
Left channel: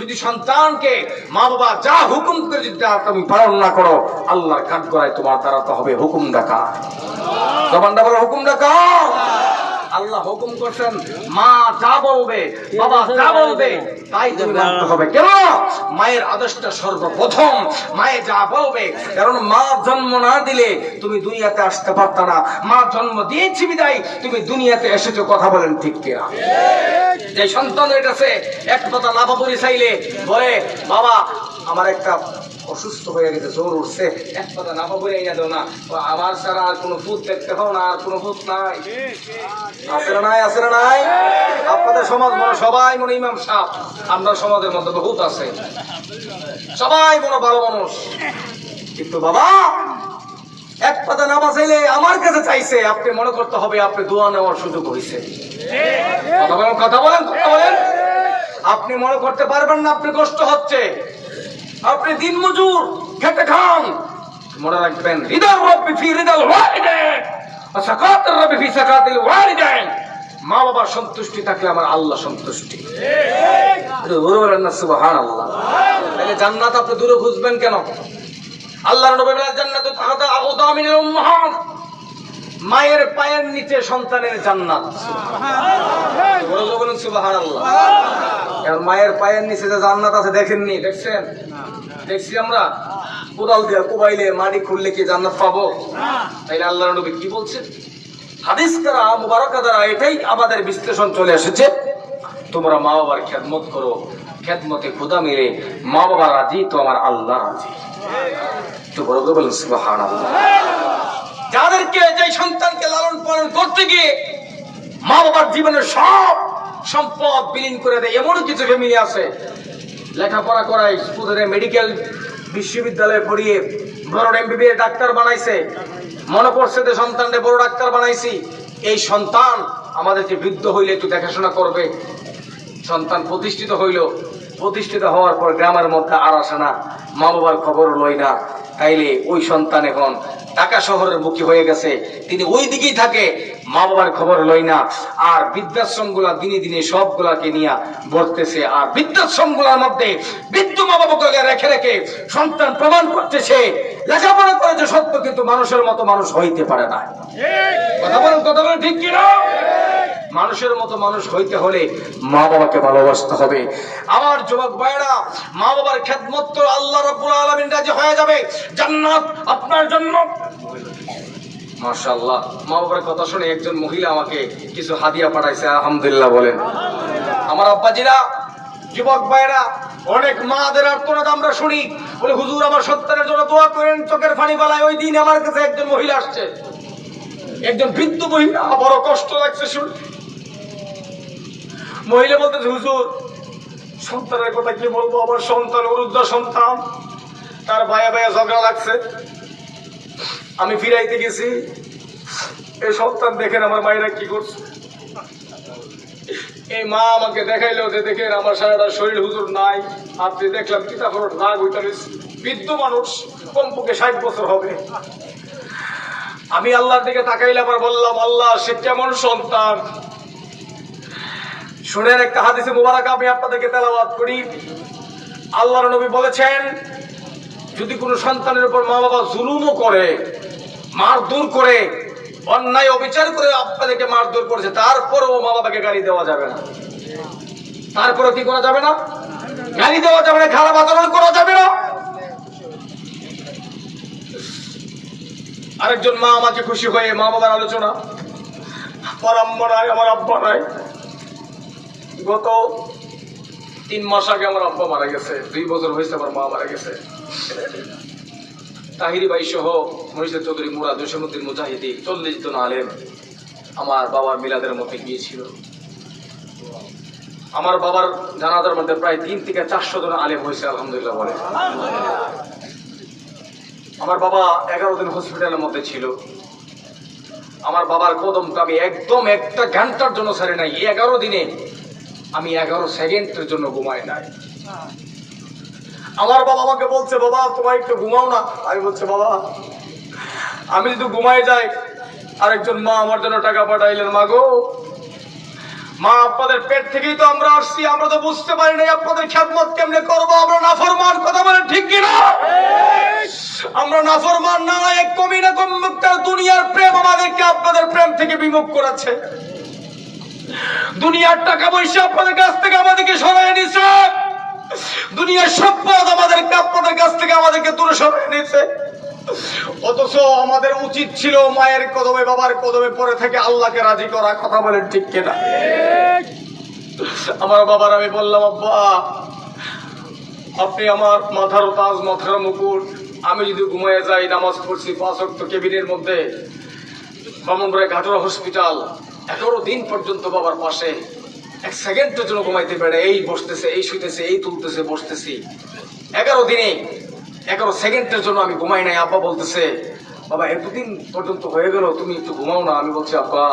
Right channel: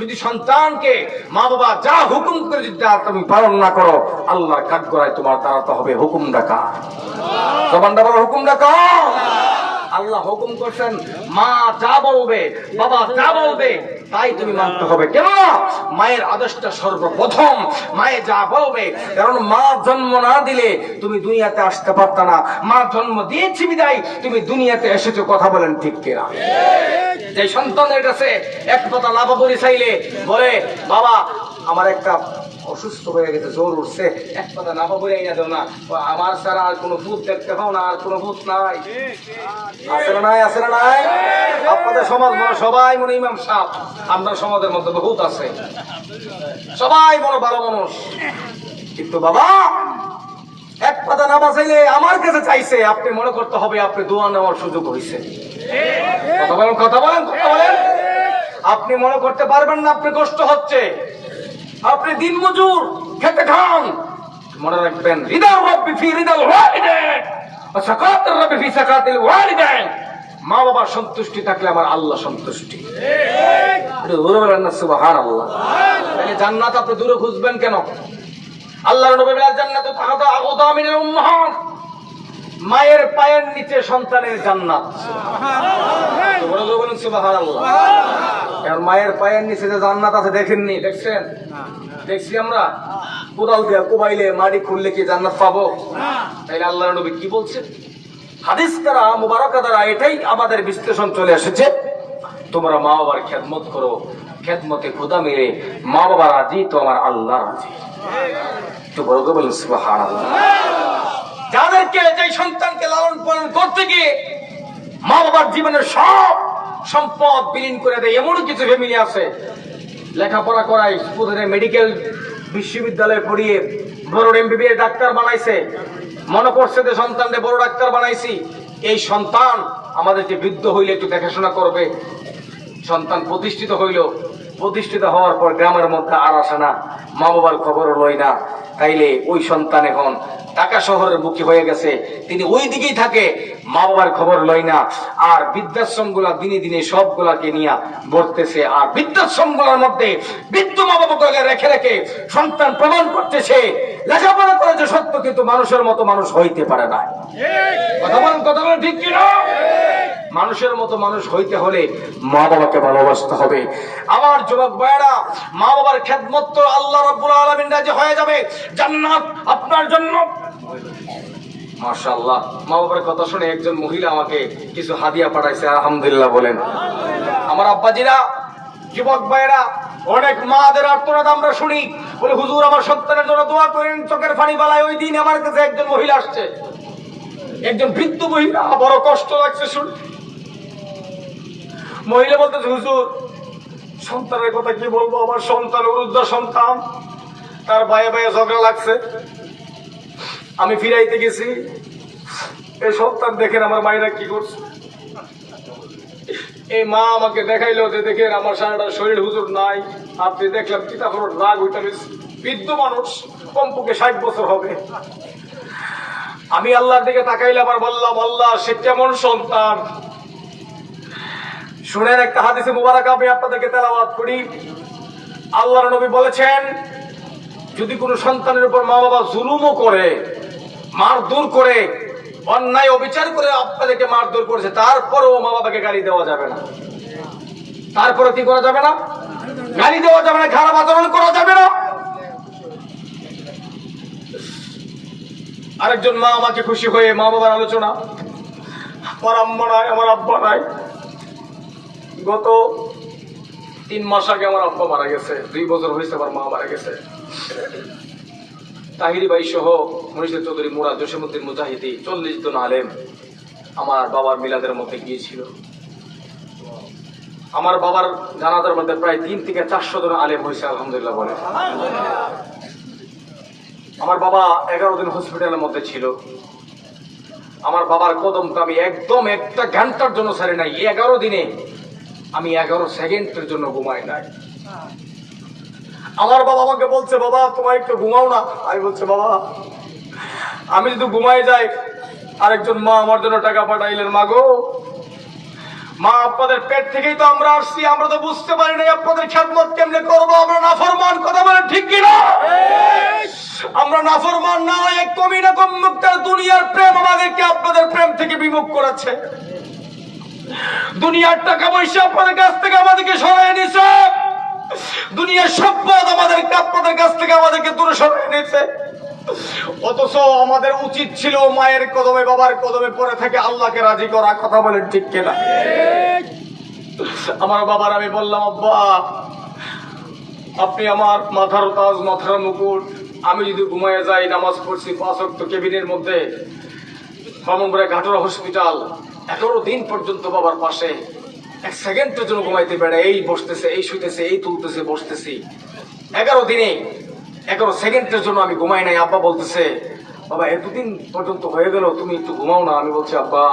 যদি সন্তানকে মা বাবা যা হুকুম করে যদি তুমি পালন না করো, আল্লাহর কাঠগড়ায় তোমার দাঁড়াতে হবে হুকুম ডাকা। জবানটা বড় হুকুম ডাকা। আল্লাহ হুকুম করছেন, মা যা বলবে, বাবা যা বলবে তাই তুমি মানতে হবে। কেন? মায়ের আদেশটা সর্বপ্রথম, মায়ে যা বলবে। কারণ মা জন্ম না দিলে তুমি দুনিয়াতে আসতে পারত না, মা জন্ম দিয়েছি বিদায় তুমি দুনিয়াতে এসেছো। কথা বলেন ঠিক কিনা? যে সন্তানের কাছে 1 পাতা না বাবুরি চাইলে বলে, বাবা আমার একটা অসুস্থ হয়ে গেছে, জ্বর উঠছে, 1 পাতা না বাবুরি আইনা দাও না, আমার ছাড়া আর কোনো ভূত দেখতে পাও না, আর কোনো ভূত নাই। আছে না নাই? আছে না নাই? আপনাদের সমাজ মনে সবাই মনে ইমাম সাহেব, আমরা সমাজের মধ্যে বহুত আছে, সবাই মনে ভালো মানুষ, কিন্তু বাবা 1 পাতা না বাঁচাইলে আমার কাছে চাইছে, আপনি মনে করতে হবে আপনি দোয়া নেওয়ার সুযোগ হয়েছে। কথা বলেন, কথা বলেন, কথা বলেন। আপনি মনে করতে পারবেন না আপনি কষ্ট হচ্ছে, আপনি দিন মজুর, খেতে খান। মনে রাখবেন, রিদাল রব্বি ফি রিদাল ওয়ালিদাইন ওয়া সাকাতুর রব্বি ফি সাকাতিল ওয়ালিদাইন। মা বাবার সন্তুষ্টি থাকলে আমার আল্লাহ সন্তুষ্টি। ঠিক, বলেন না সুবহানাল্লাহ। তাহলে জান্নাত আপনি দূরে খুঁজবেন কেন? আল্লাহর নবী বলেন জান্নাতু তাহতা আকদামিল উম্মাহাত, মায়ের পায়ের নিচে সন্তানের জান্নাত। সুবহানাল্লাহ, বলুন সুবহানাল্লাহ। আর মায়ের পায়ের নিচে যে জান্নাত আছে দেখেননি? দেখছেন? দেখছি আমরা? কোদাল দিয়ে কোবাইলে মাটি খুললে কি জান্নাত পাবো? তাইলে আল্লাহর নবী কি বলছেন? হাদিস দ্বারা মুবারকা দ্বারা এটাই আমাদের বিশ্লেষণ চলে এসেছে, তোমরা মা বাবার খেদমত করো, খেদমতে খোদা মেরে মা বাবা রাজি তো আমার আল্লাহ রাজি। তো বড় করে বলুন সুবহানাল্লাহ। যাদেরকে যে সন্তানকে লালন পালন করতে গিয়ে মা বাবার জীবনের সব সম্পদ বিলীন করে দেয়, এমন কিছু ফ্যামিলি আছে লেখাপড়া করায় স্কুলে মেডিকেল বিশ্ববিদ্যালয়ে পড়িয়ে বড় এমবিবিএস ডাক্তার বানাইছে, মনে পড়ছে যে সন্তানকে বড় ডাক্তার বানাইছি। এই সন্তান আমাদেরকে বৃদ্ধ হইলে একটু দেখাশোনা করবে। সন্তান প্রতিষ্ঠিত হইল, প্রতিষ্ঠিত হওয়ার পর গ্রামের মধ্যে আর আসে না, মা বাবার খবর লয় না। তাইলে ওই সন্তান এখন ঢাকা শহরের মুখী হয়ে গেছে, তিনি ওই দিকেই থাকে, মা বাবার খবর লয় না। আর বৃদ্ধাশ্রম গুলা দিনে দিনে সবগুলাকে নিয়ে ভরতেছে। আর বৃদ্ধাশ্রম গুলার মধ্যে বৃদ্ধ মা বাবাকে রেখে রেখে সন্তান প্রমাণ করতেছে লেখাপড়া করেছে সত্য, কিন্তু মানুষের মতো মানুষ হইতে পারে না। কথা বলেন ঠিক কিনা? মানুষের মতো মানুষ হইতে হলে মা বাবাকে ভালোবাসতে হবে। আমার যুবক ভাইরা, মা বাবার খেদমত তো আল্লাহ রাব্বুল আলামিন রাজি হয়ে যাবে, জান্নাত আপনার জন্য। মাশাআল্লাহ, মা বাবার কথা শুনে একজন মহিলা আমাকে কিছু হাদিয়া পাঠাইছে, আলহামদুলিল্লাহ বলেন। আমার আব্বাজিরা, যুবক ভাইরা, অনেক মাদের আর্তনাদ আমরা শুনি, বলে হুজুর আমার সন্তানের জন্য দোয়া করেন, চোখের পানি ফেলায়। ওই দিন আমার কাছে একজন মহিলা আসছে, একজন বৃদ্ধ মহিলা, বড় কষ্ট লাগছে শুনে। মহিলা বলতেছে হুজুর সন্তানের কথা কি বলবো, আমার সন্তান বৃদ্ধ সন্তান, তার ভাইয়া ভাইয়া ঝগড়া লাগছে, আমি ফিরাইতে গেছি, এই সন্তান দেখেন আমার মায়েরা কি করছে। এই মা আমাকে দেখাইলো যে দেখেন আমার সারাটা শরীর হুজুর নাই, আপনি দেখলাম কি তারপর রাগ হইতে বৃদ্ধ মানুষ, কমপক্ষে 60 বছর হবে। আমি আল্লাহর দিকে তাকাইলাম আর বললাম আল্লাহ সে কেমন সন্তান। শুনেন একটা হাদিসে মুবারক আমি আপনাদেরকে তেলাওয়াত করি। আল্লাহর নবী বলেছেন যদি কোনো সন্তানের উপর মা বাবা জুলুমও করে, মারধর করে, অন্যায় অবিচার করে আপনাদেরকে মারধর করেছে, তারপরেও মা বাবাকে গালি দেওয়া যাবে না। তারপরে কি করা যাবে না? গালি দেওয়া যাবে না, খারাপ আচরণ করা যাবে না। আরেকজন মা আমাকে খুশি হয়ে মা বাবার আলোচনা, আমার আম্মা নাই, আমার আব্বা নাই, গত 3 মাস আগে আমার আব্বা মারা গেছে, 2 বছর হয়েছে আমার মা মারা গেছে। তাহিরি ভাই সহ মনীষা চৌধুরী, মুরাদ, জসীমউদ্দিন মুজাহিদি, 40 জন আলেম আমার বাবার মিলাদের মধ্যে গিয়েছিল। আমার বাবার জানাজার মধ্যে প্রায় 3 থেকে 400 জন আলেম হয়েছে, আলহামদুলিল্লাহ বলে। আমার বাবা 11 দিন হসপিটালের মধ্যে ছিল। আমার বাবার কদমটা আমি একদম একটা ঘন্টার জন্য ছাড়ি নাই। 11 দিনে আমি 11 সেকেন্ডের জন্য ঘুমাই নাই। আমার বাবা আমাকে বলছে বাবা তোমার একটু ঘুমাও না। আমি বলছি বাবা আমি যদি ঘুমাই যাই, আরেকজন মা আমার জন্য টাকা পাঠাইলেন, মা গো মা আপনাদের পেট থেকেই তো আমরা আসছি, আমরা তো বুঝতে পারি নাই আপনাদের খেদমত কেমনে করবো, আমরা নাফরমান। কথা বলেন ঠিক কিনা? আমরা নাফরমান না, এক কমি না কম মুক্তার দুনিয়ার প্রেম আমাদেরকে আপনাদের প্রেম থেকে বিমুখ করেছে। দুনিয়ার টাকা পয়সা আপনাদের কাছ থেকে আমাদেরকে সরাই নিছে, দুনিয়ার সম্পদ আমাদেরকে আপনাদের কাছ থেকে আমাদেরকে দূরে সরাই নিছে। অথচ আমাদের উচিত ছিল মায়ের কদমে বাবার কদমে পড়ে থেকে আল্লাহকে রাজি করা। কথা বলেন ঠিক কিনা? আমার বাবার আমি বললাম আব্বা আপনি আমার মাথার তাজ, মাথার মুকুট, আমি যদি ঘুমায় যাই, নামাজ পড়ছি 5 ওয়াক্ত কেবিনের মধ্যে, ব্রাহ্মণবাড়িয়া ঘাটুরা হসপিটাল, 11 দিন পর্যন্ত বাবার পাশে 1 সেকেন্ডের জন্য ঘুমাইতে পারে, এই বসতেছে, এই শুইতেছে, এই তুলতেছে, বসতেছি। 11 দিনে 11 সেকেন্ডের জন্য আমি ঘুমাই নাই। আব্বা বলতেছে বাবা এতদিন পর্যন্ত হয়ে গেল, তুমি একটু ঘুমাও না। আমি বলছি আব্বা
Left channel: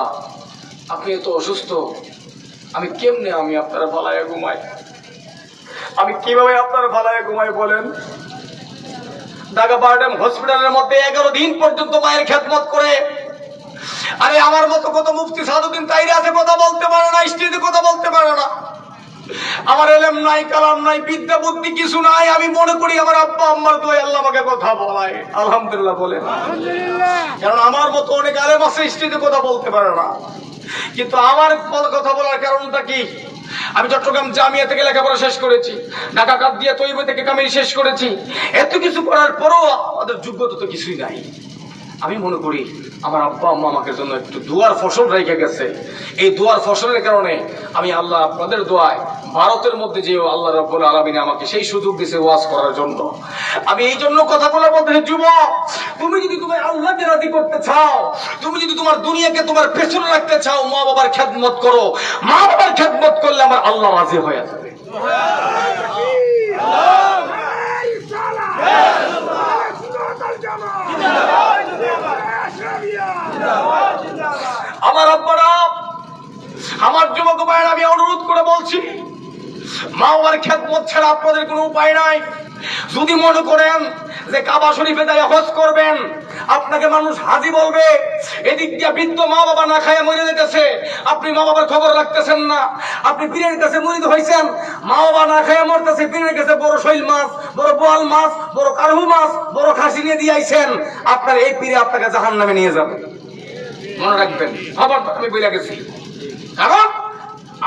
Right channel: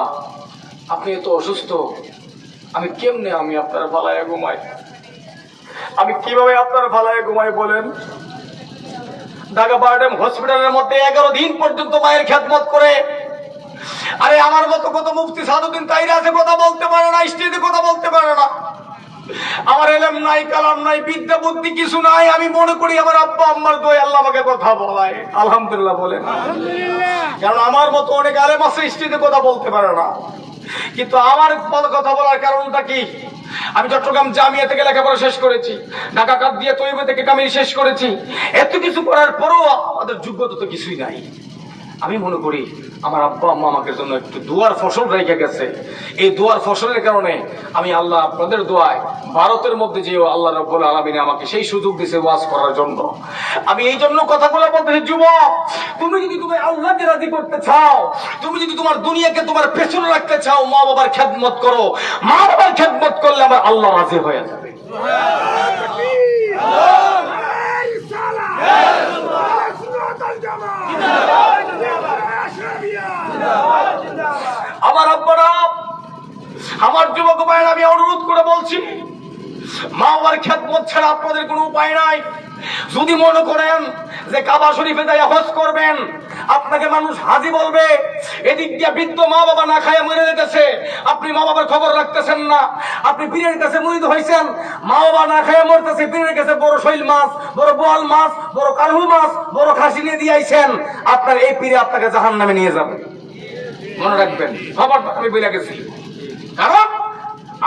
আপনি এত অসুস্থ, আমি কেমনে আমি আপনার ভালায় ঘুমাই, আমি কিভাবে আপনার ভালায় ঘুমাই বলেন? ঢাকা বারডেম হসপিটালের মধ্যে 11 দিন পর্যন্ত মায়ের খেদমত করে। আরে আমার মতো কত মুফতি সাদুদ্দিন তাইরি আছে, কথা বলতে পারে না, স্টেজে কথা বলতে পারে না। আমার এলেম নাই, কালাম নাই, বিদ্যা বুদ্ধি কিছু নাই। আমি মনে করি আমার আব্বা আম্মার দোয়ায় আল্লাহ আমাকে কথা বলায়। আলহামদুলিল্লাহ বলে। কারণ আমার মতো অনেক আলেম আছে স্টেজে কথা বলতে পারে না, কিন্তু আমার কথা বলার কারণটা কি? আমি চট্টগ্রাম জামিয়া থেকে লেখাপড়া শেষ করেছি, ঢাকা কাদরিয়া তৈয়বা থেকে কামিল শেষ করেছি। এত কিছু করার পরও আমাদের যোগ্যতা তো কিছুই নাই। আমি মনে করি আমার আব্বা আম্মা আমাকে জন্য একটু দুয়ার ফসল রেখে গেছে। এই দুয়ার ফসলের কারণে আমি আল্লাহ আপনাদের দোয়ায় ভারতের মধ্যে যেও আল্লাহ রাব্বুল আলামিন আমাকে সেই সুযোগ দিয়েছে ওয়াজ করার জন্য। আমি এই জন্য কথাগুলো বলতে, যুবক, তুমি যদি আল্লাহকে রাজি করতে চাও, তুমি যদি তোমার দুনিয়াকে তোমার পেছনে রাখতে চাও, মা বাবার খেদমত করো। মা বাবার খেদমত করলে আমার আল্লাহ রাজি হয়ে যাবে। আমার আব্বারা, আমার যুবক ভাইয়েরা, আমি অনুরোধ করে বলছি, মা বাবার খেদমত ছাড়া আপনাদের কোনো উপায় নাই। যদি মনে করেন যে কাবা শরীফে যাই হজ করবেন, আপনাকে মানুষ হাজি বলবে, এদিক দিয়ে বৃদ্ধ মা বাবা না খায় মরে যেতেছে, আপনি মা বাবার খবর রাখতেছেন না। আপনি পীরের কাছে মুরিদ হয়েছেন, মা বাবা না খায় মরতেছে, পীরের কাছে বড় শৈল মাছ, বড় বোয়াল মাছ, বড় কারহু মাছ, বড় খাসি নিয়ে দিয়ে আইছেন, আপনার এই পীরে আপনাকে জাহান্নামে নিয়ে যাবে। মনে রাখবেন, খবর আমি বলে গেছি। কারণ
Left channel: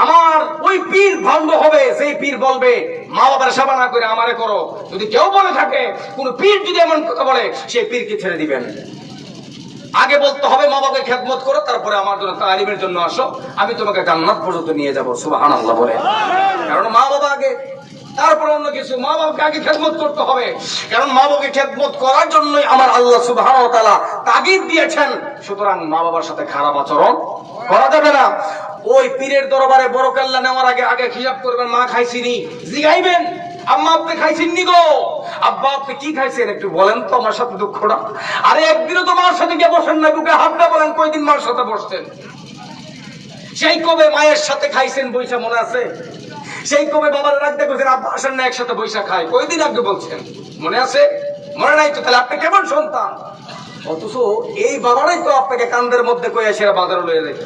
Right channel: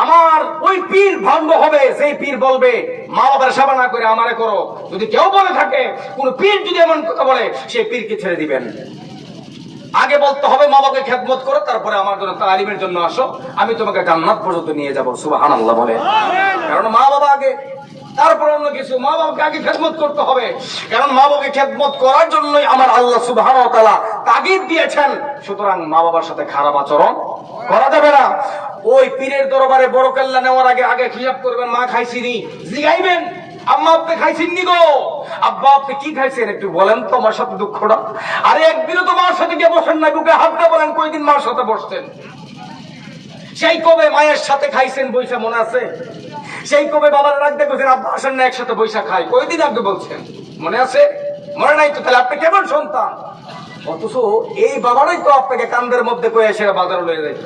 আমার ওই পীর ভণ্ড হবে, সেই পীর বলবে মা বাবার সেবা না করে আমারে করো। যদি কেউ বলে থাকে, কোন পীর যদি এমন কথা বলে, সেই পীরকে ছেড়ে দিবেন। আগে বলতে হবে মা বাবাকে খেদমত করো, তারপরে আমার জন্য তালিমের জন্য আসো, আমি তোমাকে জান্নাত পর্যন্ত নিয়ে যাবো। সুবহানাল্লাহ বলে। কারণ মা বাবা আগে, তারপরে অন্য কিছু। মা বাবাকে আগে খেদমত করতে হবে, কারণ মা বাবাকে খেদমত করার জন্যই আমার আল্লাহ সুবহানাহু ওয়া তাআলা তাগিদ দিয়েছেন। সুতরাং মা বাবার সাথে খারাপ আচরণ করা যাবে না। ওই পীরের দরবারে বড় কেল্লা নেওয়ার আগে আগে হিসাব করবেন, মা খাইছিনি, জিগাইবেন, আম্মা আপনি খাইছেন নি গো, আব্বা আপনি কি খাইছেন একটু বলেন তো, আমার সাথে দুঃখটা। আরে একদিনও তো মার সাথে গিয়ে বসেন নাই, বুকে হাতটা বলেন কয়দিন মার সাথে বসতেন? সেই কবে মায়ের সাথে খাইছেন বৈশা মনে আছে? সেই কবে বাবার রাখতে গেছেন, আব্বা আসেন না একসাথে বৈশা খায়, কয়দিন আগে বলছেন? মনে আছে? মনে নাই তো? তাহলে আপনি কেমন সন্তান? অথচ এই বাবারাই তো আপনাকে কান্দের মধ্যে কয়ে সেরা বাজারে লয়ে যাইত।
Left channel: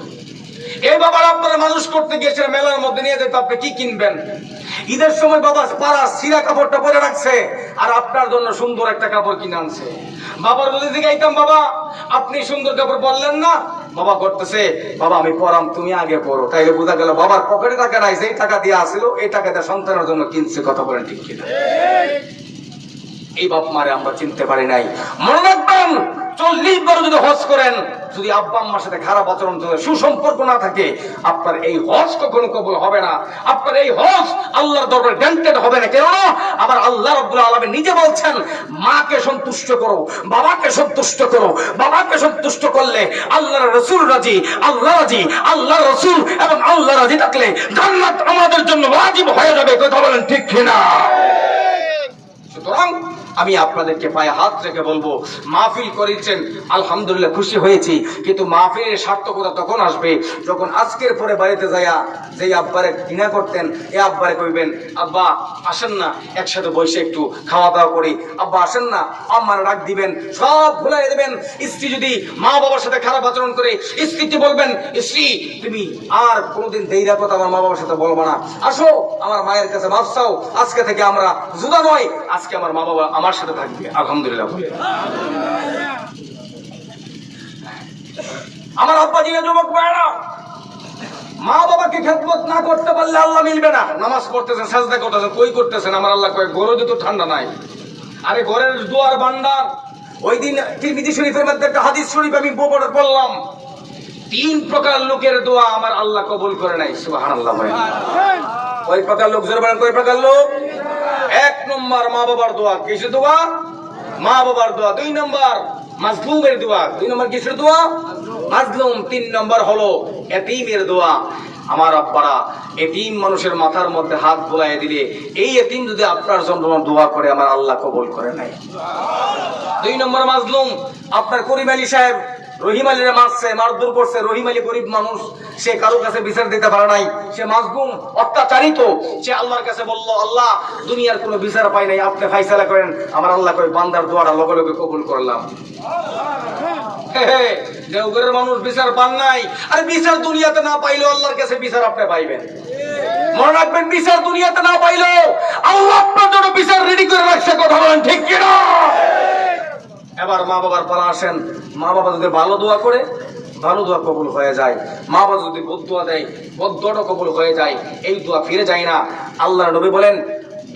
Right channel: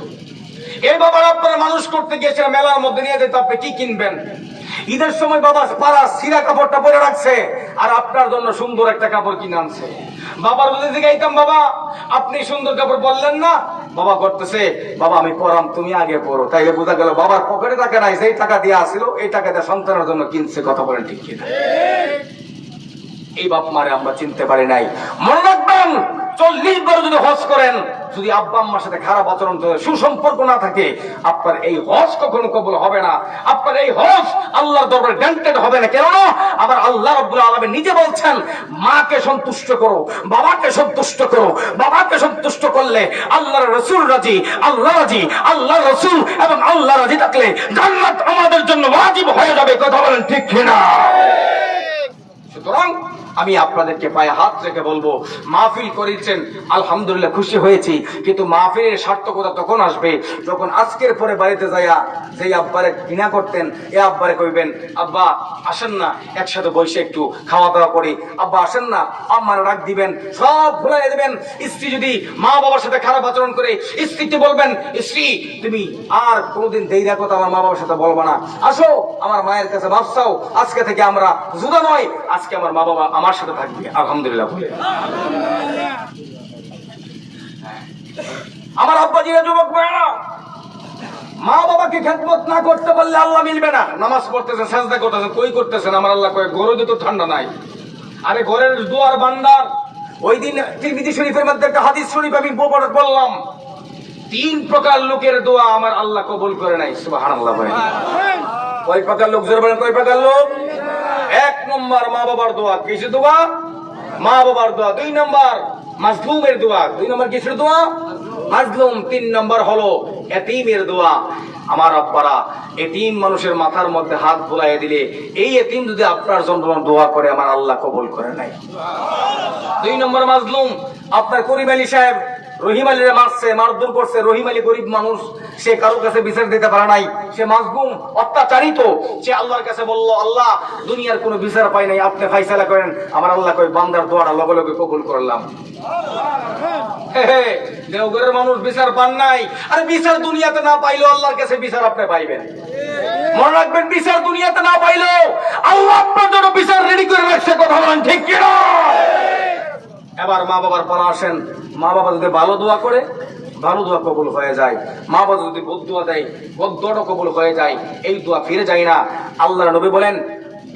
এই বাবার আপনারা মানুষ করতে গিয়েছে মেলার মধ্যে নিয়ে যেত, আপনি কি কিনবেন? ঈদের সময় বাবা পাড়া সিরা কাপড়টা পরে রাখছে, আর আপনার জন্য সুন্দর একটা কাপড় কিনে আনছে। বাবার যদি জিগাইতাম, বাবা আপনি সুন্দর কাপড় পরলেন না, বাবা করতেছে, বাবা আমি পরাম, তুমি আগে পড়ো। তাইলে বোঝা গেল বাবার পকেটে টাকা নাই, সেই টাকা দিয়ে আসছিল, এই টাকা দিয়ে সন্তানের জন্য কিনছে। কথা বলেন ঠিক কিনা? এই বাপ মারে আমরা চিনতে পারি নাই। মনে রাখবেন, 40 বার যদি হজ করেন, যদি আব্বা আম্মার সাথে খারাপ আচরণ, সুসম্পর্ক না থাকে, আপনার এই হজ কখনো কবুল হবে না। আপনার এই হজ আল্লাহর দরবারে গ্রান্টেড হবে না। কেন? আমার আল্লাহ রাব্বুল আলামিন নিজে বলছেন, মাকে সন্তুষ্ট করো, বাবাকে সন্তুষ্ট করো। বাবাকে সন্তুষ্ট করলে আল্লাহর রাসূল রাজি, আল্লাহ রাজি, আল্লাহ রাসূল এবং আল্লাহ রাজি থাকলে জান্নাত আমাদের জন্য ওয়াজিব হয়ে যাবে। কথা বলেন ঠিক কিনা? সুতরাং আমি আপনাদেরকে পায়ে হাত রেখে বলবো, মাহফিল করেছেন আলহামদুলিল্লাহ, খুশি হয়েছি, কিন্তু মাহফিলের সার্থকতা তখন আসবে যখন আজকের পরে বাড়িতে যাইয়া যে আব্বারে ঘৃণা করতেন, এ আব্বারে কইবেন, আব্বা আসেন না একসাথে বসে একটু খাওয়া দাওয়া করি, আব্বা আসেন না, আম্মার ডাক দিবেন, সব ভুলাই দেবেন। স্ত্রী যদি মা বাবার সাথে খারাপ আচরণ করে, স্ত্রীকে বলবেন, স্ত্রী তুমি আর কোনোদিন দেইরা কথা আমার মা বাবার সাথে বলবো না, আসো আমার মায়ের কাছে মাফ চাও, আজকে থেকে আমরা জুদা নয়, আজকে আমার মা বাবা আমার সাথে থাকবে। আলহামদুলিল্লাহ বলে। আমার আব্বা জিয়া যুবক ভাইরা, মা বাবাকে খেদমত না করতে পারলে আল্লাহ মিলবে না। নামাজ পড়তেছেন, সাজদা করতেছেন, কই করতেছেন? আমার আল্লাহ কয় গরজে তো ঠান্ডা নাই। আরে ঘরের দুয়ার বান্দার। ওই দিন তিরমিজি শরীফের মধ্যে একটা হাদিস শরীফ আমি বললাম, 3 প্রকার লোকের দোয়া আমার আল্লাহ কবুল করে নাই। সুবহানাল্লাহ ভাই। কয় প্রকার লোক? জোরে বলেন, কয় প্রকার লোক? 1 নম্বর মা বাবার দোয়া। কিসের দোয়া? মা বাবার দোয়া। 2 নম্বর মাজলুমের দোয়া। 2 নম্বর কিসের দোয়া? মাজলুম। 3 নম্বর হলো এতিমের দোয়া। আমার আব্বারা, এতিম মানুষের মাথার মধ্যে হাত বুলাইয়ে দিলে, এই এতিম যদি আপনার জন্য দোয়া করে, আমার আল্লাহ কবুল করে নাই। 2 নম্বর মাজলুম, আপনার করিম আলী সাহেব রহিম আলীরে মারছে, মারধর করছে। রহিম আলী গরিব মানুষ, সে কারোর কাছে বিচার দিতে পারে নাই, সে মাজলুম, অত্যাচারিত। সে আল্লাহর কাছে বলল, আল্লাহ দুনিয়ার কোনো বিচার পাই নাই, আপনি ফাইসালা করেন। আমার আল্লাহ কয়, বান্দার দোয়াটা লগে লগে কবুল করলাম। দেওঘরের মানুষ বিচার পান নাই, আরে বিচার দুনিয়াতে না পাইলেও আল্লাহর কাছে বিচার আপনি পাইবেন। মনে রাখবেন, বিচার দুনিয়াতে না পাইলেও আল্লাহ আপনার জন্য বিচার রেডি করে রাখছে। কথা বলেন ঠিক কিনা? এবার মা বাবার পালা আসেন। মা বাবা যদি ভালো দোয়া করে, ভালো দোয়া কবুল হয়ে যায়। মা বাবা যদি বদ দোয়া দেয়, বদ দোয়াটা কবুল হয়ে যায়। এই দোয়া ফিরে যায় না। আল্লাহর নবী বলেন,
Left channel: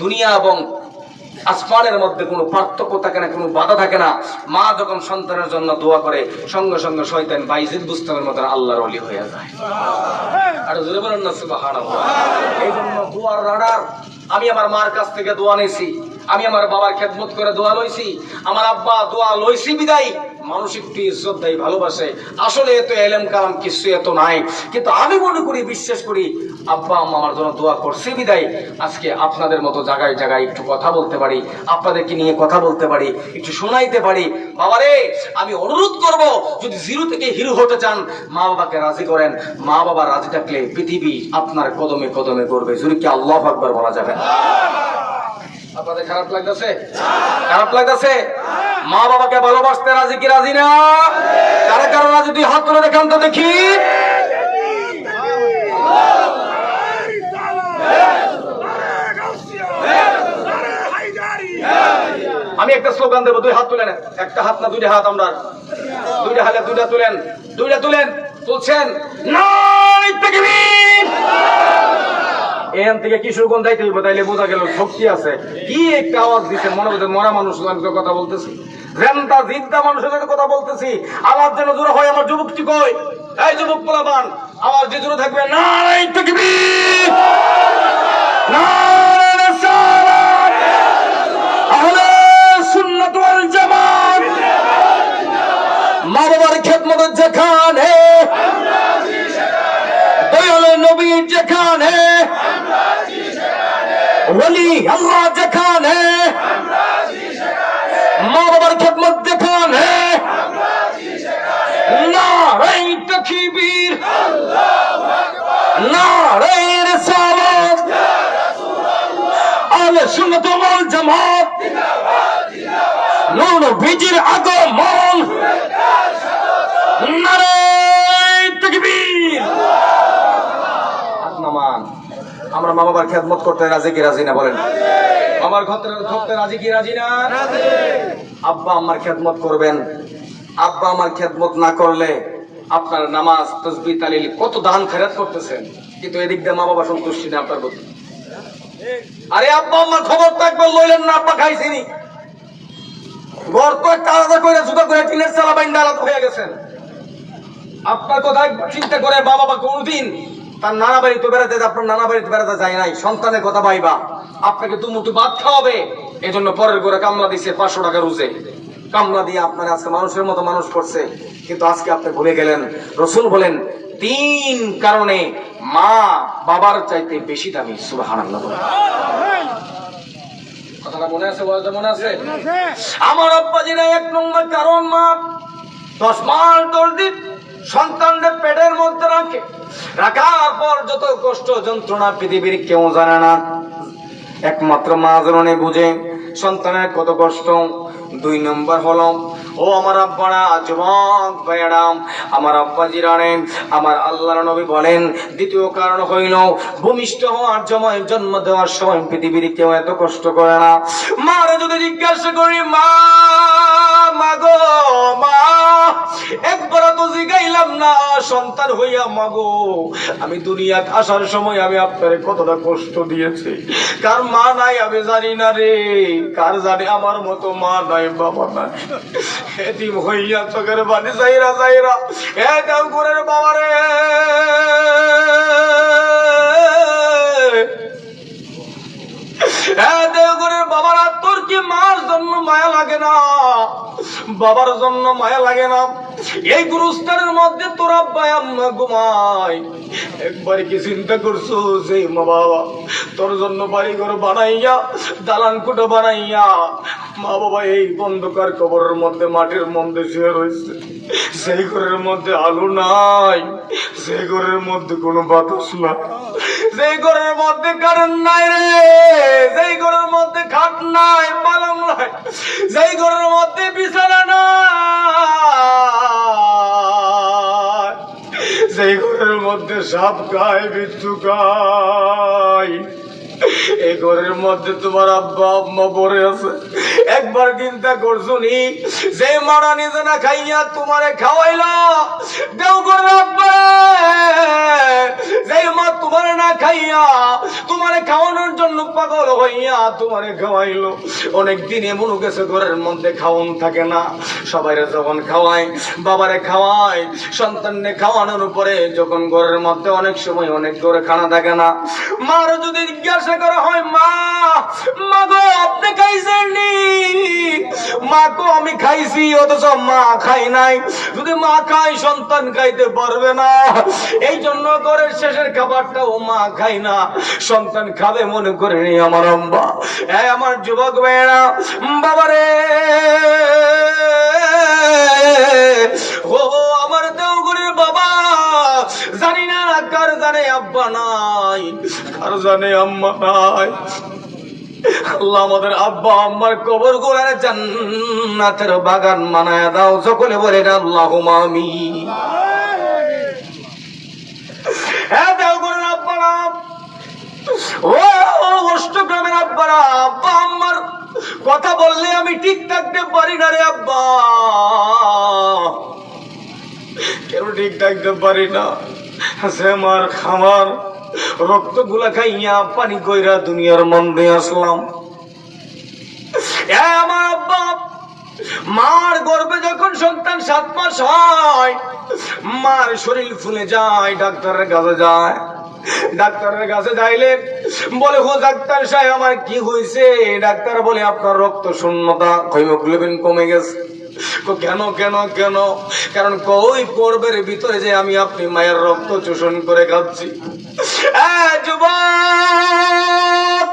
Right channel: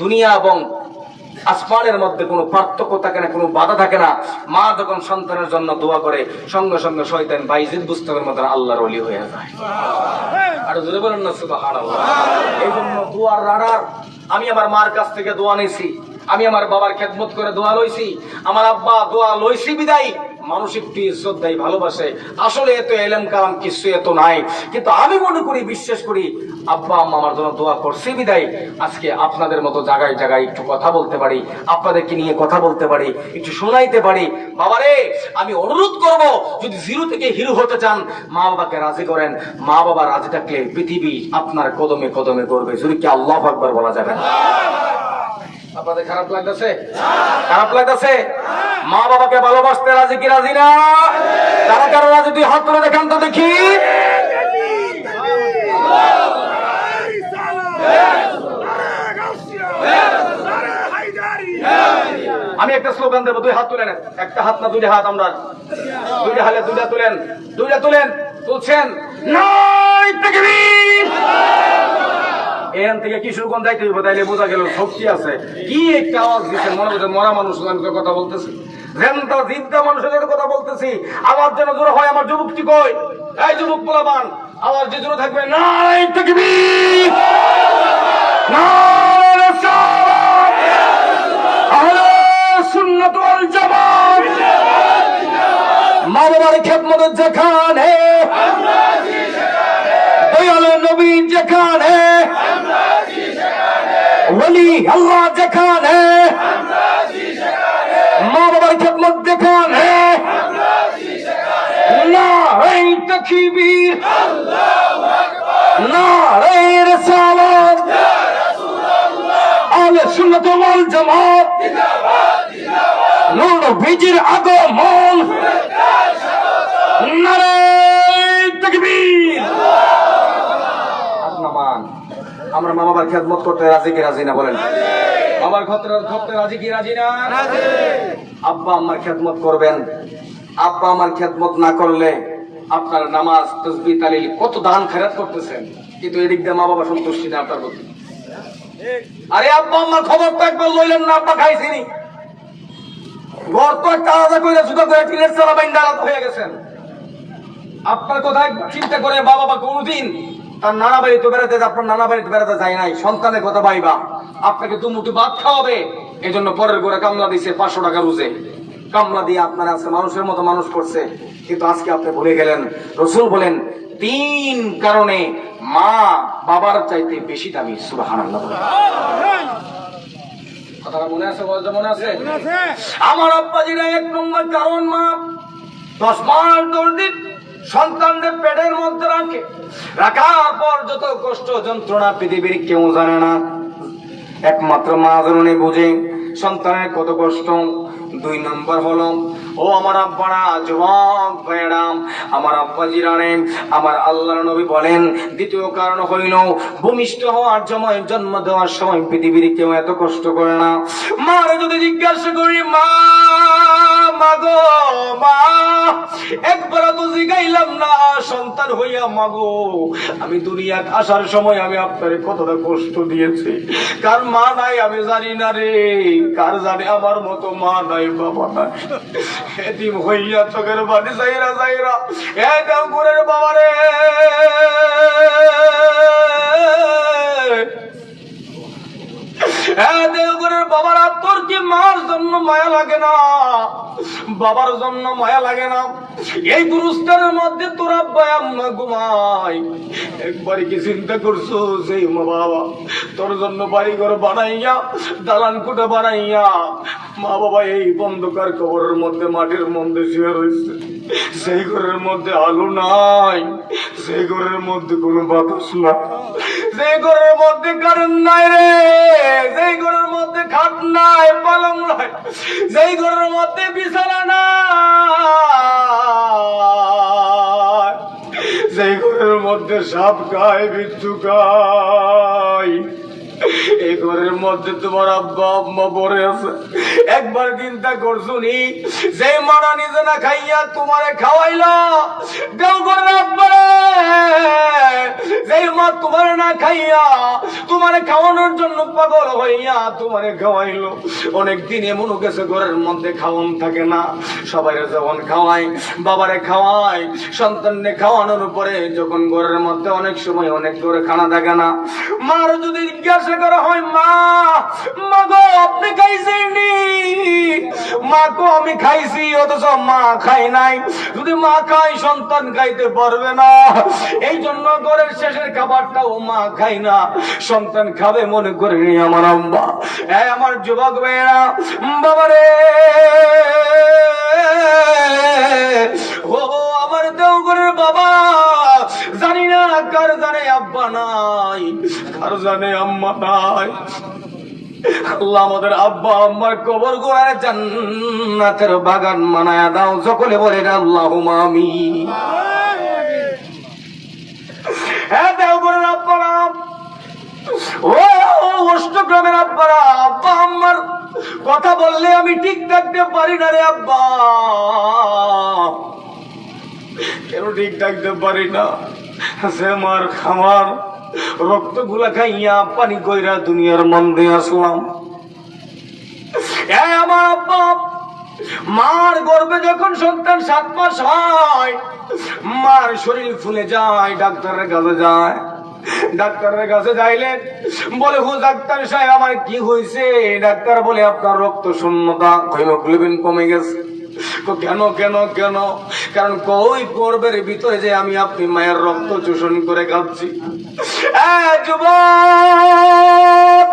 দুনিয়া এবং আসমানের মধ্যে কোনো পার্থক্য থাকে না, কোনো বাধা থাকে না। মা যখন সন্তানের জন্য দোয়া করে, সঙ্গে সঙ্গে শয়তান বাইজিদ বুস্তামের মতন আল্লাহর ওলি হয়ে যায়। আর জোরে বলেন না সুবহানাল্লাহ। এই জন্য দোয়ার রাডার। আমি আমার মার কাছ থেকে দোয়া নিয়েছি, আমি আমার বাবার খেদমত করে দোয়া লইছি, আমার আব্বা দোয়া লইছি বিদায় মানুষ একটু ইজ্জত দেয়, ভালোবাসে। আসলে এত এলেম কালাম কিছু এত নাই, কিন্তু আমি মনে করি, বিশ্বাস করি, আব্বা আম্মা আমার জন্য দোয়া করছে বিদায় আজকে আপনাদের মতো জায়গায় জায়গায় একটু কথা বলতে পারি, আপনাদেরকে নিয়ে কথা বলতে পারি, একটু শোনাইতে পারি। বাবারে, আমি অনুরোধ করব, যদি জিরো থেকে হিরো হতে চান, মা বাবাকে রাজি করেন। মা বাবা রাজি থাকলে পৃথিবী আপনার কদমে কদমে করবে। যদি কি আল্লাহু আকবার বলা যাবে না? আপনাদের খারাপ লাগতেছে? খারাপ লাগতেছে? মা বাবাকে ভালোবাসতে রাজি কি রাজি না? তারা কারো রাজি? তুই হাত তুলে দেখান তো দেখি। আমি একটা স্লোগান দেবো, দুই হাত তুলেন। একটা হাত না, দুইটা হাত। আমরা দুইটা হালে দুইটা তুলেন, দুইটা তুলেন। তুলছেন? নাই তাকবীর। এখান থেকে কিশোরগঞ্জ যাইতে হইব, তাইলে বোঝা গেল শক্তি আছে। কি একটা আওয়াজ দিচ্ছে, মনে হচ্ছে মরা মানুষ কথা বলতেছি, রেন্তা জিদ্দা মানুষের সাথে কথা বলতেছি। আমার জন্য দূর হয়, আমার যুবকটি কই? এই যুবক পোলাপান, আমার যে জন্য থাকবে। নাই তাকবীর, নারে রিসালাত, আহলে সুন্নাত ওয়াল জামাত। মা বাবার খেদমত যেখানে, দয়ালে নবী যেখানে, ওলি আল্লাহ যেখানে, মা বাবার খেদমত যেখানে, নারে তাকবীর, নারে রিসালাত, আহলে সুন্নাত ওয়াল জামাত, নূর নবীর আগমন, নারে তাকবীর। আপনামান আমরা মা বাবার খেদমত করতে রাজি কি রাজি না? বলেন, বাবার করতে রাজি কি রাজি না? আব্বা আম্মার খেদমত করবেন। আব্বা আমার খেদমত না করলে আপনার নামাজ, তাসবিহ, তাহলিল, কত দান খেরাত করতেছেন, কিন্তু এদিক দিয়ে মা বাবা সন্তুষ্টি না আপনার প্রতি। আরে আব্বা আম্মার খবর তো একবার লইলেন না, আব্বা খাইছিনি। ঘর তো একটা আলাদা করে জুতা করে টিনের চালা বাইন্দা আলাদা হয়ে গেছেন। আপনার কথা চিন্তা করে বাবা কোনদিন তার নানা বাড়িতে বেড়াতে, আপনার নানা বাড়িতে বেড়াতে যায় নাই। সন্তানের কথা ভাইবা, আপনাকে দুমুঠি ভাত খাওয়াবে, এই জন্য পরের ঘরে কামলা দিচ্ছে 500 টাকা রোজে। কামলা দিয়ে আপনার আজকে মানুষের মতো মানুষ করছে, কিন্তু আজকে আপনি ভুলে গেলেন। রসুল বলেন, 3 কারণে মা বাবার চাইতে বেশি দামি। সুবহানাল্লাহ। কথাটা মনে আছে? বলতে মনে আছে? আমার আব্বাজিরা 1 নম্বর কারণ, মা 10 মাস 10 দিন সন্তানদের পেটের মধ্যে রাখে, রাখার পর যত কষ্ট যন্ত্রণা পৃথিবীর কেউ জানে না, একমাত্র মা জননী বুঝে সন্তানের কত কষ্ট। 2 নম্বর হলো, ও আমার আব্বারা, যুবক ভাইয়েরা, আমার আব্বাজিরা, আমার আল্লাহর নবী বলেন, দ্বিতীয় কারণ হইল, ভূমিষ্ঠ হওয়ার সময়, জন্ম দেওয়ার সময় পৃথিবীর কেউ এত কষ্ট করে না। মারে যদি জিজ্ঞাসা করি, মা মাগো মা, একবার তো জিগাইলাম না সন্তান হইয়া, মাগো আমি দুনিয়া আসার সময় আমি আপনারে কতটা কষ্ট দিয়েছি। কার মা নাই আমি জানি না রে, কার জানে আমার মতো মা নাই, বাবা নাই। এতিম হইয়া চোখের বাড়ি যাইরা যাইরা এই দেওঘরের বাবা রে, দেওঘরের বাবারা, তোর কি মার জন্য মায়া লাগে না? বাবার জন্য মায়া লাগে না? এই গুরুস্থানের মধ্যে তোর আব্বা আম্মা ঘুমায়, একবার কি চিন্তা করছো যে মা বাবা তোর জন্য বাড়ি ঘর বানাইয়া, দালান কুটো বানাইয়া, মা বাবা এই বন্ধকার কবরের মধ্যে, মাটির মধ্যে শুয়ে রয়েছে। সেই ঘরের মধ্যে আলো নাই, সেই ঘরের মধ্যে কোনো বাতাস নাই, সেই ঘরের মধ্যে কারেন্ট নাই রে, সেই ঘরের মধ্যে খাট নাই, পালং নাই, সেই ঘরের মধ্যে বিছানা নাই। এই ঘরের মধ্যে সাপ খায়, বিচ্ছু খায়। এই ঘরের মধ্যে তোমার আব্বা আম্মা পড়ে আছে। একবার চিন্তা করছো নি, যে মারা নিজে না খাইয়া তোমারে খাওয়াইলো, দেও ঘরের আব্বা, যে মা তোমার না খাইয়া তোমারে খাওয়ানোর জন্য পাগল হইয়া তোমারে খাওয়াইলো। অনেকদিন এমন গেছে ঘরের মধ্যে খাওয়ান থাকে না, সবাইরে যখন খাওয়াই, বাবারে খাওয়াই, সন্তানকে খাওয়ানোর পরে যখন ঘরের মধ্যে অনেক সময় অনেক করে খানা থাকে না, মার যদি জিজ্ঞাসা করা হয়, মা মা গো আপনি খাইছেন নি? মা গো আমি খাইছি, অথচ মা খাই নাই। যদি মা খাই, সন্তান খাইতে পারবে না, এই জন্য ঘরের শেষের খাবারটাও মা খাই না, সন্তান খাবে মনে করে নি আমার আম্মা। আমার যুবক ভাইয়েরা, বাবারে ও আমার দেওঘরের বাবা, জানি না কার জানে আব্বা নাই, কার জানে আম্মা নাই। আল্লাহ আমাদের আব্বা আম্মার কবর গোড়ায় জান্নাতের বাগান বানায়া দাও। সকলে বলে আল্লাহুম্মা আমিন। হ্যাঁ দেওঘরের আব্বারা, ও অষ্টগ্রামের আব্বারা, আব্বা আম্মার কথা বললে আমি ঠিক থাকতে পারি না রে আব্বা, কেন ঠিক থাকতে পারি না? সে মার খাওয়ার রক্ত গুলা খাইয়া পানি কইরা দুনিয়ার মধ্যে আসলাম। আমার আব্বা, মার গর্ভে যখন সন্তান 7 মাস হয়, মার শরীর ফুলে যায়, ডাক্তারের কাছে যায়। ডাক্তারের কাছে যাইলে বলে, ও ডাক্তার সাহেব আমার কি হয়েছে? ডাক্তার বলে, আপনার রক্ত শূন্যতা, হিমোগ্লোবিন কমে গেছে। কেন কেন কেন? কারণ কই গর্ভের ভিতরে যে আমি আপনি মায়ের রক্ত শোষণ করে খাচ্ছি। যুবক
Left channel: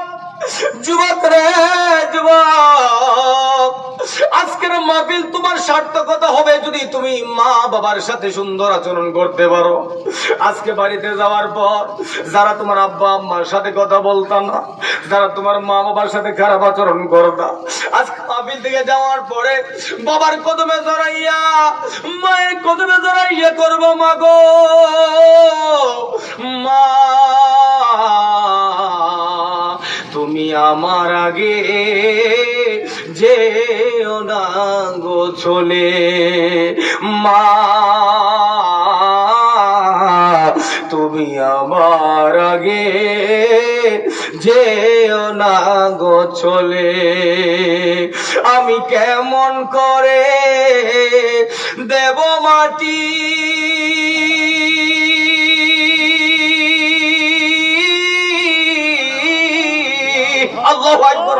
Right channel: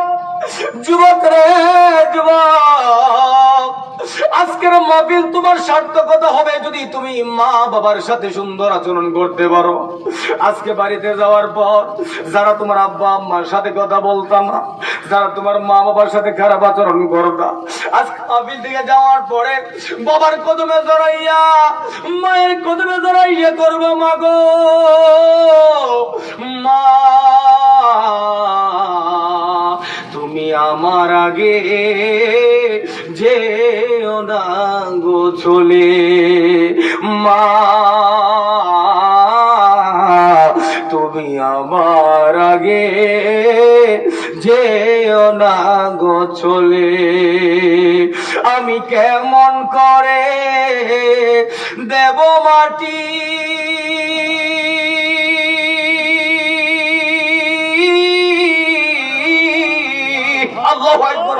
যুবক রে যুবক, আজকের মাহফিল তোমার সার্থকতা হবে যদি তুমি মা বাবার সাথে সুন্দর আচরণ করতে পারো। আজকে বাড়িতে যাওয়ার পর যারা তোমার আব্বা আম্মার সাথে কথা বলতা না, যারা তোমার মা বাবার সাথে খারাপ আচরণ করতা, আজকে মাহফিল থেকে যাওয়ার পরে বাবার কদমে জড়াইয়া, মায়ের কদমে জড়াইয়া করবো, মা গো মা তুমি আমার আগে যেও না গো চলে, মা তুমি আমার আগে যেও না গো চলে। আমি কেমন করে দেব মাটি আল্লাহু আকবার,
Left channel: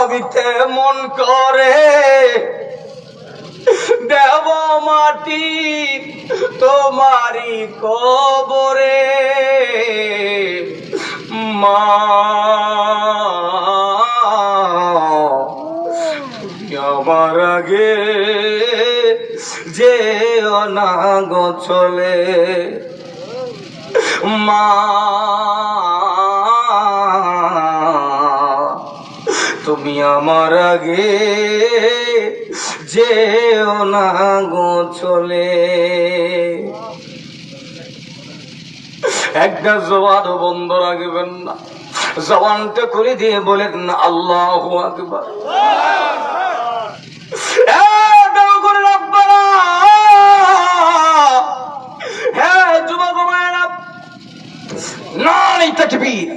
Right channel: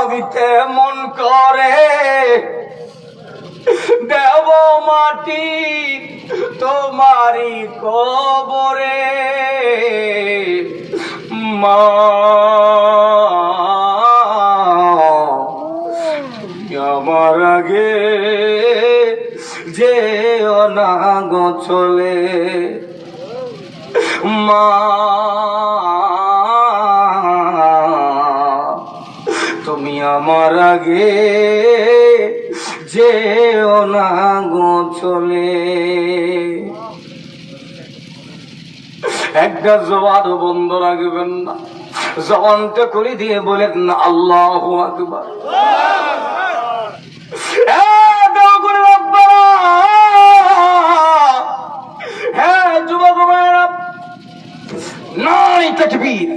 আমি কেমন করে দেব মাটি তোমারি কবরে, মা তুমি আমার আগে যেও না গো চলে, মা তুমি আমার আগে যেও না গো চলে। একটা জবান বন্ধ রাখবেন না, জবানটা করে দিয়ে বলেন না আল্লাহু আকবার। হ্যাঁ যুবক ভাইয়েরা, নারী তাকবীর,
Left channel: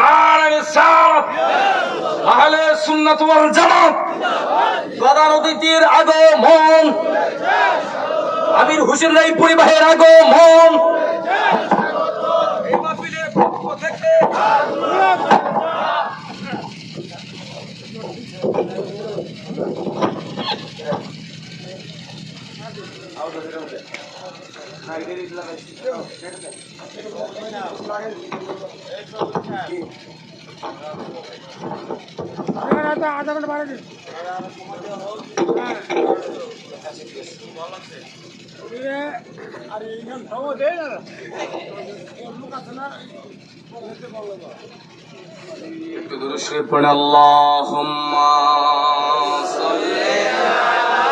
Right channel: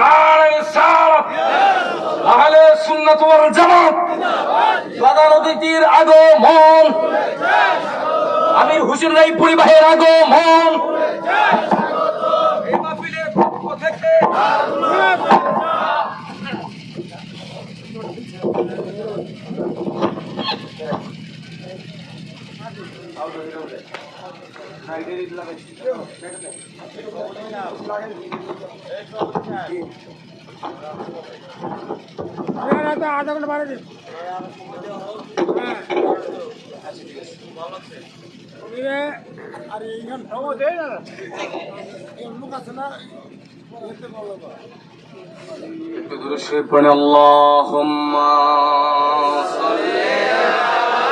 নারী রিসালাত, আহলে সুন্নাত ওয়াল জামাত, প্রধান অতিথির আগমন, আমির হোসেন রায়পুরি ভাইয়ের আগমন, এই মাহফিলের পক্ষ থেকে আধা ঘন্টা বাড়ে দিন। আর এইখান সহজ হয়ে যাবে, এই মুখ আছে না, একটু দূরে শুয়ে পড়ে আল্লাহুম্মা সাল্লি আলা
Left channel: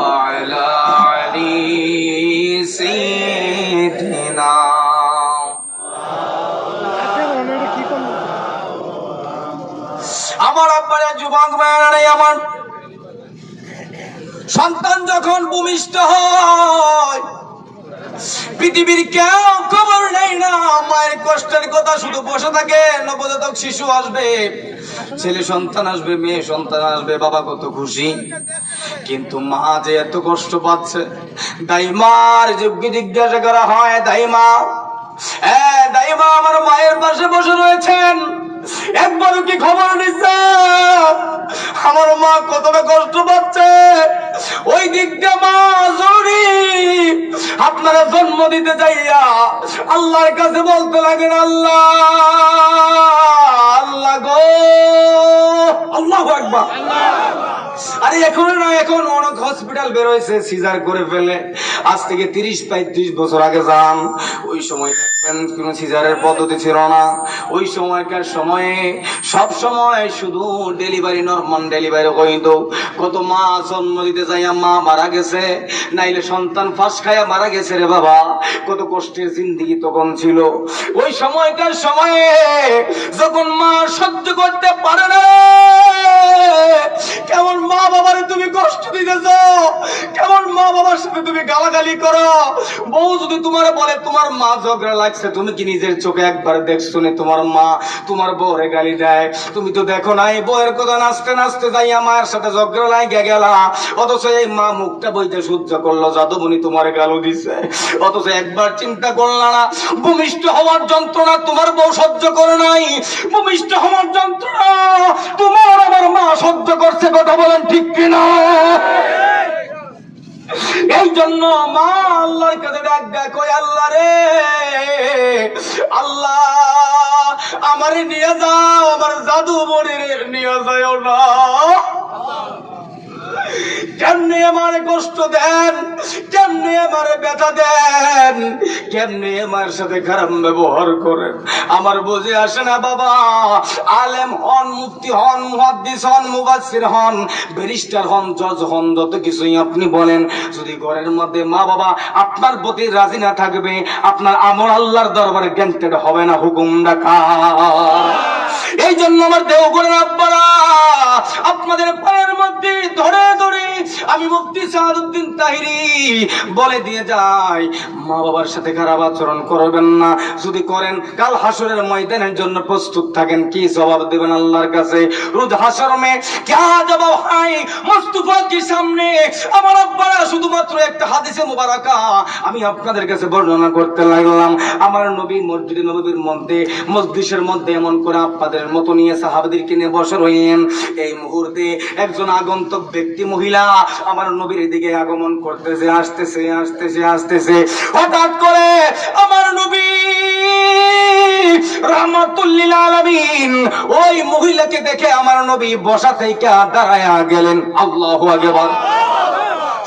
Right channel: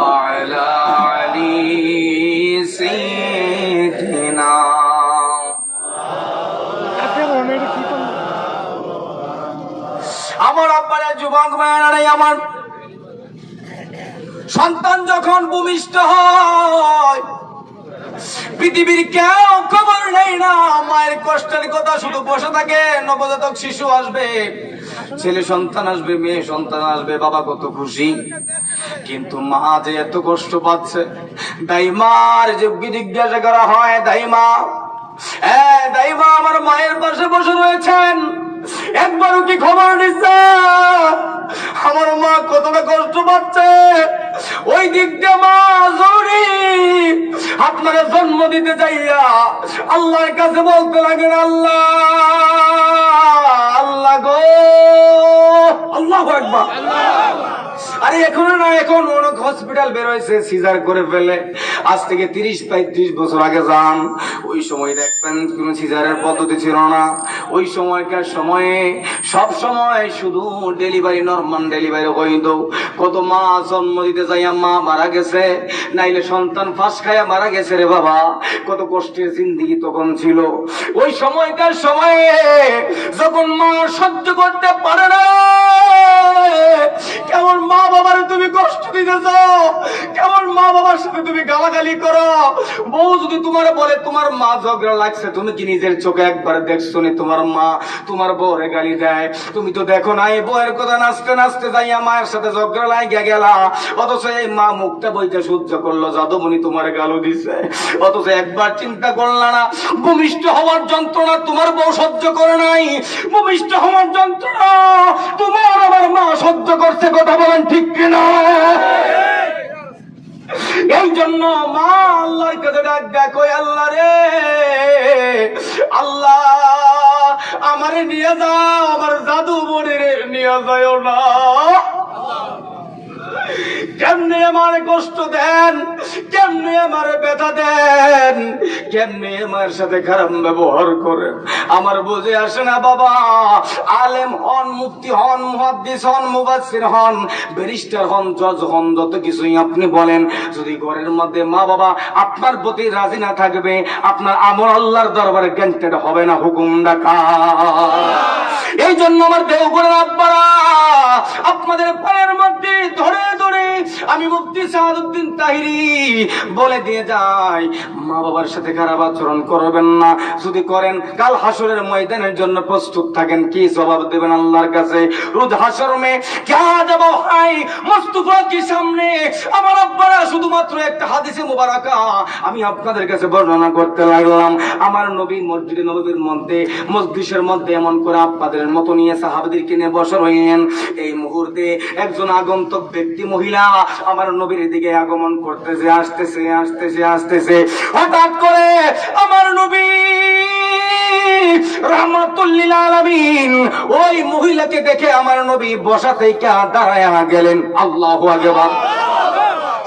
وعلى علي سيدنا আমার আব্বারে যুবক ভাইয়ারে, আমার সন্তান যখন ভূমিষ্ঠ হয় পৃথিবীর কেউ খবর নেই না, মায়ের কষ্টের কথা শুধু বসে থাকে। নবজাতক শিশু আসবে, ছেলে সন্তান আসবে, মেয়ে সন্তান আসবে, বাবা কত খুশি। কিন্তু মা যে এত কষ্ট পাচ্ছে, দাইমার যোগ্য জিজ্ঞাসা করা হয়, দাইমা দাইমা আমার মায়ের পাশে বসে রয়েছেন, একবারও কি খবর নিচ্ছে আমার মা কতটা কষ্ট পাচ্ছে? ওই দিক দিয়ে মা জরুরি আপনারা জন্ম দিতে যাইয়া আল্লাহর কাছে বলতে লাগেন, আল্লাহ আল্লাহ গো, আল্লাহু আকবার। আরে এখন না, এখন অনেক হসপিটাল বের হয়েছে সিজার করে ফেলে। আজ থেকে 30-35 বছর আগে যান, ওই সময় দেখবেন কোন সিজারের পদ্ধতি ছিল না। ওই সময়কার সময়ে সব সময় শুধু ডেলিভারি, নরমাল ডেলিভারি হইত। কত মা জন্ম দিতে যাইয়া মা মারা গেছে, নাইলে সন্তান ফাঁস খাইয়া মারা গেছে রে বাবা। কত কষ্টের জিন্দেগি তখন ছিল। ওই সময়কার সময়ে যখন মা সহ্য করতে পারে না, কেমন মা বাবার তুমি কষ্ট দিতেছ, কেমন মা বাবার সাথে তুমি গালাগালি করো। বউ যদি তোমার বলে তোমার মা ঝগড়া লাগছে, তুমি কি নিজের চোখে একবার দেখছো নি তোমার মা তোমার বউরে গালি দেয়? তুমি তো দেখো না, এই বউয়ের কথা নাচতে নাচতে যাইয়া মায়ের সাথে ঝগড়া লাগিয়ে গেলা, অথচ এই মা মুখটা বইতে সহ্য করলো, যাদবনি তোমার গালও দিছে। অথচ একবার চিন্তা করলা না, ভূমিষ্ঠ হওয়ার যন্ত্রণা তোমার বউ সহ্য করে নাই, ভূমিষ্ঠ হওয়ার যন্ত্রণা তোমার আমার মা সহ্য করছে। কথা বলেন ঠিক কিনা? এই জন্য মা আল্লাহর কাছে ডাক ডাক, ওই আল্লাহ রে, আল্লাহ আমারে নিয়ে যাও, আমার জাদু বোনের নিয়ে যাও না। কেমনে আমার কষ্ট দেন, কেমনে আমার ব্যথা দেন, কেমনে আমার সাথে খারাপ ব্যবহার করেন, আমার বুঝে আসে না বাবা। আলেম হন, মুফতি হন, মুহাদ্দিস হন, মুফাসসির হন, ব্যারিস্টার হন, জজ হন, যত কিছুই আপনি বলেন, যদি ঘরের মধ্যে মা বাবা আপনার প্রতি রাজি না থাকবে, আপনার আমল আল্লাহর দরবারে গ্যান্টেড হবে না, হুকুম ডাকা। এই জন্য আমার দেওঘরের আব্বারা আপনাদের পায়ের মধ্যে ধরে ধরে আমি মুফতি সাহাদউদ্দিন তাহিরি বলে দিয়ে যাই, মা বাবার সাথে খারাপ আচরণ করবেন না। যদি করেন, কাল হাসরের ময়দানের জন্য প্রস্তুত থাকেন। কি জবাব দেবেন আল্লাহর কাছে? রোজ হাসর মে क्या জবাব হয় মুস্তাফা কি সামনে? আমার আব্বারা শুধুমাত্র একটা হাদিসে মুবারাকা আমি আপনাদের কাছে বর্ণনা করতে লাগলাম। আমার নবী মসজিদে নববীর মধ্যে, মসজিদের মধ্যে এমন করে আপনাদের মতো নিয়ে সাহাবাদেরকে নিয়ে বসে রইলেন। এই মুহূর্তে একজন আগন্তুক ব্যক্তি মহিলা আমার নবীর দিকে আগমন করতেছে, আসতেছে আসতেছে আসতেছে। হঠাৎ করে আমার নবী রাহমাতুল লিল আলামিন ওই মহিলাকে দেখে আমার নবী বসা থেকে দাঁড়ায় গেলেন। আল্লাহু আকবার।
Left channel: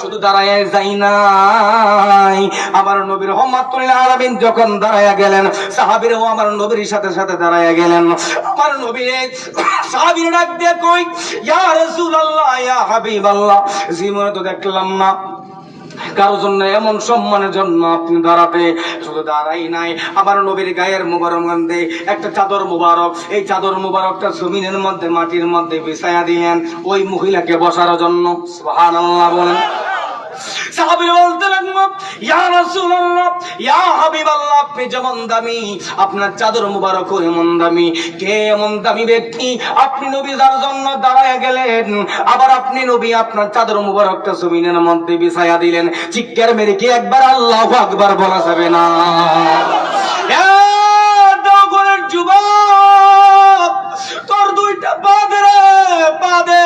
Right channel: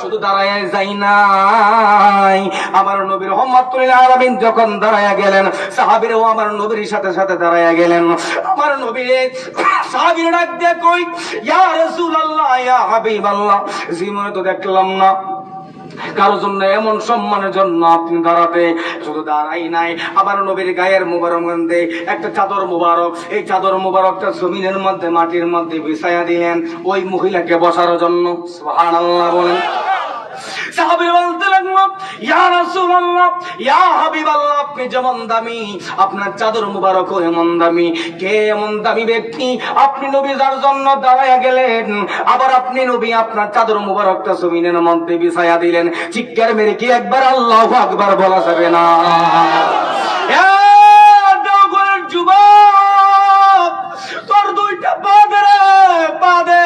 শুধু দাঁড়ায় যাই নাই, আমার নবীর রহমাতুল লিল আলামিন যখন দাঁড়ায় গেলেন, সাহাবীরাও আমার নবীর সাথে সাথে দাঁড়ায় গেলেন। আমার নবী সাহাবীরা ডাক দিয়ে কই, ইয়া রাসূলুল্লাহ, ইয়া হাবিবাল্লাহ, জীবনে তো দেখলাম না কারোর জন্য এমন সম্মানের জন্য আপনি দাঁড়াতে। শুধু দাঁড়াই নাই, আবার নবীর গায়ের মুবারক মধ্যে একটা চাদর মুবারক, এই চাদর মুবারকটা জমিনের মধ্যে মাটির মধ্যে বিছায়া দিলেন ওই মহিলাকে বসার জন্য। সুবহানাল্লাহ বলেন। সাহাবীরা বলতে লাগলো, ইয়া রাসূলুল্লাহ, ইয়া হাবিবাল্লাহ, আপনি যেমন দামি, আপনার চাদর মুবারক এমন দামি। কে এমন দামি ব্যক্তি আপনি নবী যার জন্য দাঁড়ায়া গেলেন, আবার আপনি নবী আপনার চাদর মুবারকটা জমিনের মধ্যে বিছায়া দিলেন? চিৎকার মেরে কি একবার আল্লাহু আকবার বলা যাবে না? দগরের যুবক, তোর দুইটা পা দে, পা দে,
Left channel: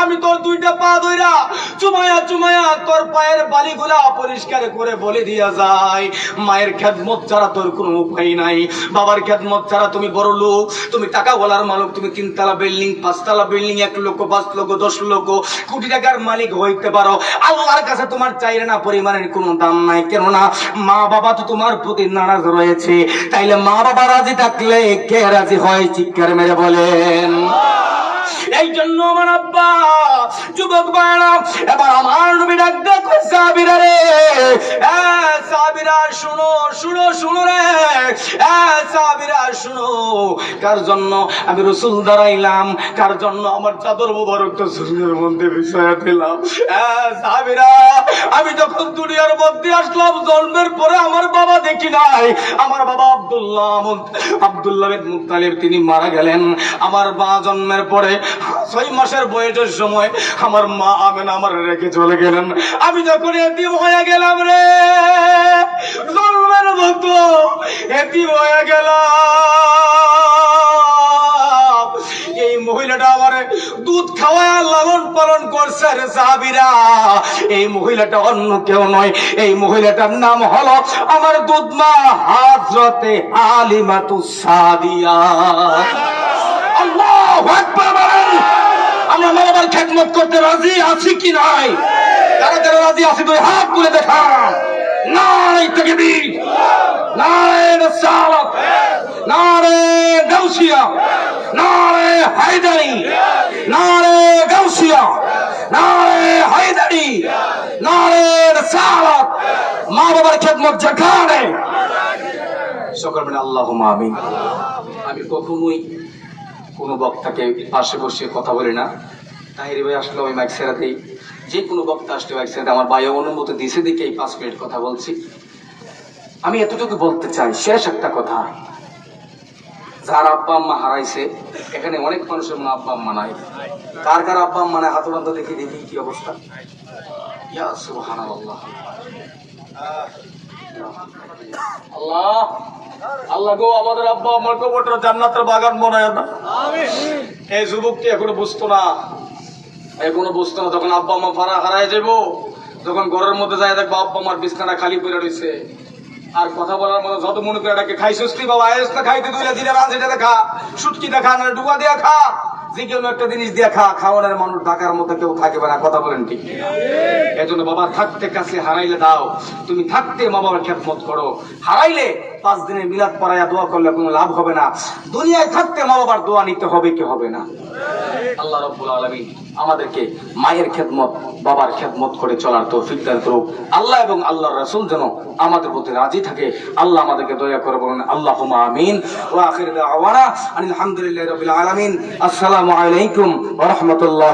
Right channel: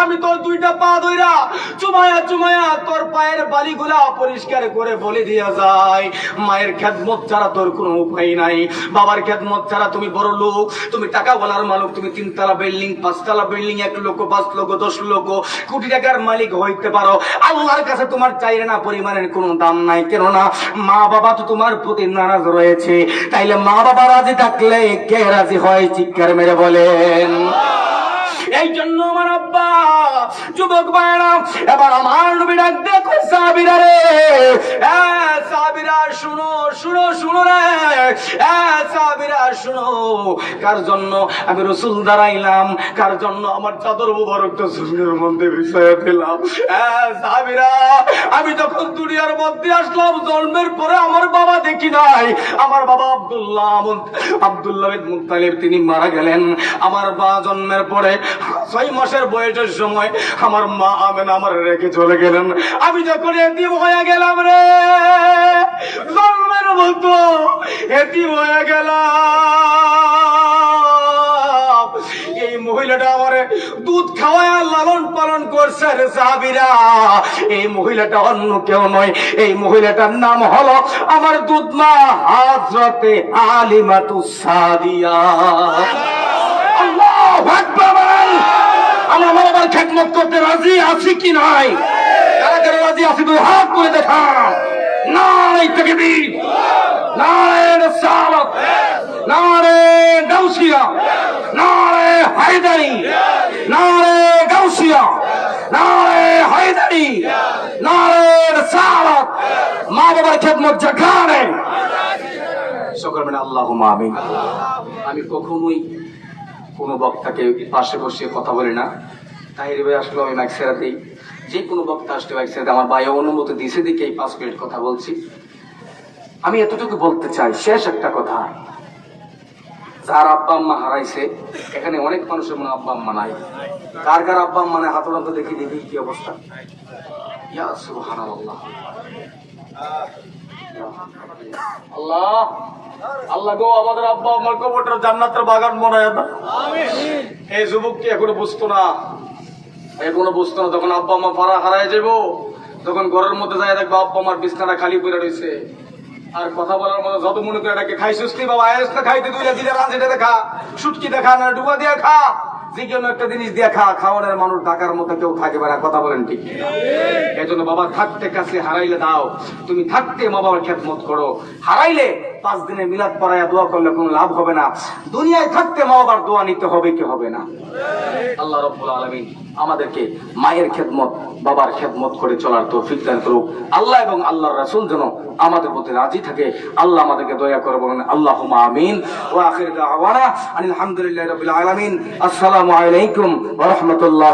আমি তোর দুইটা পা ধইরা চুমায়া চুমায়া তোর পায়ের বালিগুলা পরিষ্কার করে বলে দিয়া যায়। মায়ের খেদমত ছাড়া তোর কোনো উপায় নাই, বাবার খেদমত ছাড়া তুমি বড় লোক, তুমি টাকা বলার মালিক, তুমি 3 তলা বিল্ডিং, 5 তলা বিল্ডিং, 1 লক্ষ, 5 লক্ষ, 10 লক্ষ, কোটি টাকার মালিক হইতে পারো, আল্লাহর কাছে তোমার চাইলে না পরিমাণের কোনো দাম নাই। কেননা মা বাবা তো তোমার প্রতি নারাজ রয়েছে। তাইলে মা বাবা রাজি থাকলে কে রাজি হয়? চিৎকার মেরে বলেন। এই জন্য আমার আব্বা যুবক ভাইরা এবার আমার নবী ডাক দেখো সাহাবীরা রে, সাহাবীরা শুনো শুনো শুনো রে, সাহাবীরা শুনো, কার জন্য আমি রাসূল দাঁড়াইলাম, কার জন্য আমার চাদর মুবারকটা জমিনের মধ্যে বিছায়া দিলাম। সাহাবীরা, আমি যখন দুনিয়ার মধ্যে আসলাম জন্মের পরে আমার বাবা দেখি নাই। আমার বাবা আব্দুল্লাহ বিন মুত্তালিব তিনি মারা গেলেন। আমার মা জন্মের পরে 6 মাসের বয়সের সময় আমার মা আমেনা আমার রেখে চলে গেলেন। আমি যখন এতিম হয়ে গেলাম রে, জন্মের মতো এতিম হয়ে গেলাম। এই মহিলাটা আমার দুধ খাওয়ায় লালন পালন করছে রে সাহাবীরা। এই মহিলাটা অন্য কেউ নয়, এই মহিলাটার নাম হলো আমার দুধ মা হযরতে হালিমাতুস সাদিয়া। আল্লাহু আকবার বলেন। আমরা মা বাবার খেদমত করতে রাজি আছি কি নাই? যারা যারা রাজি আছি দুই হাত তুলে দেখা। নারে তাকবীর, নারে রিসালাত, নারে গাউসিয়া, নারে হায়দারি, নারে গাউসিয়া, নারে হায়দারি, নারে রিসালাত। মা বাবার খেদমত যেখানে সকল মিলে আল্লাহুম্মা আমিন। আমি কখনোই কোনো বক্তাকে পাশে বসে কথা বলি না। তাহির ভাই আসলে আমি মাইক ছেড়ে দিই, যে কোনো বক্তা আসলে মাইক ছেড়ে দিই। আমার ভাই অনুমতি দিয়েছে দেখে এই 5 মিনিট কথা বলছি। আমি এতটুকু বলতে চাই, শেষ একটা কথা, যার আব্বা আম্মা হারাইছে, এখানে অনেক মানুষের মনে আব্বা আম্মা নাই। কার কার আব্বা আম্মা নাই হাত উঠান তো দেখি, দেখি কি অবস্থা। ইয়া সুবহানাল্লাহ। আল্লাহ আল্লাহ গো, আমাদের আব্বা আমার কবরটা জান্নাতের বাগান বানায় না। এই যুবকটি এখনো বুঝতো না, এখনো বুঝতো না। যখন আব্বা মা হারায় যাবো, তখন ঘরের মধ্যে যায় দেখবো আব্বা আমার বিছনাটা খালি পড়ে রয়েছে। আর কথা বলার মতো যত মনে করে ডাকে, খাই সুস্তি বাবা, আয়েস না খাইতে দুইটা দিলে রাঁধে দেখা, সুটকি দেখা, না ডুবা দিয়া খা, যে কোনো একটা জিনিস দিয়ে খা। খাওয়ানোর মানুষ ঢাকার মধ্যে কেউ থাকে না, কথা বলেন ঠিক কিনা? এই জন্য বাবা থাকতে কাছে হারাইলে দাও, তুমি থাকতে মা বাবার খেদমত করো। হারাইলে 5 দিনের মিলাদ পড়ায়া দোয়া করলে কোনো লাভ হবে না। দুনিয়ায় থাকতে মা বাবার দোয়া নিতে হবে কি হবে না? আল্লাহ রাব্বুল আলামিন আমাদেরকে মায়ের খেদমত, বাবার খেদমত করে চলার তৌফিক দান করুক। আল্লাহ এবং আল্লাহর রাসূল যেন আমাদের প্রতি রাজি থাকে, আল্লাহ আমাদেরকে দয়া করে বলেন আল্লাহুম্মা আমিন। ওয়া আখিরু দাওয়ানা আলহামদুলিল্লাহি রাব্বিল আলামিন। আসসালামু আলাইকুম ওয়া রাহমাতুল্লাহ।